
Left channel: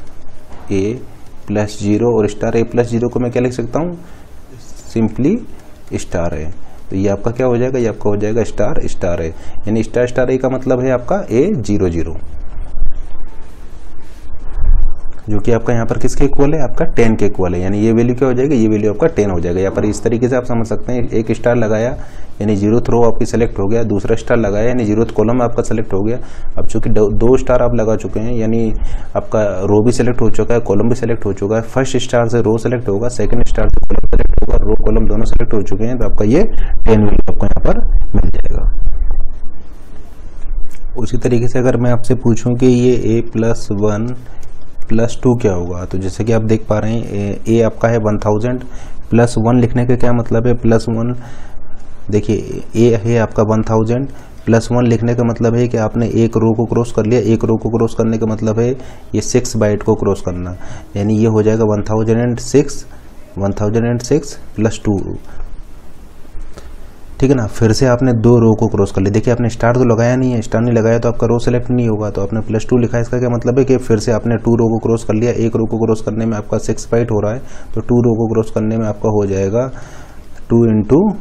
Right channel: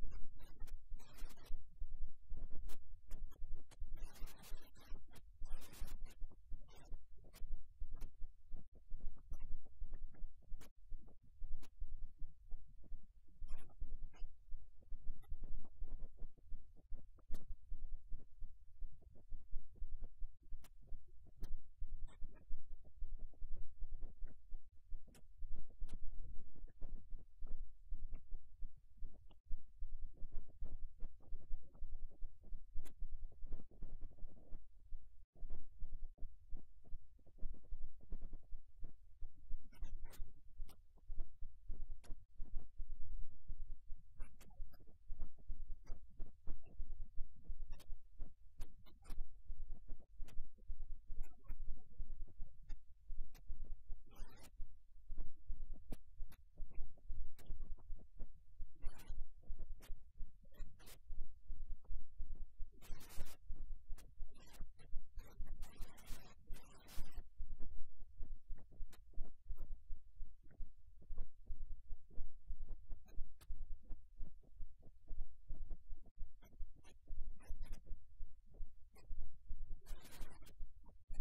A+0, और स्टार A+0 को मैं क्या लिख सकता हूँ, सिंपली स्टार A। तो ये आपका क्या हो जाएगा, ये आपका हो जाएगा स्टार A, यानी स्टार A का मतलब है आपका A00, जो कि आपका यहाँ पर किसके इक्वल है, आपका 10 के इक्वल है। यानी ये वैल्यू क्या हो जाएगा, ये वैल्यू आपका 10 हो जाएगा। यहाँ पर इस तरीके से आप समझ सकते हैं, एक स्टार लगाया यानी 0th रो आपकी सेलेक्ट हो गया, दूसरा स्टार लगाया यानी 0th कॉलम आपका सेलेक्ट हो गया। अब चूंकि 2 स्टार आप लगा चुके हैं, यानी आपका रो भी सेलेक्ट हो चुका है, कॉलम भी सेलेक्ट हो चुका है। फर्स्ट स्टार से रो सेलेक्ट होगा, सेकंड स्टार से कॉलम सेलेक्ट होगा, रो कॉलम दोनों सेलेक्ट हो चुके हैं। तो आपका ये 10 वैल्यू आपको यहाँ पर मिल जाएगा। उसी तरीके से अगर मैं आपसे पूछूं कि ये A+1 + 2 क्या होगा, तो जैसे कि आप देख पा रहे हैं A आपका है 1000 + 1 लिखने का क्या मतलब है, +1 देखिए A है आपका 1000 + 1 लिखने का मतलब है कि आपने एक रो को क्रॉस कर लिया। एक रो को क्रॉस करने का मतलब है ये 6 बाइट को क्रॉस करना, यानी ये हो जाएगा 1006 + 2। ठीक है ना। फिर से आपने 2 रो को क्रॉस कर लिया। देखिए आपने स्टार तो लगाया नहीं है, स्टार नहीं लगाया तो आपका रो सेलेक्ट नहीं होगा, तो आपने +2 लिखा है। इसका क्या मतलब है कि फिर से आपने 2 रो को क्रॉस कर लिया। एक रो को क्रॉस करने में आपका 6 बाइट हो रहा है, तो 2 रो को क्रॉस करने में आपका हो जाएगा 2 ×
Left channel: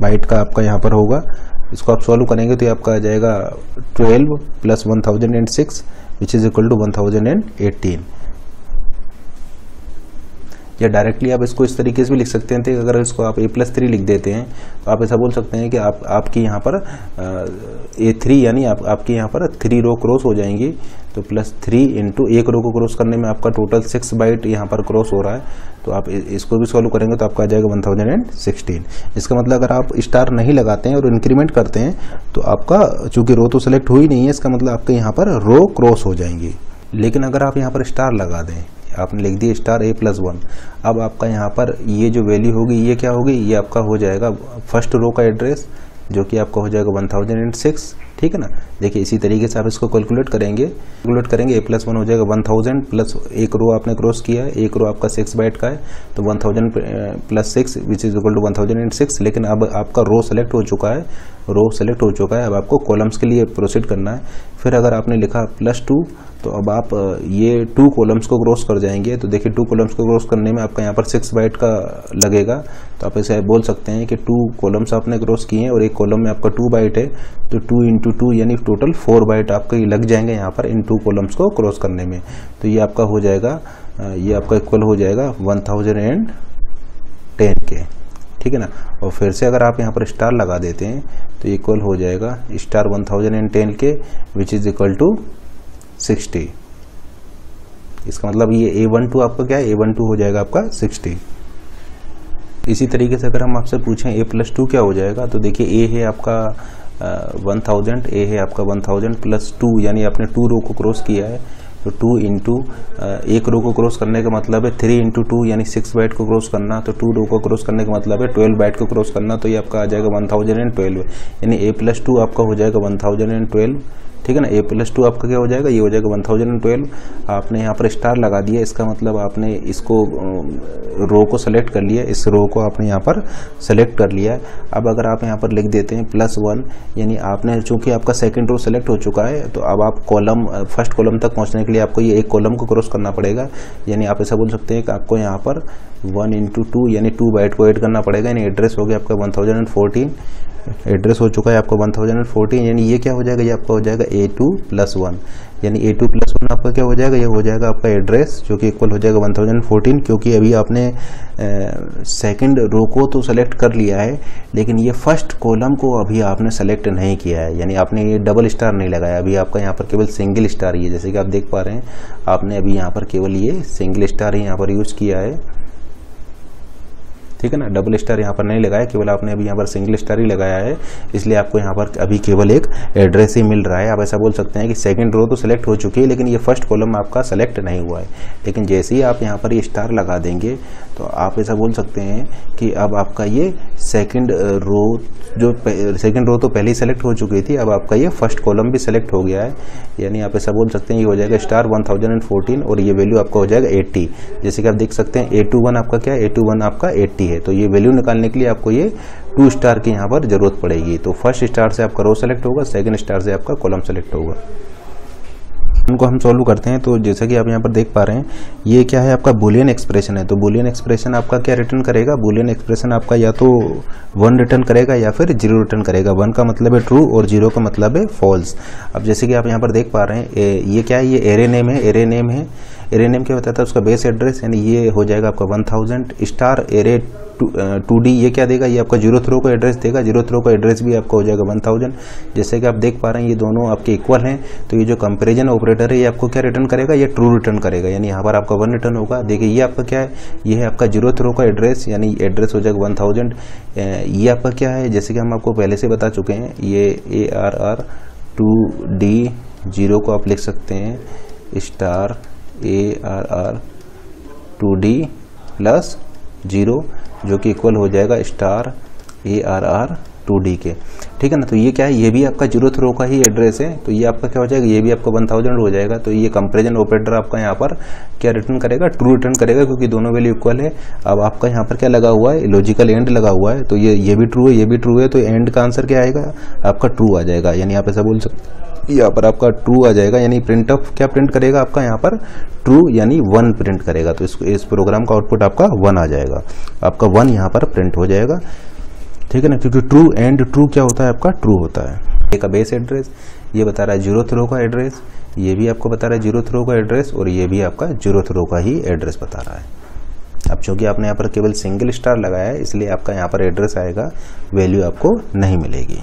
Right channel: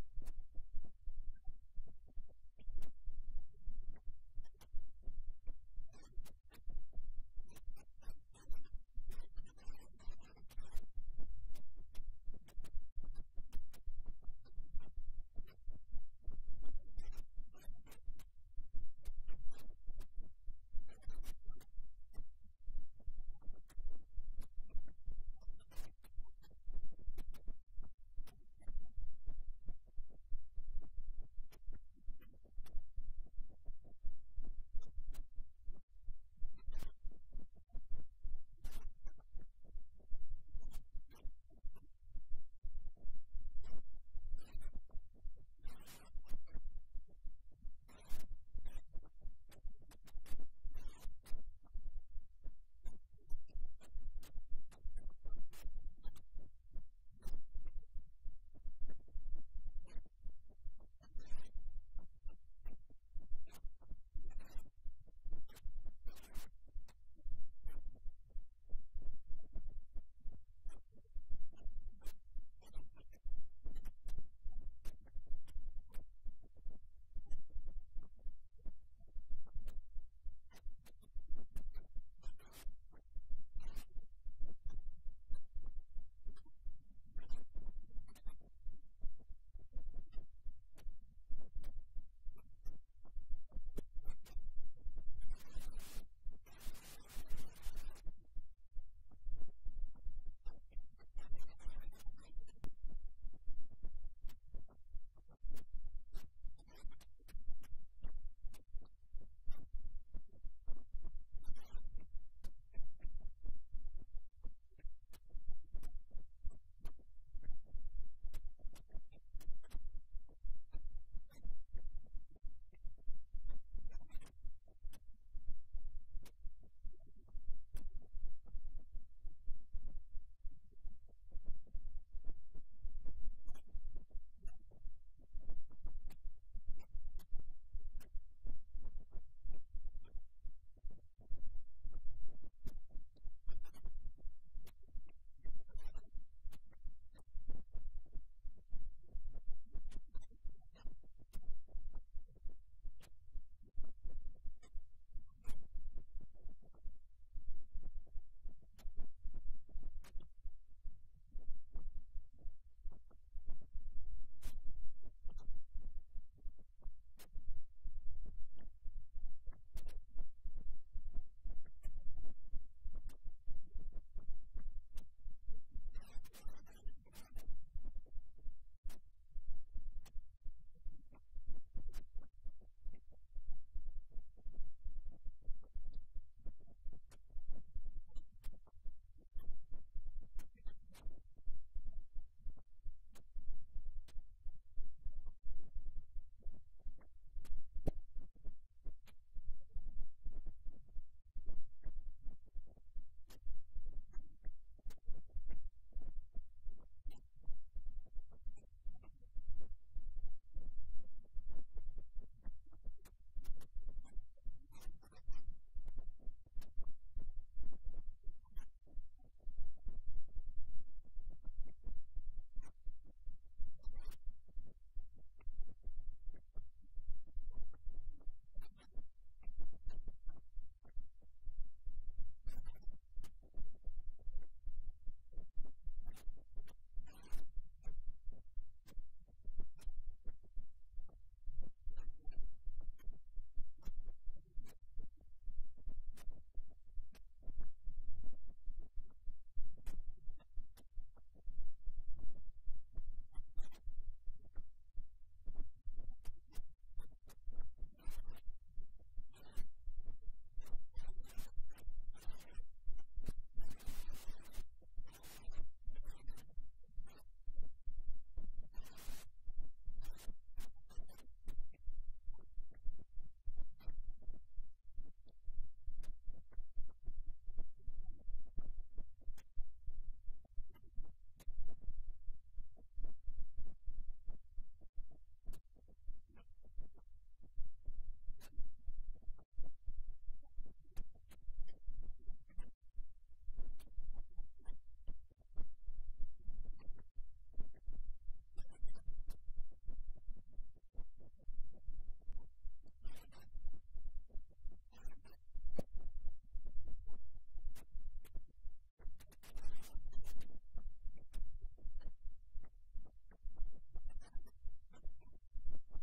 बाइट का आपका यहाँ पर होगा। इसको आप सॉल्व करेंगे तो ये आपका आ जाएगा 12 + 1006 विच इज इक्वल टू 1018। या डायरेक्टली आप इसको इस तरीके से भी लिख सकते हैं। तो अगर इसको आप a+3 लिख देते हैं तो आप ऐसा बोल सकते हैं कि आपकी यहाँ पर A3 यानी आपके यहाँ पर 3 रो क्रॉस हो जाएंगी। तो +3 इंटू एक रो को क्रॉस करने में आपका टोटल 6 बाइट यहाँ पर क्रॉस हो रहा है। तो आप इसको भी सॉल्व करेंगे तो आपका आ जाएगा 1016। इसका मतलब अगर आप स्टार नहीं लगाते हैं और इंक्रीमेंट करते हैं तो आपका चूंकि रो तो सेलेक्ट हुई नहीं है, इसका मतलब आपके यहाँ पर रो क्रॉस हो जाएंगी। लेकिन अगर आप यहाँ पर स्टार लगा दें, आपने लिख दिया स्टार A+1, अब आपका यहाँ पर ये जो वैल्यू होगी ये क्या होगी, ये आपका हो जाएगा फर्स्ट रो का एड्रेस जो कि आपका हो जाएगा 1006। ठीक है ना। देखिए इसी तरीके से आप इसको कैलकुलेट करेंगे A+1 हो जाएगा 1000 प्लस एक रो आपने क्रॉस किया है, एक रो आपका 6 बाइट का है तो 1000 plus 6 which is equal to 1006। लेकिन अब आपका रो सेलेक्ट हो चुका है, अब आपको कॉलम्स के लिए प्रोसीड करना है। फिर अगर आपने लिखा +2 तो अब आप ये 2 कॉलम्स को क्रॉस कर जाएंगे। तो देखिए 2 कॉलम्स को क्रॉस करने में आपका यहाँ पर 6 बाइट का लगेगा। तो आप ऐसे बोल सकते हैं कि 2 कॉलम्स आपने क्रॉस किए हैं और एक कॉलम में आपका 2 बाइट है तो 2 इंटू 2 यानी टोटल 4 बाइट आपके लग जाएंगे यहाँ पर इन 2 कॉलम्स को क्रॉस करने में। तो ये आपका हो जाएगा, ये आपका इक्वल हो जाएगा 1010 के। ठीक है ना। और फिर से अगर आप यहाँ पर स्टार लगा देते हैं तो इक्वल हो जाएगा स्टार 1010 के विच इज इक्वल टू 60। इसका मतलब ये A12 आपका क्या है, A12 हो जाएगा आपका 60। इसी तरीके से अगर हम आपसे पूछें A+2 क्या हो जाएगा, तो देखिए A है आपका 1000, A है आपका 1000 प्लस 2 यानी आपने 2 रो को क्रॉस किया है। तो 2 इंटू एक रो को क्रॉस करने का मतलब है 3 इंटू 2 यानी 6 बाइट को क्रॉस करना। तो 2 रो को क्रॉस करने का मतलब है 12 बाइट को क्रॉस करना। तो ये आपका आ जाएगा 1012 यानी A+2 आपका हो जाएगा 1012। ठीक है ना। A+2 आपका क्या हो जाएगा, ये हो जाएगा 1012। आपने यहाँ पर स्टार लगा दिया, इसका मतलब आपने इसको रो को सेलेक्ट कर लिया, इस रो को आपने यहाँ पर सेलेक्ट कर लिया है। अब अगर आप यहाँ पर लिख देते हैं +1 यानी आपने चूंकि आपका सेकंड रो सेलेक्ट हो चुका है तो अब आप फर्स्ट कॉलम तक पहुँचने के लिए आपको ये एक कॉलम को क्रॉस करना पड़ेगा। यानी आप ऐसा बोल सकते हैं कि आपको यहाँ पर 1 इंटू 2 यानी 2 बाइट को ऐड करना पड़ेगा। यानी एड्रेस हो गया आपका 1014, एड्रेस हो चुका है आपका 1014। यानी ये क्या हो जाएगा, ये आपका हो जाएगा A2+1 यानी A2+1 आपका क्या हो जाएगा, ये हो जाएगा आपका एड्रेस जो कि इक्वल हो जाएगा 1014। क्योंकि अभी आपने सेकंड रो को तो सेलेक्ट कर लिया है लेकिन ये फर्स्ट कॉलम को अभी आपने सेलेक्ट नहीं किया है, यानी आपने ये डबल स्टार नहीं लगाया। अभी आपका यहाँ पर केवल सिंगल स्टार ही है, जैसे कि आप देख पा रहे हैं आपने अभी यहाँ पर केवल ये सिंगल स्टार ही यहाँ पर यूज किया है। ठीक है ना। डबल स्टार यहाँ पर नहीं लगाया, केवल आपने अभी यहाँ पर सिंगल स्टार ही लगाया है, इसलिए आपको यहाँ पर अभी केवल एक एड्रेस ही मिल रहा है। आप ऐसा बोल सकते हैं कि सेकंड रो तो सेलेक्ट हो चुकी है लेकिन ये फर्स्ट कॉलम आपका सेलेक्ट नहीं हुआ है। लेकिन जैसे ही आप यहाँ पर ये स्टार लगा देंगे तो आप ऐसा बोल सकते हैं कि अब आपका ये सेकंड रो तो पहले ही सेलेक्ट हो चुकी थी, अब आपका ये फर्स्ट कॉलम भी सेलेक्ट हो गया है। यानी आप ऐसा बोल सकते हैं ये हो जाएगा स्टार 1014 और ये वैल्यू आपका हो जाएगा 80। जैसे कि आप देख सकते हैं A21 आपका क्या है, A21 आपका 80 है। तो ये वैल्यू निकालने के लिए आपको ये 2 स्टार की यहाँ पर जरूरत पड़ेगी। तो फर्स्ट स्टार से आपका रो सेलेक्ट होगा, सेकंड स्टार से आपका कॉलम सेलेक्ट होगा। उनको हम सॉल्व करते हैं। तो जैसा कि आप यहाँ पर देख पा रहे हैं ये क्या है, आपका बूलियन एक्सप्रेशन है। तो बूलियन एक्सप्रेशन आपका क्या रिटर्न करेगा, बूलियन एक्सप्रेशन आपका या तो 1 रिटर्न करेगा या फिर 0 रिटर्न करेगा। 1 का मतलब है ट्रू और 0 का मतलब है फॉल्स। अब जैसे कि आप यहाँ पर देख पा रहे हैं ये क्या है, ये एरे नेम है। एरे नेम क्या बताता है, उसका बेस एड्रेस यानी ये हो जाएगा आपका 1000 स्टार एरे 2D। ये क्या देगा, ये आपका 0th रो का एड्रेस देगा। 0th रो का एड्रेस भी आपका हो जाएगा 1000। जैसे कि आप देख पा रहे हैं ये दोनों आपके इक्वल हैं। तो ये जो कंपैरिजन ऑपरेटर है ये आपको क्या रिटर्न करेगा, ये ट्रू रिटर्न करेगा। यानी यहाँ पर आपका 1 रिटर्न होगा। देखिए ये आपका क्या है, ये है आपका 0th रो का एड्रेस यानी एड्रेस हो जाएगा 1000। ये आपका क्या है, जैसे कि हम आपको पहले से बता चुके हैं, ये ARR 2D 0 को आप लिख सकते हैं स्टार ARR 2D प्लस 0 जो कि इक्वल हो जाएगा स्टार ARR 2D के। ठीक है ना। तो ये क्या है, ये भी आपका 0th रो का ही एड्रेस है। तो ये आपका क्या हो जाएगा, ये भी आपका 1000 हो जाएगा। तो ये कंपैरिजन ऑपरेटर आपका यहाँ पर क्या रिटर्न करेगा, ट्रू रिटर्न करेगा क्योंकि दोनों वैल्यू इक्वल है। अब आपका यहाँ पर क्या लगा हुआ है, लॉजिकल एंड लगा हुआ है। तो ये भी ट्रू है, ये भी ट्रू है। तो एंड का आंसर क्या आएगा, आपका ट्रू आ जाएगा। यानी आप ऐसा बोल सकते हैं यहाँ पर आपका ट्रू आ जाएगा। यानी प्रिंट ऑफ क्या प्रिंट करेगा आपका यहाँ पर ट्रू यानी 1 प्रिंट करेगा। तो इस प्रोग्राम का आउटपुट आपका 1 आ जाएगा, आपका 1 यहाँ पर प्रिंट हो जाएगा। ठीक है ना। क्योंकि ट्रू एंड ट्रू क्या होता है, आपका ट्रू होता है। ये का बेस एड्रेस ये बता रहा है 0th रो का एड्रेस, ये भी आपको बता रहा है 0th रो का एड्रेस और ये भी आपका 0th रो का ही एड्रेस बता रहा है। अब चूँकि आपने यहाँ पर केवल सिंगल स्टार लगाया है इसलिए आपका यहाँ पर एड्रेस आएगा, वैल्यू आपको नहीं मिलेगी।